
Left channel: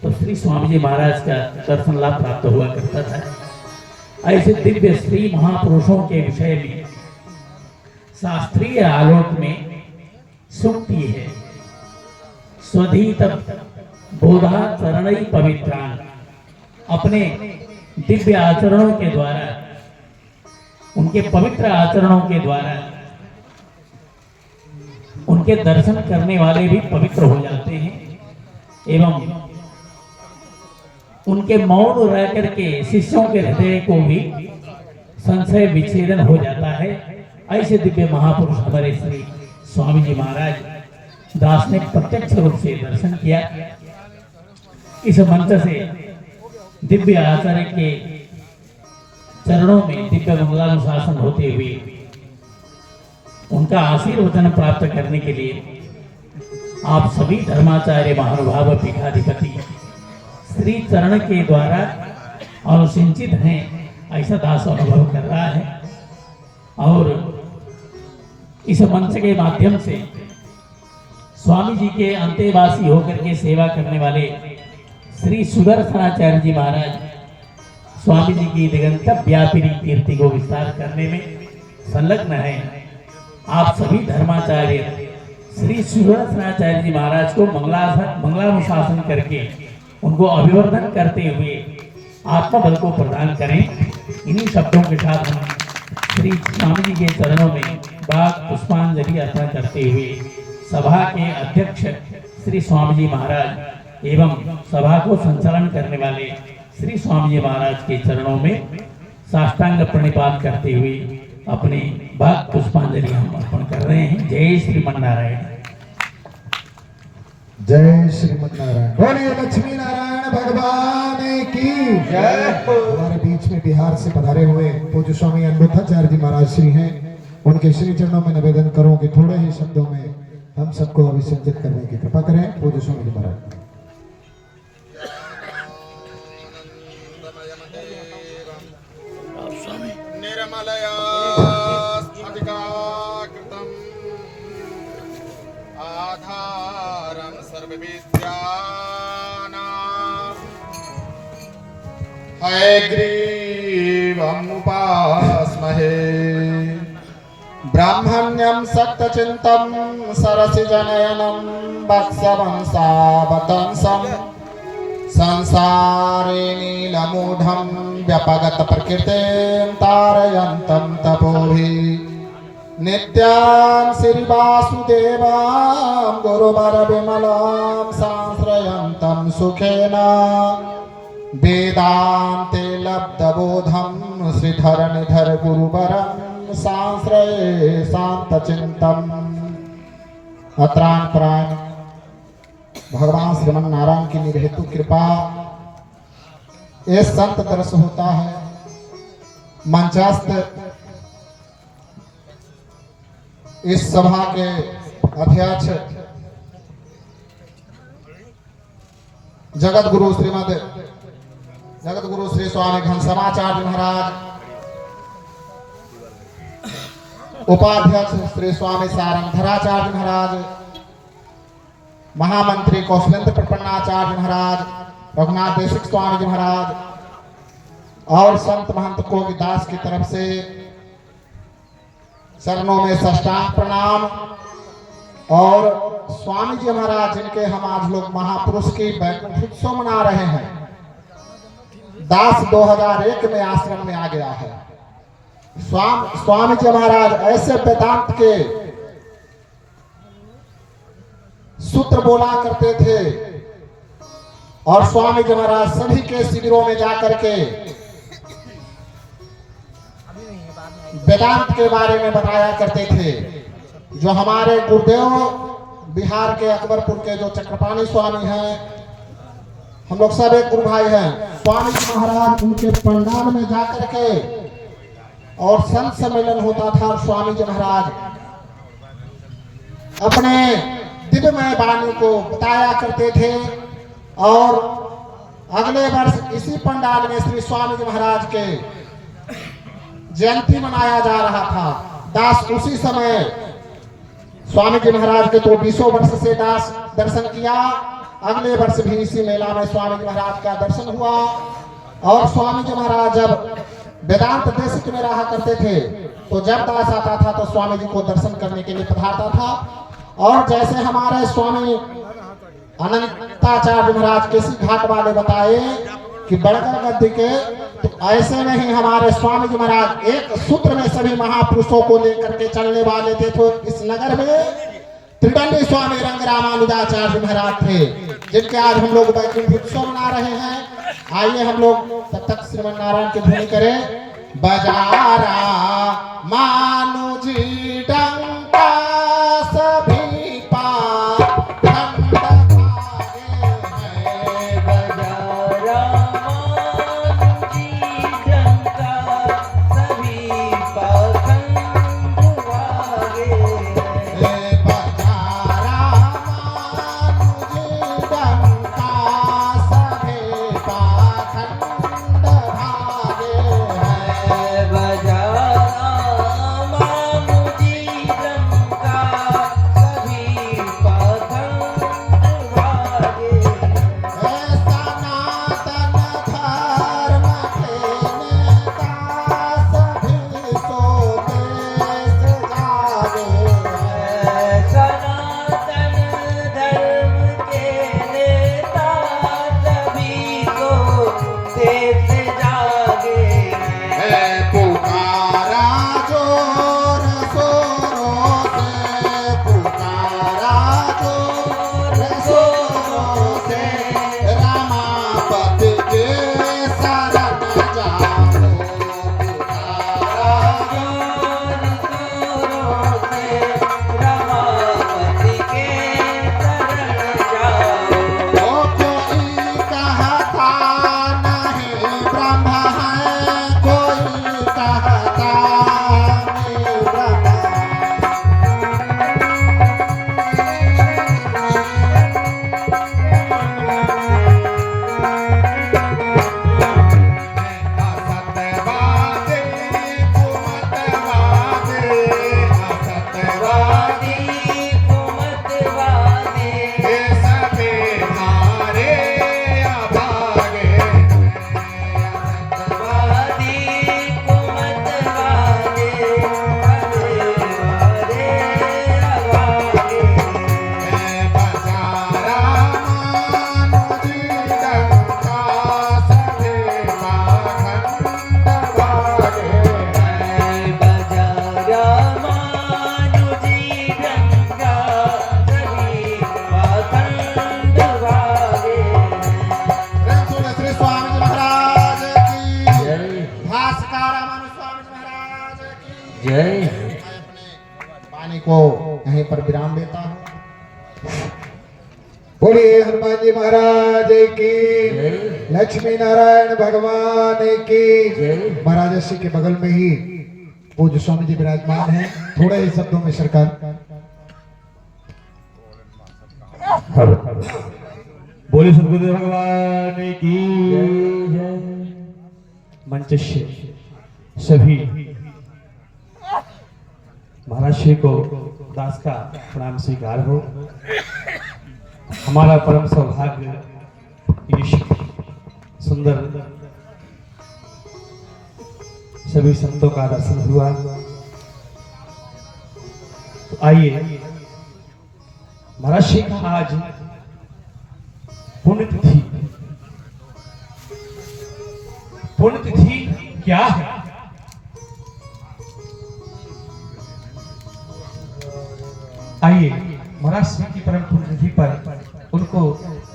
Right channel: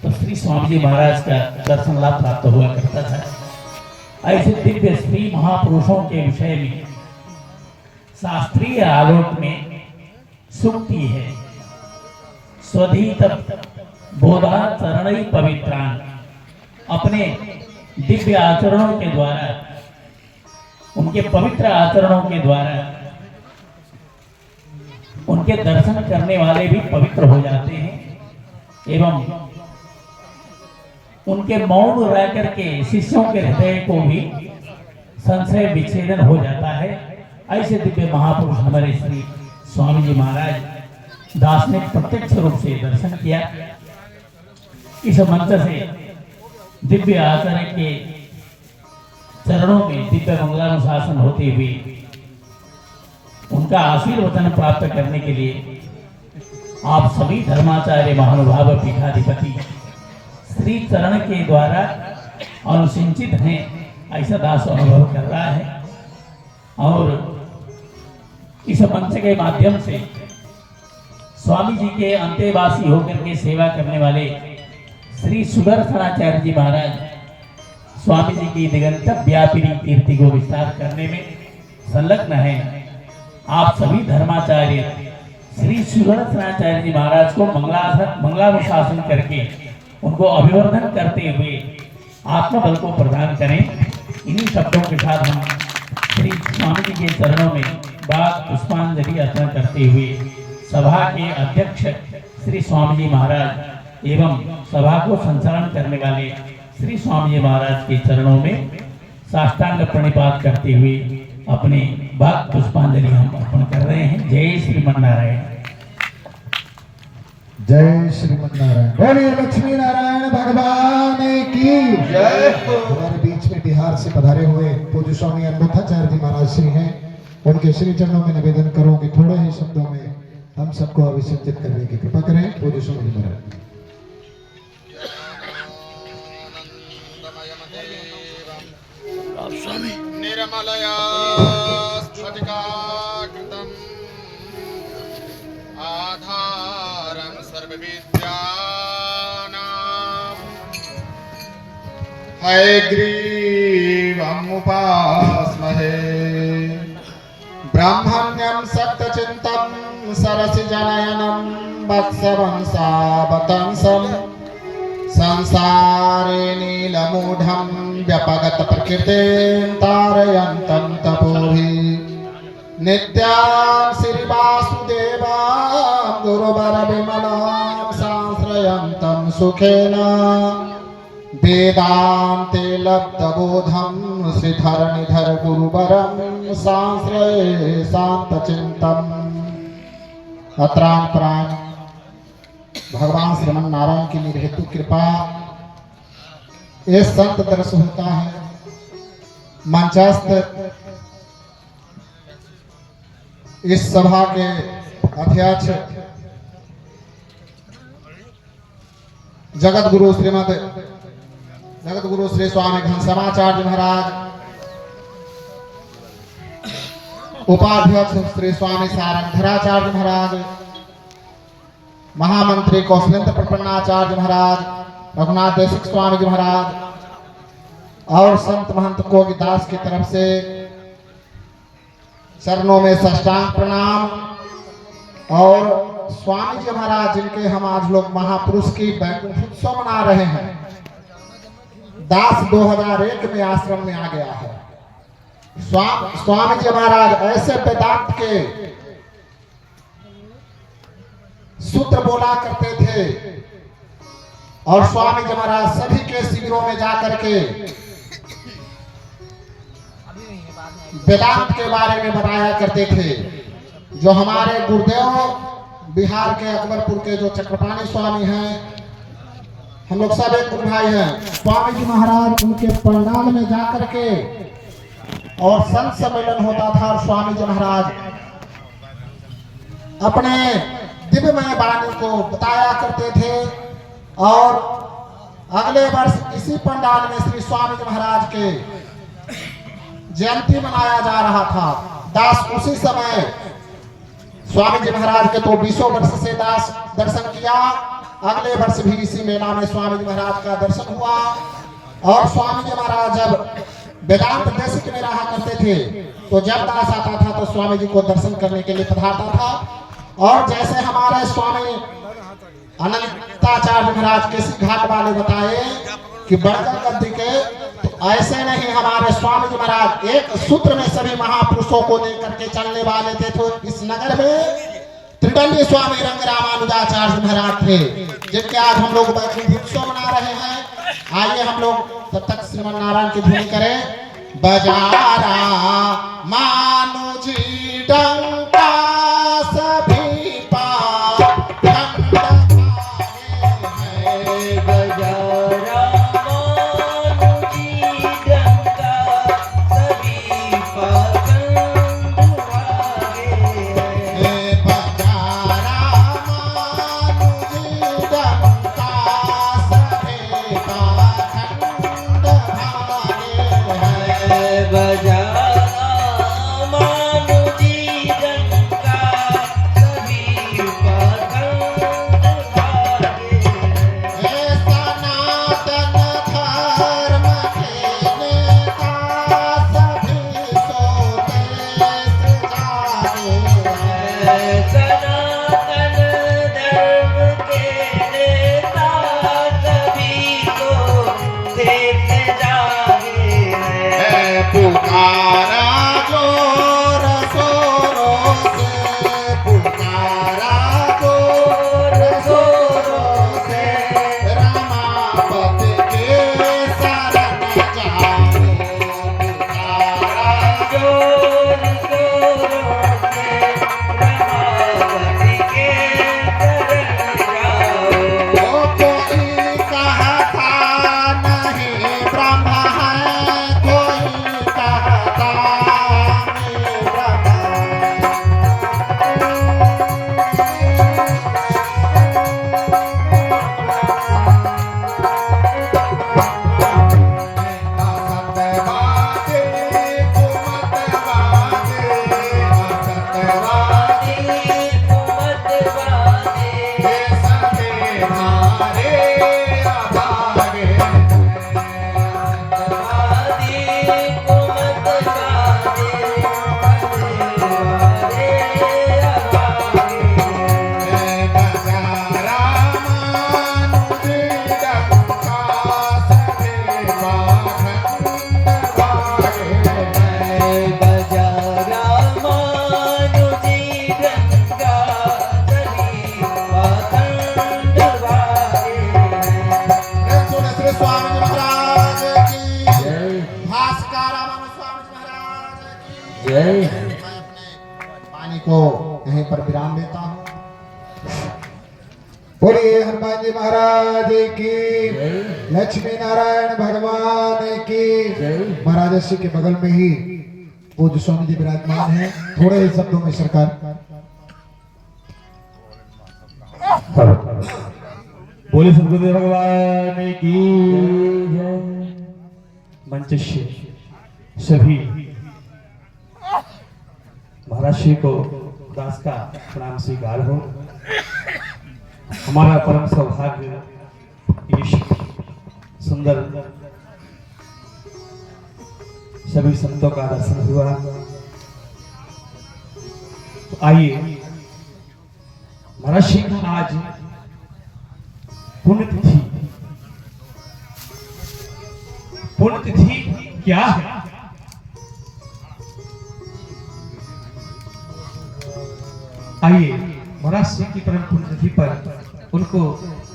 तो श्री स्वामी जी महाराज का दर्शन लाभ प्राप्त हुआ करता था। ऐसे दिव्य श्री महापुरुषों के विषय में शास्त्रीय आलोक में सूक्ति है, स्वधीत बोधा चरणै पवित्रान। अपने दिव्य आचरणों के द्वारा, उनके पवित्र आचरणों के द्वारा उनके दर्शन करने वाले भी पवित्र हो जाते हैं एवं उनके मौन रह करके शिष्यों के हृदय को भी संशय विच्छेदन हो जाता है। ऐसे दिव्य महापुरुष हमारे श्री स्वामी जी महाराज दास ने प्रत्यक्ष रूप से दर्शन किया। इस मंच से दिव्य आचार्य के चरणों में दिव्य मंगलानुशासन होते हुए उनका आशीर्वचन प्राप्त करने के लिए आप सभी धर्माचार्य महानुभाव पीठाधिपति श्री चरण के द्वारा अनुसिंचित हैं, ऐसा दास अनुभव कर रहा है। और इस मंच के माध्यम से स्वामी जी के अंतेवासी होकर के सेवा करने वाले श्री सुदर्शनाचार्य जी महाराज स्वामी जी की दिगंत व्यापिनी कीर्ति को विस्तार करने में संलग्न है। आप सभी धर्माचार्य श्री सुदर्शनाचार्य जी महाराज को मंगलानुशासन करके उनको अभिवर्धन करते हुए आत्मबल को प्रदान करें। इन्हीं शब्दों के साथ हम श्री स्वामी जी के चरणों में बाग पुष्पांजलि अर्पण करते हुए सभा के अध्यक्ष श्री स्वामी जी महाराज एवं सभा को संचालन करने वाले श्री स्वामी जी महाराज के चरणों में साष्टांग प्रणिपात करते हुए अपने बाग पुष्पांजलि हम अर्पण कर रहे हैं। जय श्रीमन्नारायण। जय श्रीमन्नारायण। बोलिए लक्ष्मी नारायण भगवान की जय। हमारे बीच में बिहार से पधारे हुए पूज्य स्वामी अनबुद्धाचार्य जी महाराज श्री हैं, उनके श्री चरणों में निवेदन करो कि थोड़े ही शब्दों में हम सबको अभिषेचित करने की कृपा करें। पूज्य स्वामी जी महाराज। निर्मलया स्फटिकाकृतम् आधारं सर्वविद्यानां हयग्रीवमुपास्महे ब्राह्मण्यं सप्तचिन्तं सरसिजनयनं वत्स्यवंशावतंसं संसारे नीलमूढं व्यपगत प्रकृतिं तारयन्तं तपोभिः नित्यां श्रीवासुदेवां गुरुवरविमलां सांश्रयन्तं सुखेन वेदान्ते लब्धबोधं श्रीधरनिधर गुरुवरं सांश्रये शान्तचित्तम्। अत्राण प्राण भगवान श्रीमन नारायण की निर्हेतु कृपा ये संत दर्श होता है। मंचस्थ इस सभा के अध्यक्ष जगत गुरु श्री स्वामी घनश्यामाचार्य महाराज, उपाध्यक्ष श्री स्वामी सारंगधराचार्य महाराज, महामंत्री कौशलेंद्र प्रपन्नाचार्य महाराज, रघुनाथ देशिक स्वामी जी महाराज और संत महंत कोविदास की तरफ से चरणों में साष्टांग प्रणाम। और स्वामी जी महाराज जिनके हम आज लोग महापुरुष की वैकुंठ उत्सव मना रहे हैं। दास 2001 में आश्रम में आ गया है। स्वामी जी महाराज ऐसे वेदांत के सूत्र बोला करते थे और स्वामी जी महाराज सभी के शिविरों में जाकर के वेदांत के बारे में बताया करते थे। जो हमारे गुरुदेव बिहार के अकबरपुर के जो चक्रपाणी स्वामी हैं, हम लोग सब एक गुरु भाई हैं। स्वामी जी महाराज उनके पंडाल में जाकर के और संत सम्मेलन होता था और स्वामी जी महाराज अपने दिव्यमय वाणी को बताया करते थे। और अगले वर्ष इसी पंडाल में श्री स्वामी जी महाराज के जयंती मनाया जा रहा था। दास उसी समय स्वामी जी महाराज के तो 20 वर्ष से दास दर्शन किया। अगले वर्ष भी इसी मेला में स्वामी जी महाराज का दर्शन हुआ। और स्वामी जी महाराज जब वेदांत देशिक में रहा करते थे तो जब दास आता था तो स्वामी जी को दर्शन करने के लिए पधारता था। और जैसे हमारे स्वामी अनंताचार्य महाराज केसी घाट वाले बताए कि बड़गल गद्दी के, तो ऐसे नहीं हमारे स्वामी जी महाराज एक सूत्र में सभी महापुरुषों को लेकर के चलने वाले थे। तो इस नगर में त्रिदंडी स्वामी रंग रामानुजाचार्य महाराज थे जिनके आज हम लोग वैकुंठ उत्सव मना रहे हैं। आइए हम लोग तब तक श्रीमन नारायण की ध्वनि करें। बजारा मानुजी डंका सभी बजा बोलिए हनुमान जी महाराज की, लक्ष्मी नारायण भगवान की। महाराज श्री के बगल में ही पूज्य स्वामी जी विराजमान हैं। थोड़े ही शब्दों में सरकार। बोले सदगुरुदेव भगवान की। मंच सभी महाराज श्री को दास का प्रणाम स्वीकार हो। हमारा परम सौभाग्य ये सुंदर सभी संतों का दर्शन हुआ। तो आइए महाराज श्री का आज पुण्यतिथि। पुण्यतिथि क्या है? आइए महाराज श्री की परम पुण्यतिथि पर उनको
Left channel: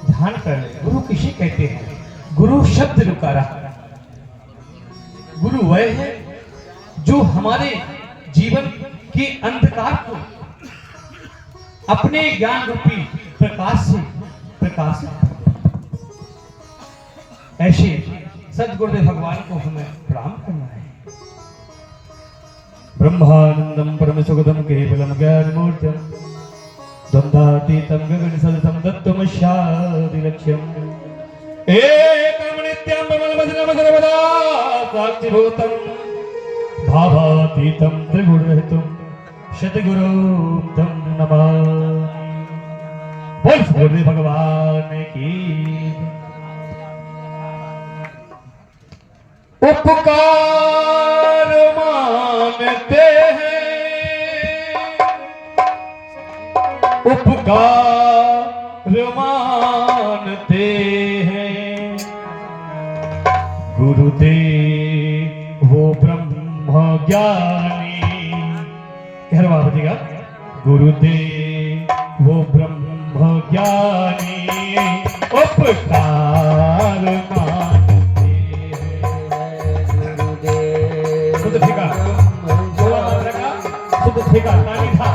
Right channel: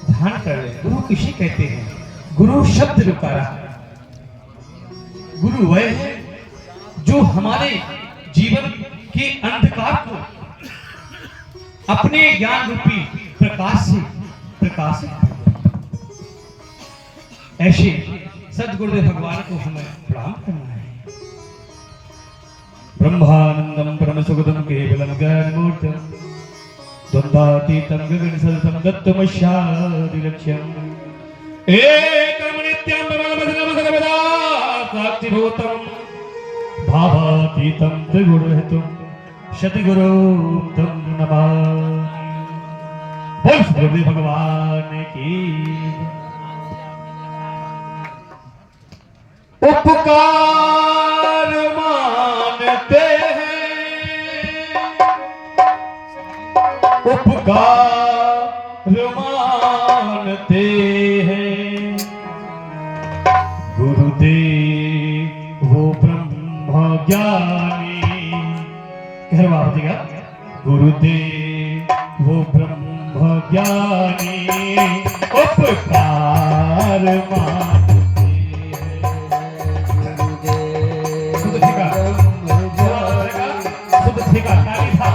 ध्यान कर ले। गुरु किसे कहते हैं? गुरु शब्द रुकारा। गुरु वह है जो हमारे जीवन के अंधकार को अपने ज्ञान रूपी प्रकाश से प्रकाशित। ऐसे सदगुरुदेव भगवान को हमें प्रणाम करना है। ब्रह्मानंदम परम सुगतम केवलम ज्ञानमूर्तिम द्वंद्वातीतं गगनसदृशं तत्त्वमस्यादिलक्ष्यम् एकं नित्यं विमलमसलं सर्वदा साक्षिभूतं भावातीतं त्रिगुणरहितं सद्गुरुं तं नमामि। बोल सदगुरुदेव भगवान की। उपकार मानते उपकार मानते हैं। गुरुदेव वो ब्रह्म ज्ञानी। घर बाबा गुरुदेव वो ब्रह्म ज्ञानी उपकार मानते हैं। गुरुदेव शुद्ध ठेका शुद्ध ठेका काली था।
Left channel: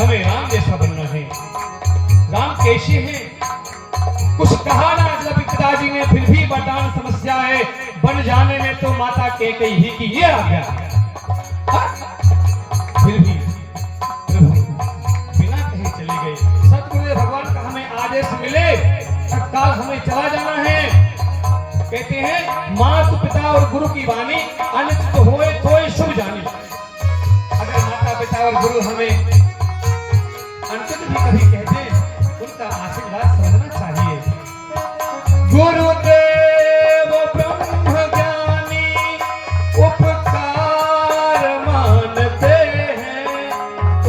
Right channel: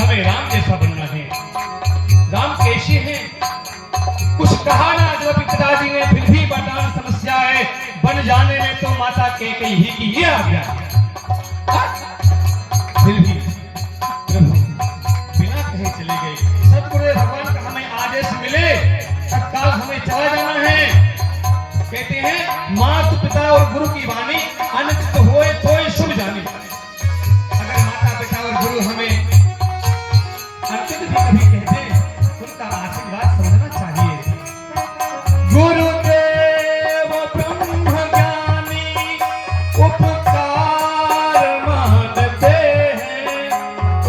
हमें राम जैसा बनना है। राम कैसे हैं? कुछ कहा ना जब पिताजी ने, फिर भी वर्तमान समस्या है। बन जाने में तो माता कैकेयी की ये आज्ञा, फिर भी प्रभु बिना कहे चले गए। सतगुरुदेव भगवान का हमें आदेश मिले तत्काल हमें चला जाना है। कहते हैं माता पिता और गुरु की वाणी अनुचित होए तो शुभ जानी। अगर माता पिता और गुरु हमें अनुचित भी कभी कहते उनका आशीर्वाद समझना चाहिए। गुरुदेव ब्रह्म ज्ञानी उपकार मानते हैं,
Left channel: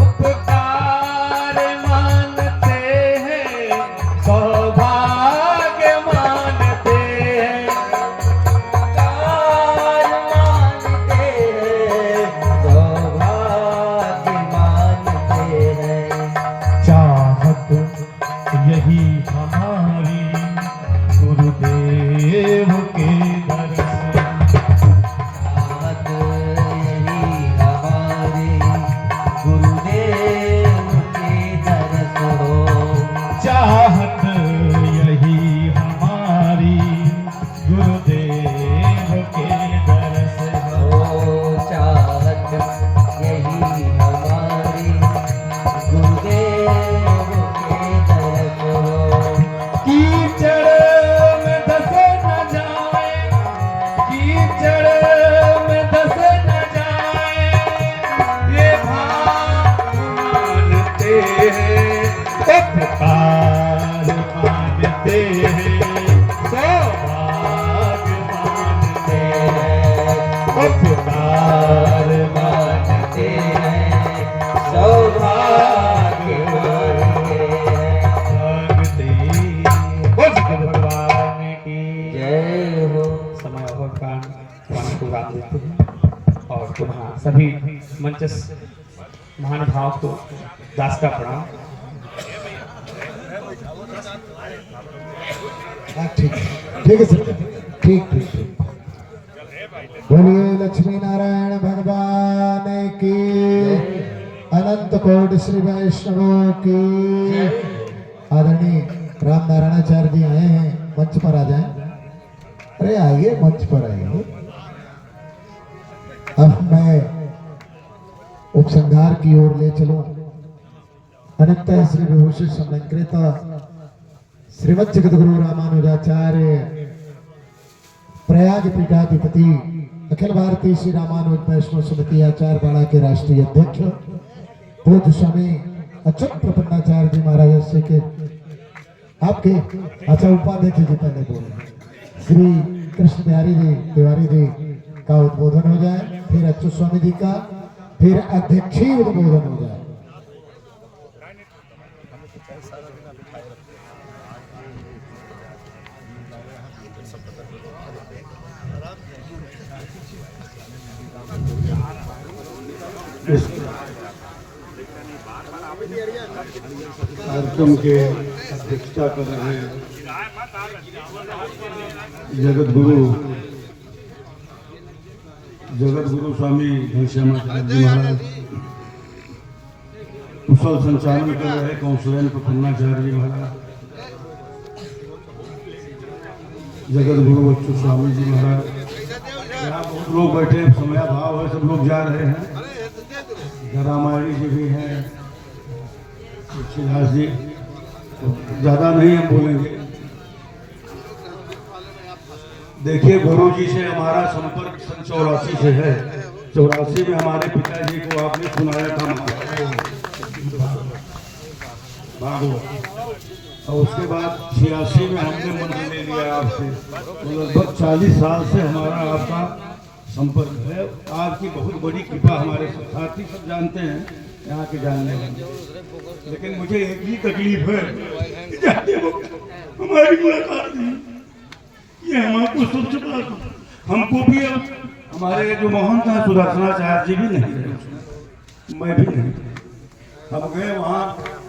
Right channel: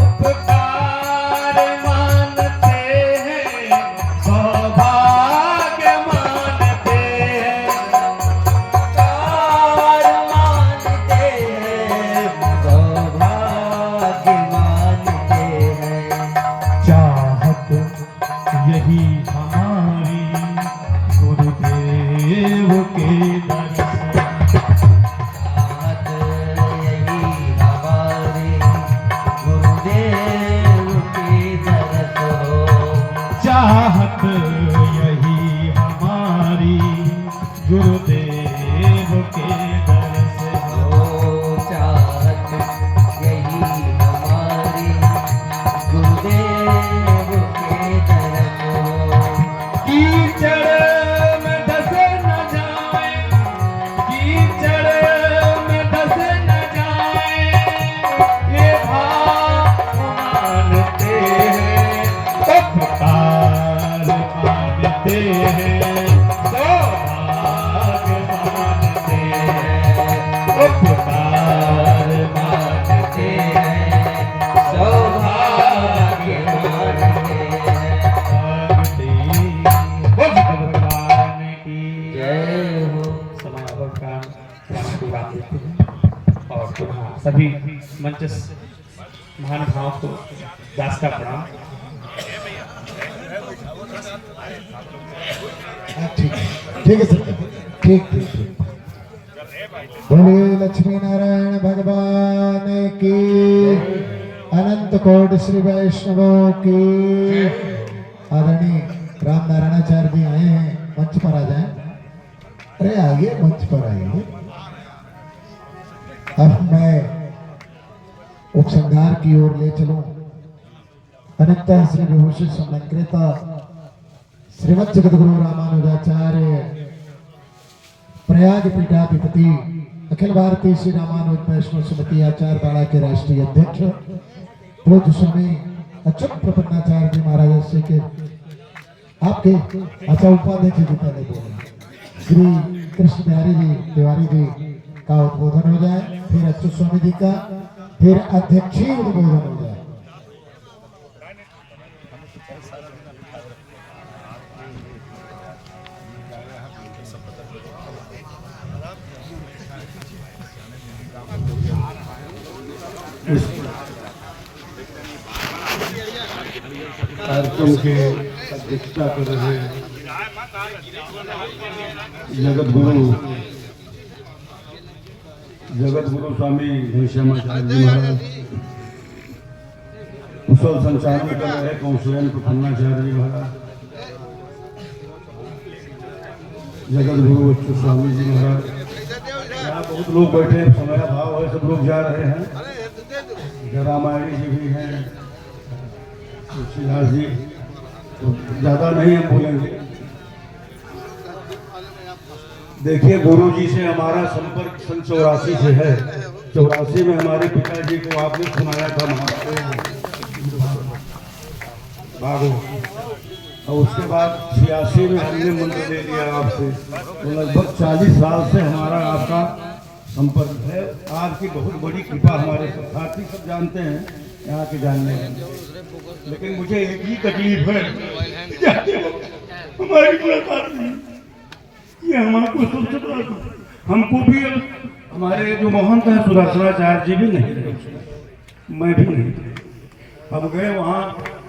उपकार मानते हैं, सौभाग्य मानते हैं, उपकार मानते हैं, सौभाग्य मानते हैं। चाहत यही हमारी गुरुदेव के दर्शन, चाहत यही हमारे गुरुदेव के दर्शन हो। चाहत यही हमारी गुरुदेव के दर्शन ओ चाहत यही हमारी गुरुदेव के दर्शन हो। कीचड़ में धस न जाए, कीचड़ में धस न जाए, ये भाव मानते हैं, उपकार मानते हैं, सौभाग्य मानते हैं, उपकार मानते हैं, सौभाग्य मानते हैं। भगवान की जय हो। समय और का पूरा देते हैं और पुनः सभी मंच महान भाव को दास का प्रणाम। ठीक है सर, ठीक ठीक ठीक। बोलिए लक्ष्मी नारायण भगवान की, अनंत कोटि श्री वैष्णवों की। आदरणीय राम नारायणाचार्य जी आए हैं, मंच पर आ जाएं। अरे आइए, मंच पर आइए। अब मैं उपसंहार की ओर ले चलूं। अनित्य श्री विभूषित समलंकृता श्रीमद जगद्गुरु रामानुजाचार्य प्रयाग पीठाधिपति अखिल भारतीय श्री रामानुज वैष्णव समिति आचार्य पाड़ा के राष्ट्रीय अध्यक्ष पूज्य स्वामी अच्युत प्रपन्नाचार्य जी महाराज श्री के आपके अच्छा उपाध्यक्ष जी पहले बोले श्री कृष्ण बिहारी जी तिवारी जी का उद्बोधन हो जाए, फिर अच्युत स्वामी जी का, फिर अध्यक्षीय उद्बोधन हो जाए। कार्यक्रम के अध्यक्षता कर रहे हैं जगत गुरु स्वामी घनश्यामाचार्य जी महाराज, कुशल संचालन कर रहे कौशलन प्रपन्नाचार्य जी महाराज, जगत गुरु अच्युत स्वामी जी महाराज। यहाँ बहुत लोग बैठे, समय अभाव है, सब लोग जा रहे हैं। जरामाड़ी जी भी हैं, तुलसीदास जी, ज्यादा नहीं हम बोलेंगे। देखिए, गुरु जी से हमारा संपर्क सन 84 से है। 84 में हमारे पिताजी को आपने सुनाया था भागवत, और उसके बाद 86 में हमने मंत्र ले लिया आपसे। तो लगभग 40 साल से हमारा आपका संपर्क है। आपकी बहुत बड़ी कृपा, हमारे साथी सब जानते हैं यहाँ के जानने वाले। लेकिन मुझे एक ही तकलीफ है, हमारी मुलाकात नहीं, ये हमारे सबसे बड़ा, हमको भी अब हमारे जो महंत हैं सुदर्शनाचार्य जी भी नहीं रहे, मैं भी नहीं। हम गए वहाँ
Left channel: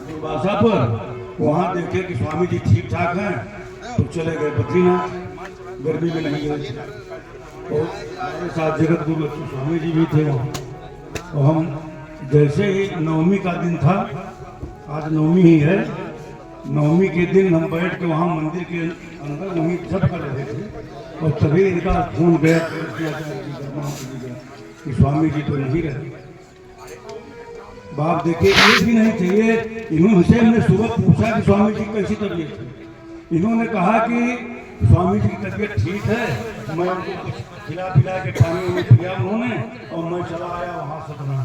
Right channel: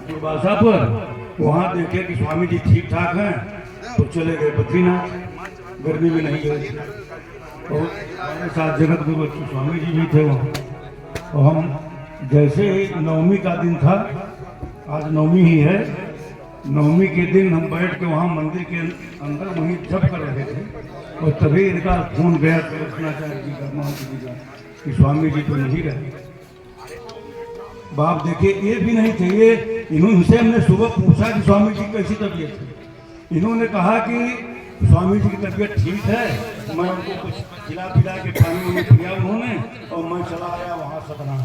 दुर्वासा पर, वहाँ देखे कि स्वामी जी ठीक ठाक हैं, तो चले गए बद्रीनाथ। गर्मी में नहीं गए थे, तो हमारे साथ जगत गुरु स्वामी जी भी थे वहाँ। तो हम जैसे ही नवमी का दिन था, आज नवमी ही है, नवमी के दिन हम बैठ के वहाँ मंदिर के अंदर वहीं जप कर रहे थे, और तभी इनका फोन गया कृष्णाचार्य जी का, महंत जी का, कि स्वामी जी तो नहीं रहे। बाप देखे एक भी नहीं चाहिए। इन्होंने हमने सुबह पूछा कि स्वामी जी कैसी तबीयत है। इन्होंने कहा कि स्वामी जी की तबीयत ठीक है। मैं उनको कुछ खिला पिला के पानी उन्हें पिया उन्होंने, और मैं चला आया वहाँ सतना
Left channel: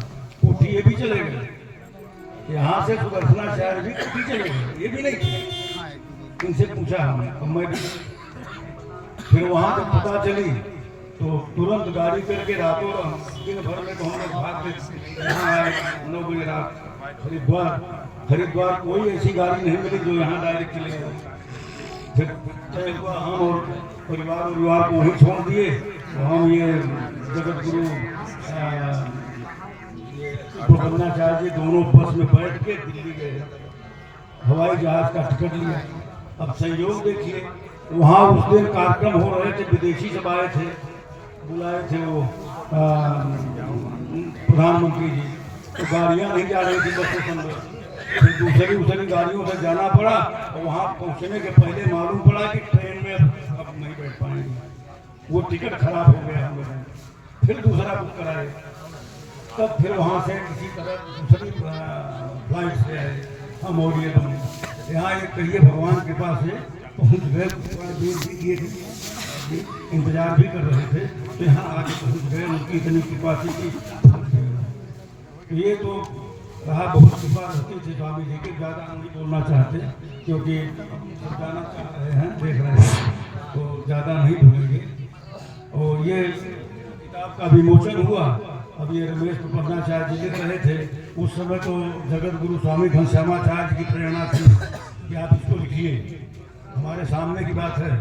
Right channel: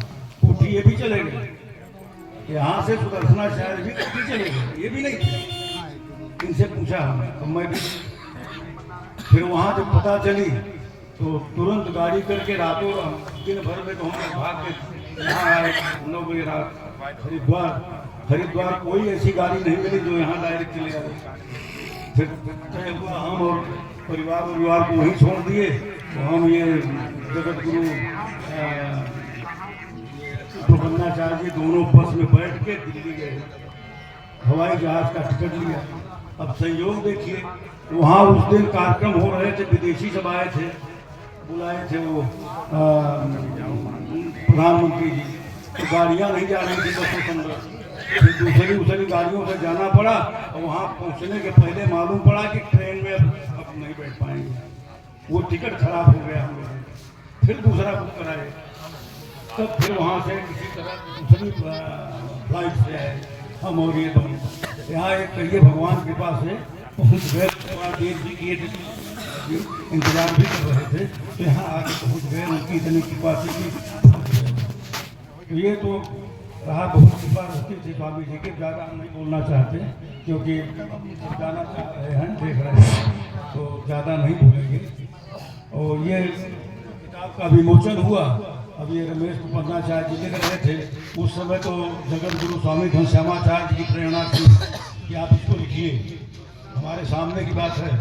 कोठी। ये भी चले गए, यहाँ से सुदर्शनाचार्य भी कोठी चले गए, ये भी नहीं थे। इनसे पूछा हमने, तो मैं भी फिर वहाँ जब पता चली तो तुरंत गाड़ी करके रातों दिन भर में तो हम लोग भाग के यहाँ आए 9 बजे रात हरिद्वार कोई ऐसी गाड़ी नहीं मिली जो यहाँ डायरेक्ट चले गए। फिर तय हुआ हम और परिवार को वहीं छोड़ दिए। तो हम ये जगत गुरु प्रबंधाचार्य जी दोनों बस में बैठ के दिल्ली गए, हवाई जहाज का टिकट लिया। अब संयोग देखिए, वहाँ उस दिन कार्यक्रम हो रहे थे, विदेशी सब आए थे, बुलाए थे वो प्रधानमंत्री जी। तो गाड़ियाँ नहीं जा रही थी बस से, फिर दूसरी गाड़ियों से जाना पड़ा। और वहाँ पहुँचने के पहले मालूम पड़ा कि ट्रेन में अब नहीं बैठ पाएंगे, वो टिकट खराब हो गया हम लोगों ने। फिर दूसरा बुक कराए, तब फिर वहाँ से किसी तरह दूसरी फ्लाइट से आए हम और ये दोनों। यहाँ एक कहिए भगवान कृपा से पहुँच गए। देर भी किए थे, इंतजार भी कर रहे थे, तो यहाँ आके पहुँच गए। उनकी इतनी कृपा थी। तो ये तो रहा, बहुत कृपा रहती थी स्वामी जी के। ज़्यादा नहीं बोलना चाहते क्योंकि जाना चाह रहे हैं, देख रहे हैं, तो ज़्यादा नहीं बोलेंगे। और ये किताब का विमोचन हुआ। अब ये रमेश प्रबंधाचार्य जी लिख रहे थे, उस समय तो जगत गुरु स्वामी घनश्यामाचार्य जी की प्रेरणा थी कि आप इसको लिखिए। हमारे सामने की बात है,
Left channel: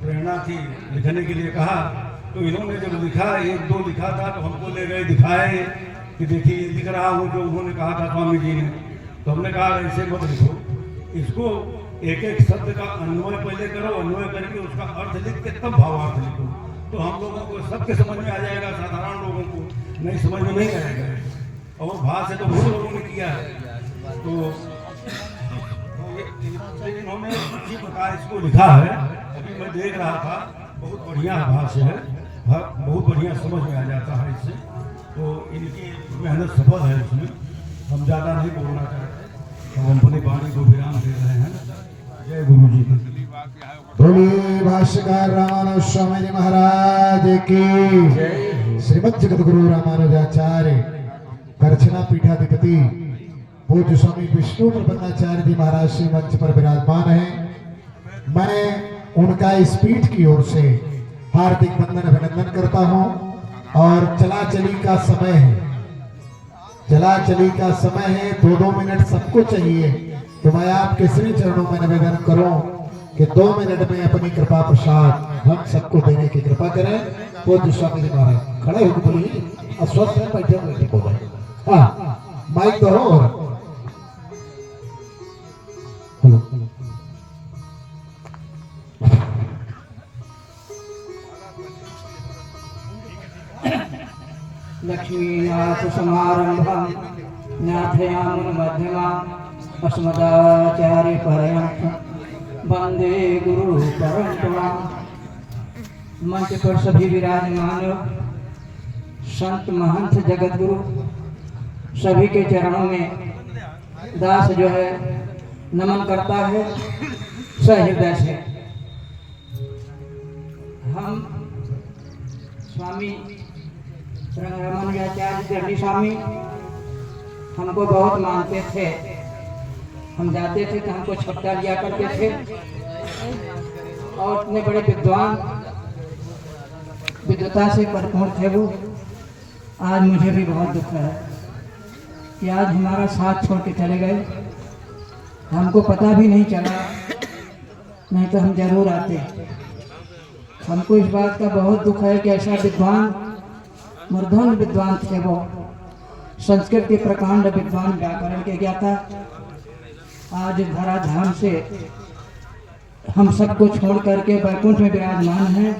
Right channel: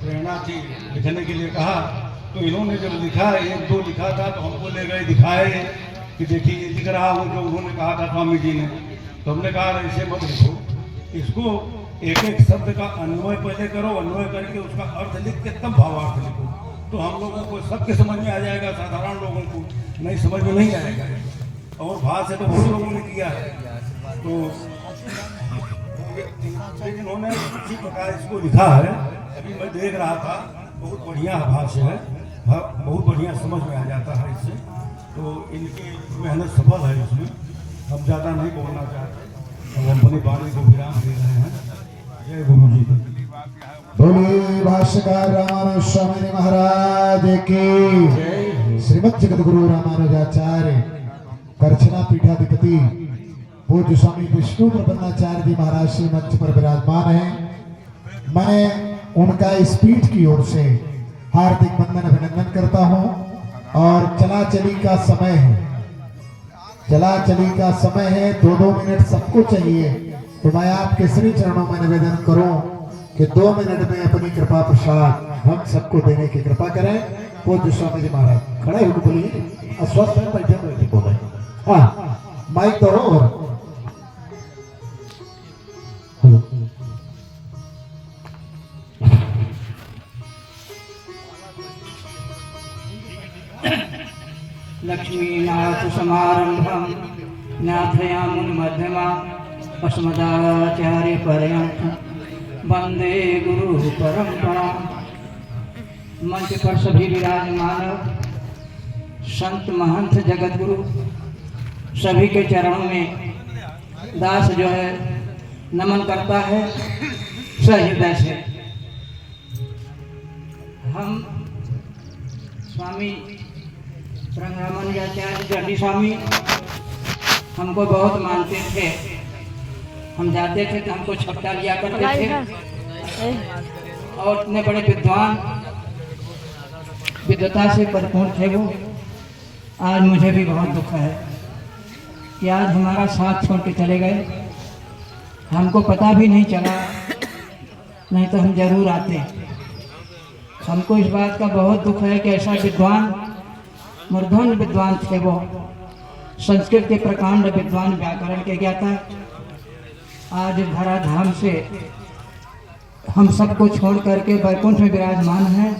प्रेरणा थी, लिखने के लिए कहा। तो इन्होंने जब लिखा, 1-2 लिखा था, तो हमको ले गए दिखाए कि देखिए लिख रहा हूँ जो उन्होंने कहा था स्वामी जी ने। तो हमने कहा ऐसे मत लिखो, इसको एक शब्द का अन्वय पहले करो, अन्वय करके उसका अर्थ लिख के तब भावार्थ लिखो, तो हम लोगों को सबके समझ में आ जाएगा। साधारण लोगों को नहीं समझ में नहीं आएगा। और भाषा तो बहुत लोगों ने किया है। तो इन्होंने इसी प्रकार इसको लिखा है। अभी मैं देख रहा था, बहुत बढ़िया भाष्य है, बहुत बढ़िया समझ में आ जाता है इससे। तो इनकी मेहनत सफल है इसमें। हम ज़्यादा नहीं बोलना चाहते, हम अपनी वाणी को विराम दे रहे हैं। जय गुरु जी। बोलिए भाष्यकार रामानुज स्वामी महाराज की। श्रीमद जगत गुरु रामानुजाचार्य करछना पीठाधिपति पूज्य स्वामी विष्णु प्रबंधाचार्य जी महाराज श्री मंच पर विराजमान हैं। मैं उनका इस पीठ की ओर से हार्दिक वंदन अभिनंदन करता हूं। और चला चली का समय है, चला चली का समय है, 2-2 मिनट सबको चाहिए। तो मैं आपके श्री चरणों में निवेदन करूं कि 2 मिनट में अपनी कृपा प्रसाद हम सबको देने की कृपा करें। पूज्य स्वामी जी महाराज खड़े होकर बोलिए, अस्वस्थ है, बैठे बोले। हाँ, माइक दो। और हेलो, लक्ष्मीनाथ समारंभं नाथयामुन मध्यमा अस्मदाचार्य पर्यंतं वंदे गुरु परंपरा। मंच पर सभी विराजमान संत महंत जगत गुरु सभी के चरणों में दास जो है नमन करता है सहृदय से। हम स्वामी रामानुजाचार्य जगदी स्वामी हमको बहुत मानते थे। हम जाते थे तो हमको छपटा लिया करते थे। और इतने बड़े विद्वता से भरपूर थे वो। आज मुझे भी बहुत दुख है कि आज हमारा साथ छोड़ के चले गए। हमको पता भी नहीं चला, नहीं तो हम जरूर आते। हमको इस बात का बहुत दुख है कि ऐसा विद्वान, मूर्धन्य विद्वान थे वो, संस्कृत के प्रकांड विद्वान, व्याकरण के ज्ञाता, आज धराधाम से हम सबको छोड़ करके वैकुंठ में विराजमान हैं।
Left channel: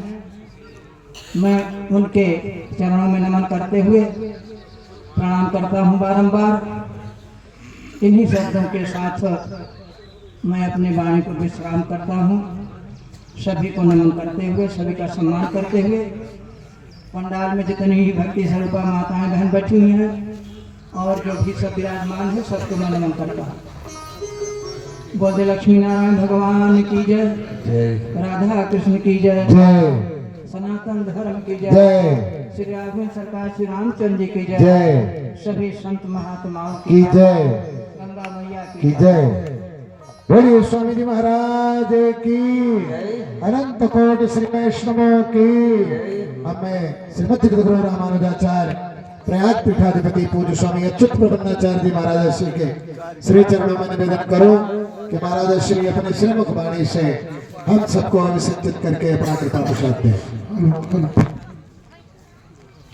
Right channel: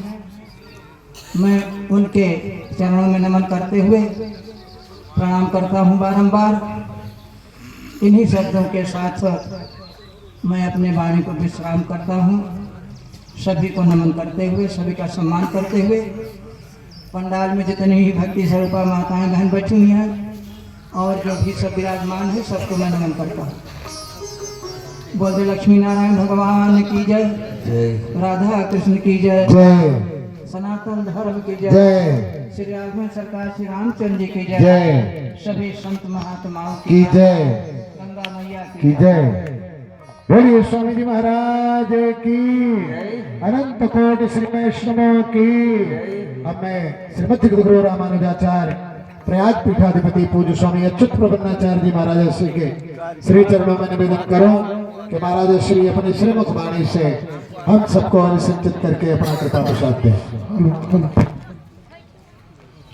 मैं उनके चरणों में नमन करते हुए प्रणाम करता हूँ बारंबार। इन्हीं शब्दों के साथ मैं अपने वाणी को विश्राम करता हूँ। सभी को नमन करते हुए, सभी का सम्मान करते हुए, पंडाल में जितनी ही भक्ति स्वरूपा माताएं बहन बैठी हुई हैं और जो भी सब विराजमान है सबको मैं नमन करता हूँ। बोले लक्ष्मी नारायण भगवान की जय, राधा कृष्ण की जय, सनातन धर्म की जय, श्री राघवन सरकार श्री रामचंद्र जी की जय, सभी संत महात्माओं की जय, गंगा मैया की जय। बोलिए स्वामी जी महाराज की, अनंत कोटि श्री वैष्णवों की। अब मैं श्रीमद जगद्गुरु रामानुजाचार्य प्रयाग पीठाधिपति पूज्य स्वामी अच्युत प्रबंधाचार्य जी महाराज श्री के श्री चरणों में निवेदन करूं कि महाराज श्री अपनी श्रीमुख वाणी से हम सबको अभिषिंचित करके अपना कृपा प्रसाद दें।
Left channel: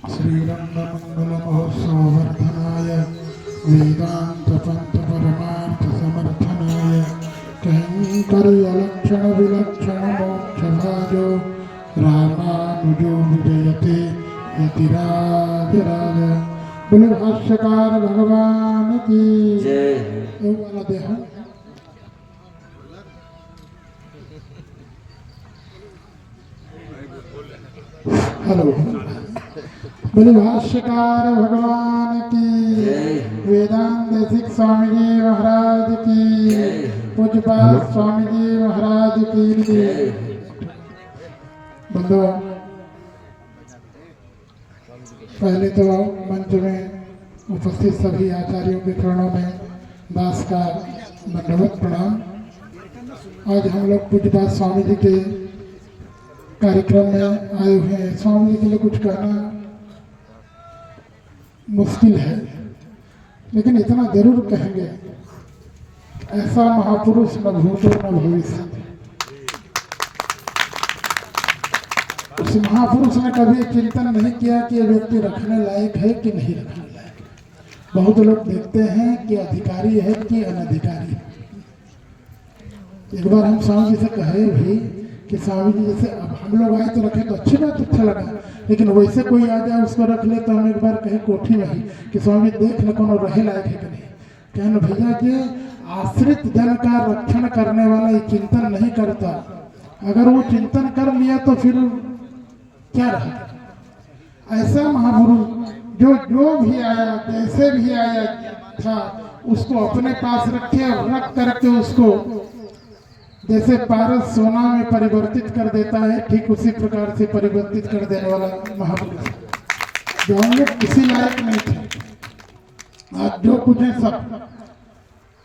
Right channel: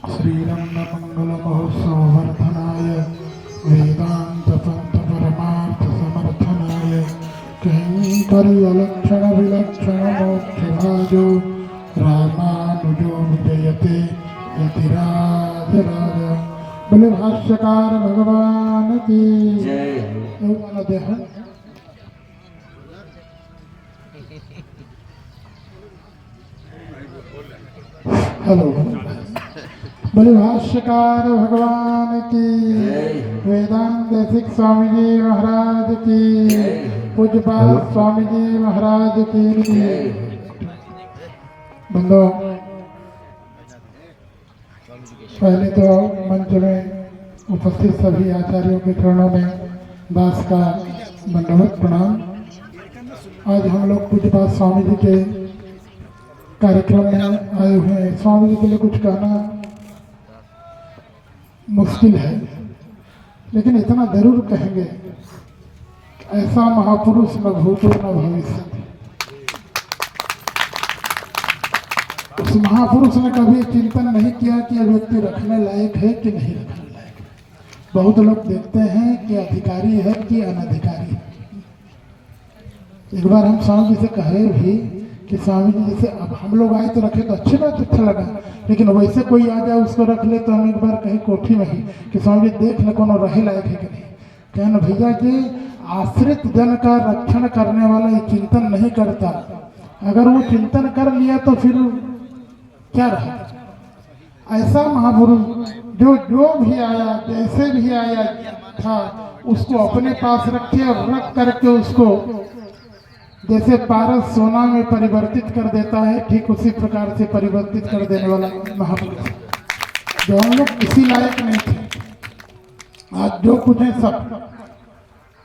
श्रीरंग मंगल महोत्सव वर्धनाय वेदांत पंथ परमार्थ समर्थनाय कैंकर्य लक्षण विलक्षण मोक्ष भाजो रामानुजो विजयते यतिराज राज। बोले भाष्यकार भगवान की जय। हेलो, बोले भाष्यकार भगवान की, वेदांत देशिक स्वामी जी महाराज की, पूज्यपाल स्वामी जी महाराज की। बंदो, पहले तो मंच में उपस्थित सभी आचार्यों के चरणों में दास का दंडवत प्रणाम। आज हम लोग पूज्यपाल स्वामी जी के कार्यक्रम में आए हुए हैं। स्वामी जी के लिए कुछ कहना मुश्किल है, लेकिन इतना जरूर कहेंगे, ऐसा महापुरुष न भूतो न भविष्य। उस महापुरुष ने कभी चिंतन नहीं किया कि यह व्यक्ति रखने लायक है कि नहीं रखने लायक। बहुत लोग देखते हैं कि अधिकारी है कि अनधिकारी है। एक बार हम स्वामी जी से कहे भी कि स्वामी जी जैसे अब हम लोग आए तो रखे तो अच्छी बात, अच्छा लगा, लेकिन वैसे कोई आ जाए उसको रख ले तो हम एक बार कहें कोठी में ही कि स्वामी जी देख ले कौन रहे लायक है कि नहीं। कहना भैया कि आश्रित जन का रक्षण करने वाला ये चिंतन नहीं करता, अगर वो चिंतन कर लिया तो फिर क्या रहा। ऐसा महापुरुष जो भी आया जैसे भी आया था उसको अपने पास रखे और रख करके उसको जैसे पारस सोना में परिवर्तित कर देता है, ठीक उसी प्रकार से परिवर्तित कर देने वाला महापुरुष। जो हम लोग किसी लायक नहीं थे, आज जो कुछ है सब,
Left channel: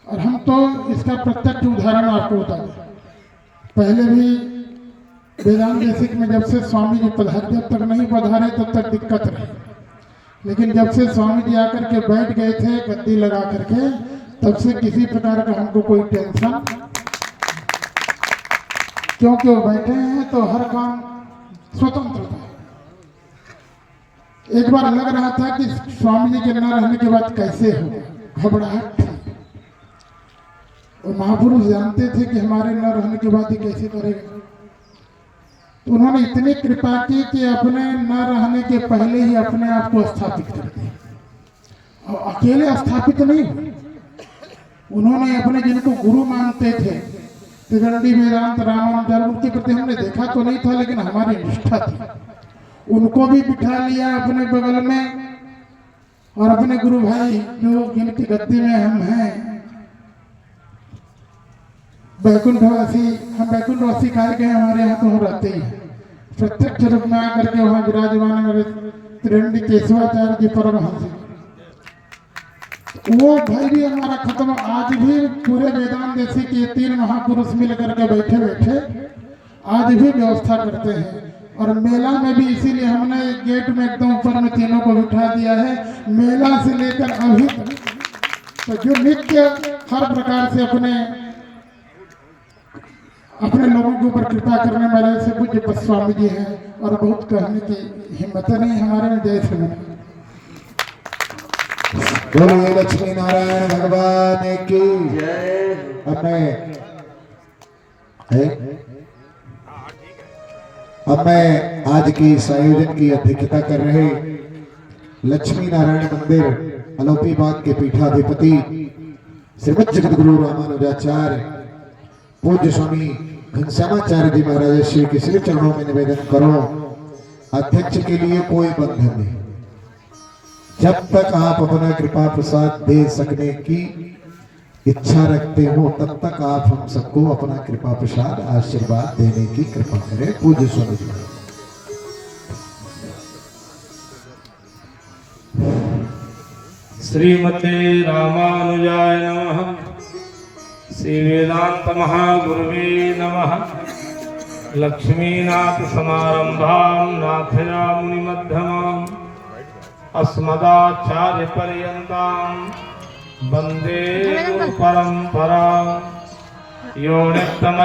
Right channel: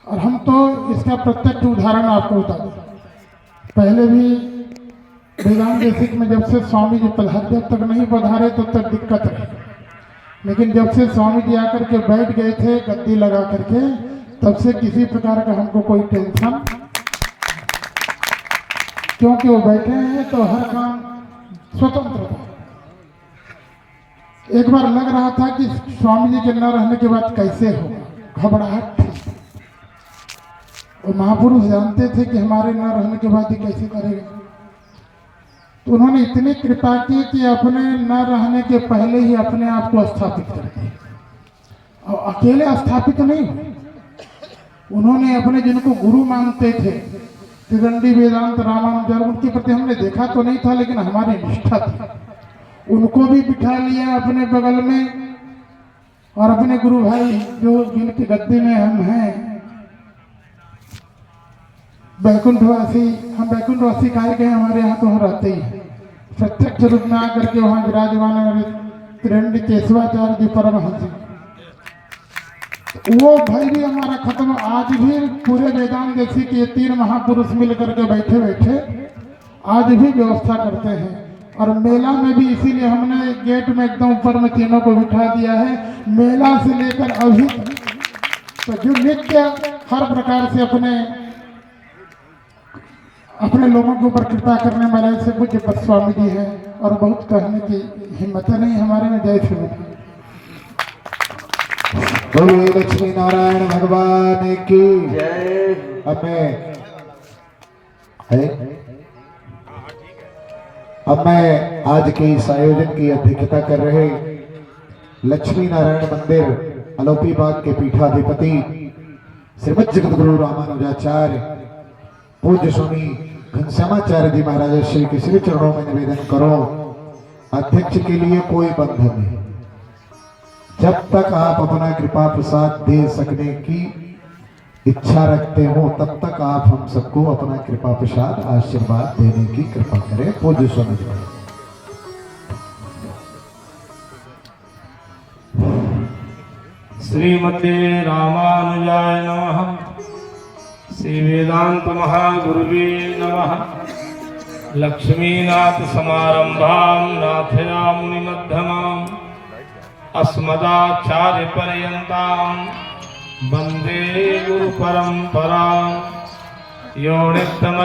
और हम तो इसका प्रत्यक्ष उदाहरण आपको बता दें। पहले भी वेदांत देशिक में जब से स्वामी जी पधारे, जब तक नहीं पधारे तब तक दिक्कत रही, लेकिन जब से स्वामी जी आकर के बैठ गए थे गद्दी लगा करके, तब से किसी प्रकार का हमको कोई टेंशन, क्योंकि वो बैठे हैं तो हर काम स्वतंत्र था। एक बार लग रहा था कि स्वामी जी के न रहने के बाद कैसे होगा, घबराहट थी। और महापुरुष जानते थे कि हमारे न रहने के बाद ही कैसे करेगा, तो उन्होंने इतनी कृपा की कि अपने न रहने के पहले ही अपने आप को स्थापित कर दिया। और अकेले स्थापित नहीं, उन्होंने अपने जिनको गुरु मानते थे, त्रिदंडी वेदांत रामानुजाचार्य, उनके प्रति हमने देखा तो नहीं था लेकिन हमारी निष्ठा थी, उनको भी बिठा लिया अपने बगल में। और अपने गुरु भाई जो जिनकी गद्दी में हम हैं, बैकुंठवासी, हम बैकुंठवासी कहे गए, हमारे यहाँ तो हम रहते ही हैं। प्रत्यक्ष रूप में आकर के वहाँ विराजमान है त्रिदंडी केशवाचार्य जी परमहंस, वो भाई भी हमारा खत्म। आज भी पूरे वेदांत देशी के 3 महापुरुष मिल करके बैठे बैठे आज भी व्यवस्था करते हैं। और मेला में भी इसीलिए हमने गेट में एकदम ऊपर में तीनों को बिठा दिया है। मेला से लेकर अभी तो जो नित्य हर प्रकार से अपने लोगों के ऊपर कृपा करने वाले से पूज्य स्वामी जी हैं, और बहुत कहने की हिम्मत नहीं हमारे में। जय श्री राम। बोलिए लक्ष्मी नारायण भगवान की जय। अब मैं आज के इस आयोजन की अध्यक्षता कर रहे लक्ष्मी नारायण मंदिर अलोपी बाग के पीठाधिपति श्रीमद जगद्गुरु रामानुजाचार्य पूज्य स्वामी घनश्यामाचार्य जी महाराज श्री के श्री चरणों में निवेदन करो, अध्यक्ष के लिए कोई बंधन नहीं, जब तक आप अपना कृपा प्रसाद दे सकने की इच्छा रखते हो तब तक आप हम सबको अपना कृपा प्रसाद आशीर्वाद देने की कृपा करें। पूज्य स्वामी जी। श्रीमते रामानुजाय नमः। श्री वेदांत महागुरुवे नमः। लक्ष्मीनाथ समारंभां नाथयामुनि मध्यमाम् अस्मदाचार्य पर्यन्तां वन्दे गुरु परंपरां। यो नित्यम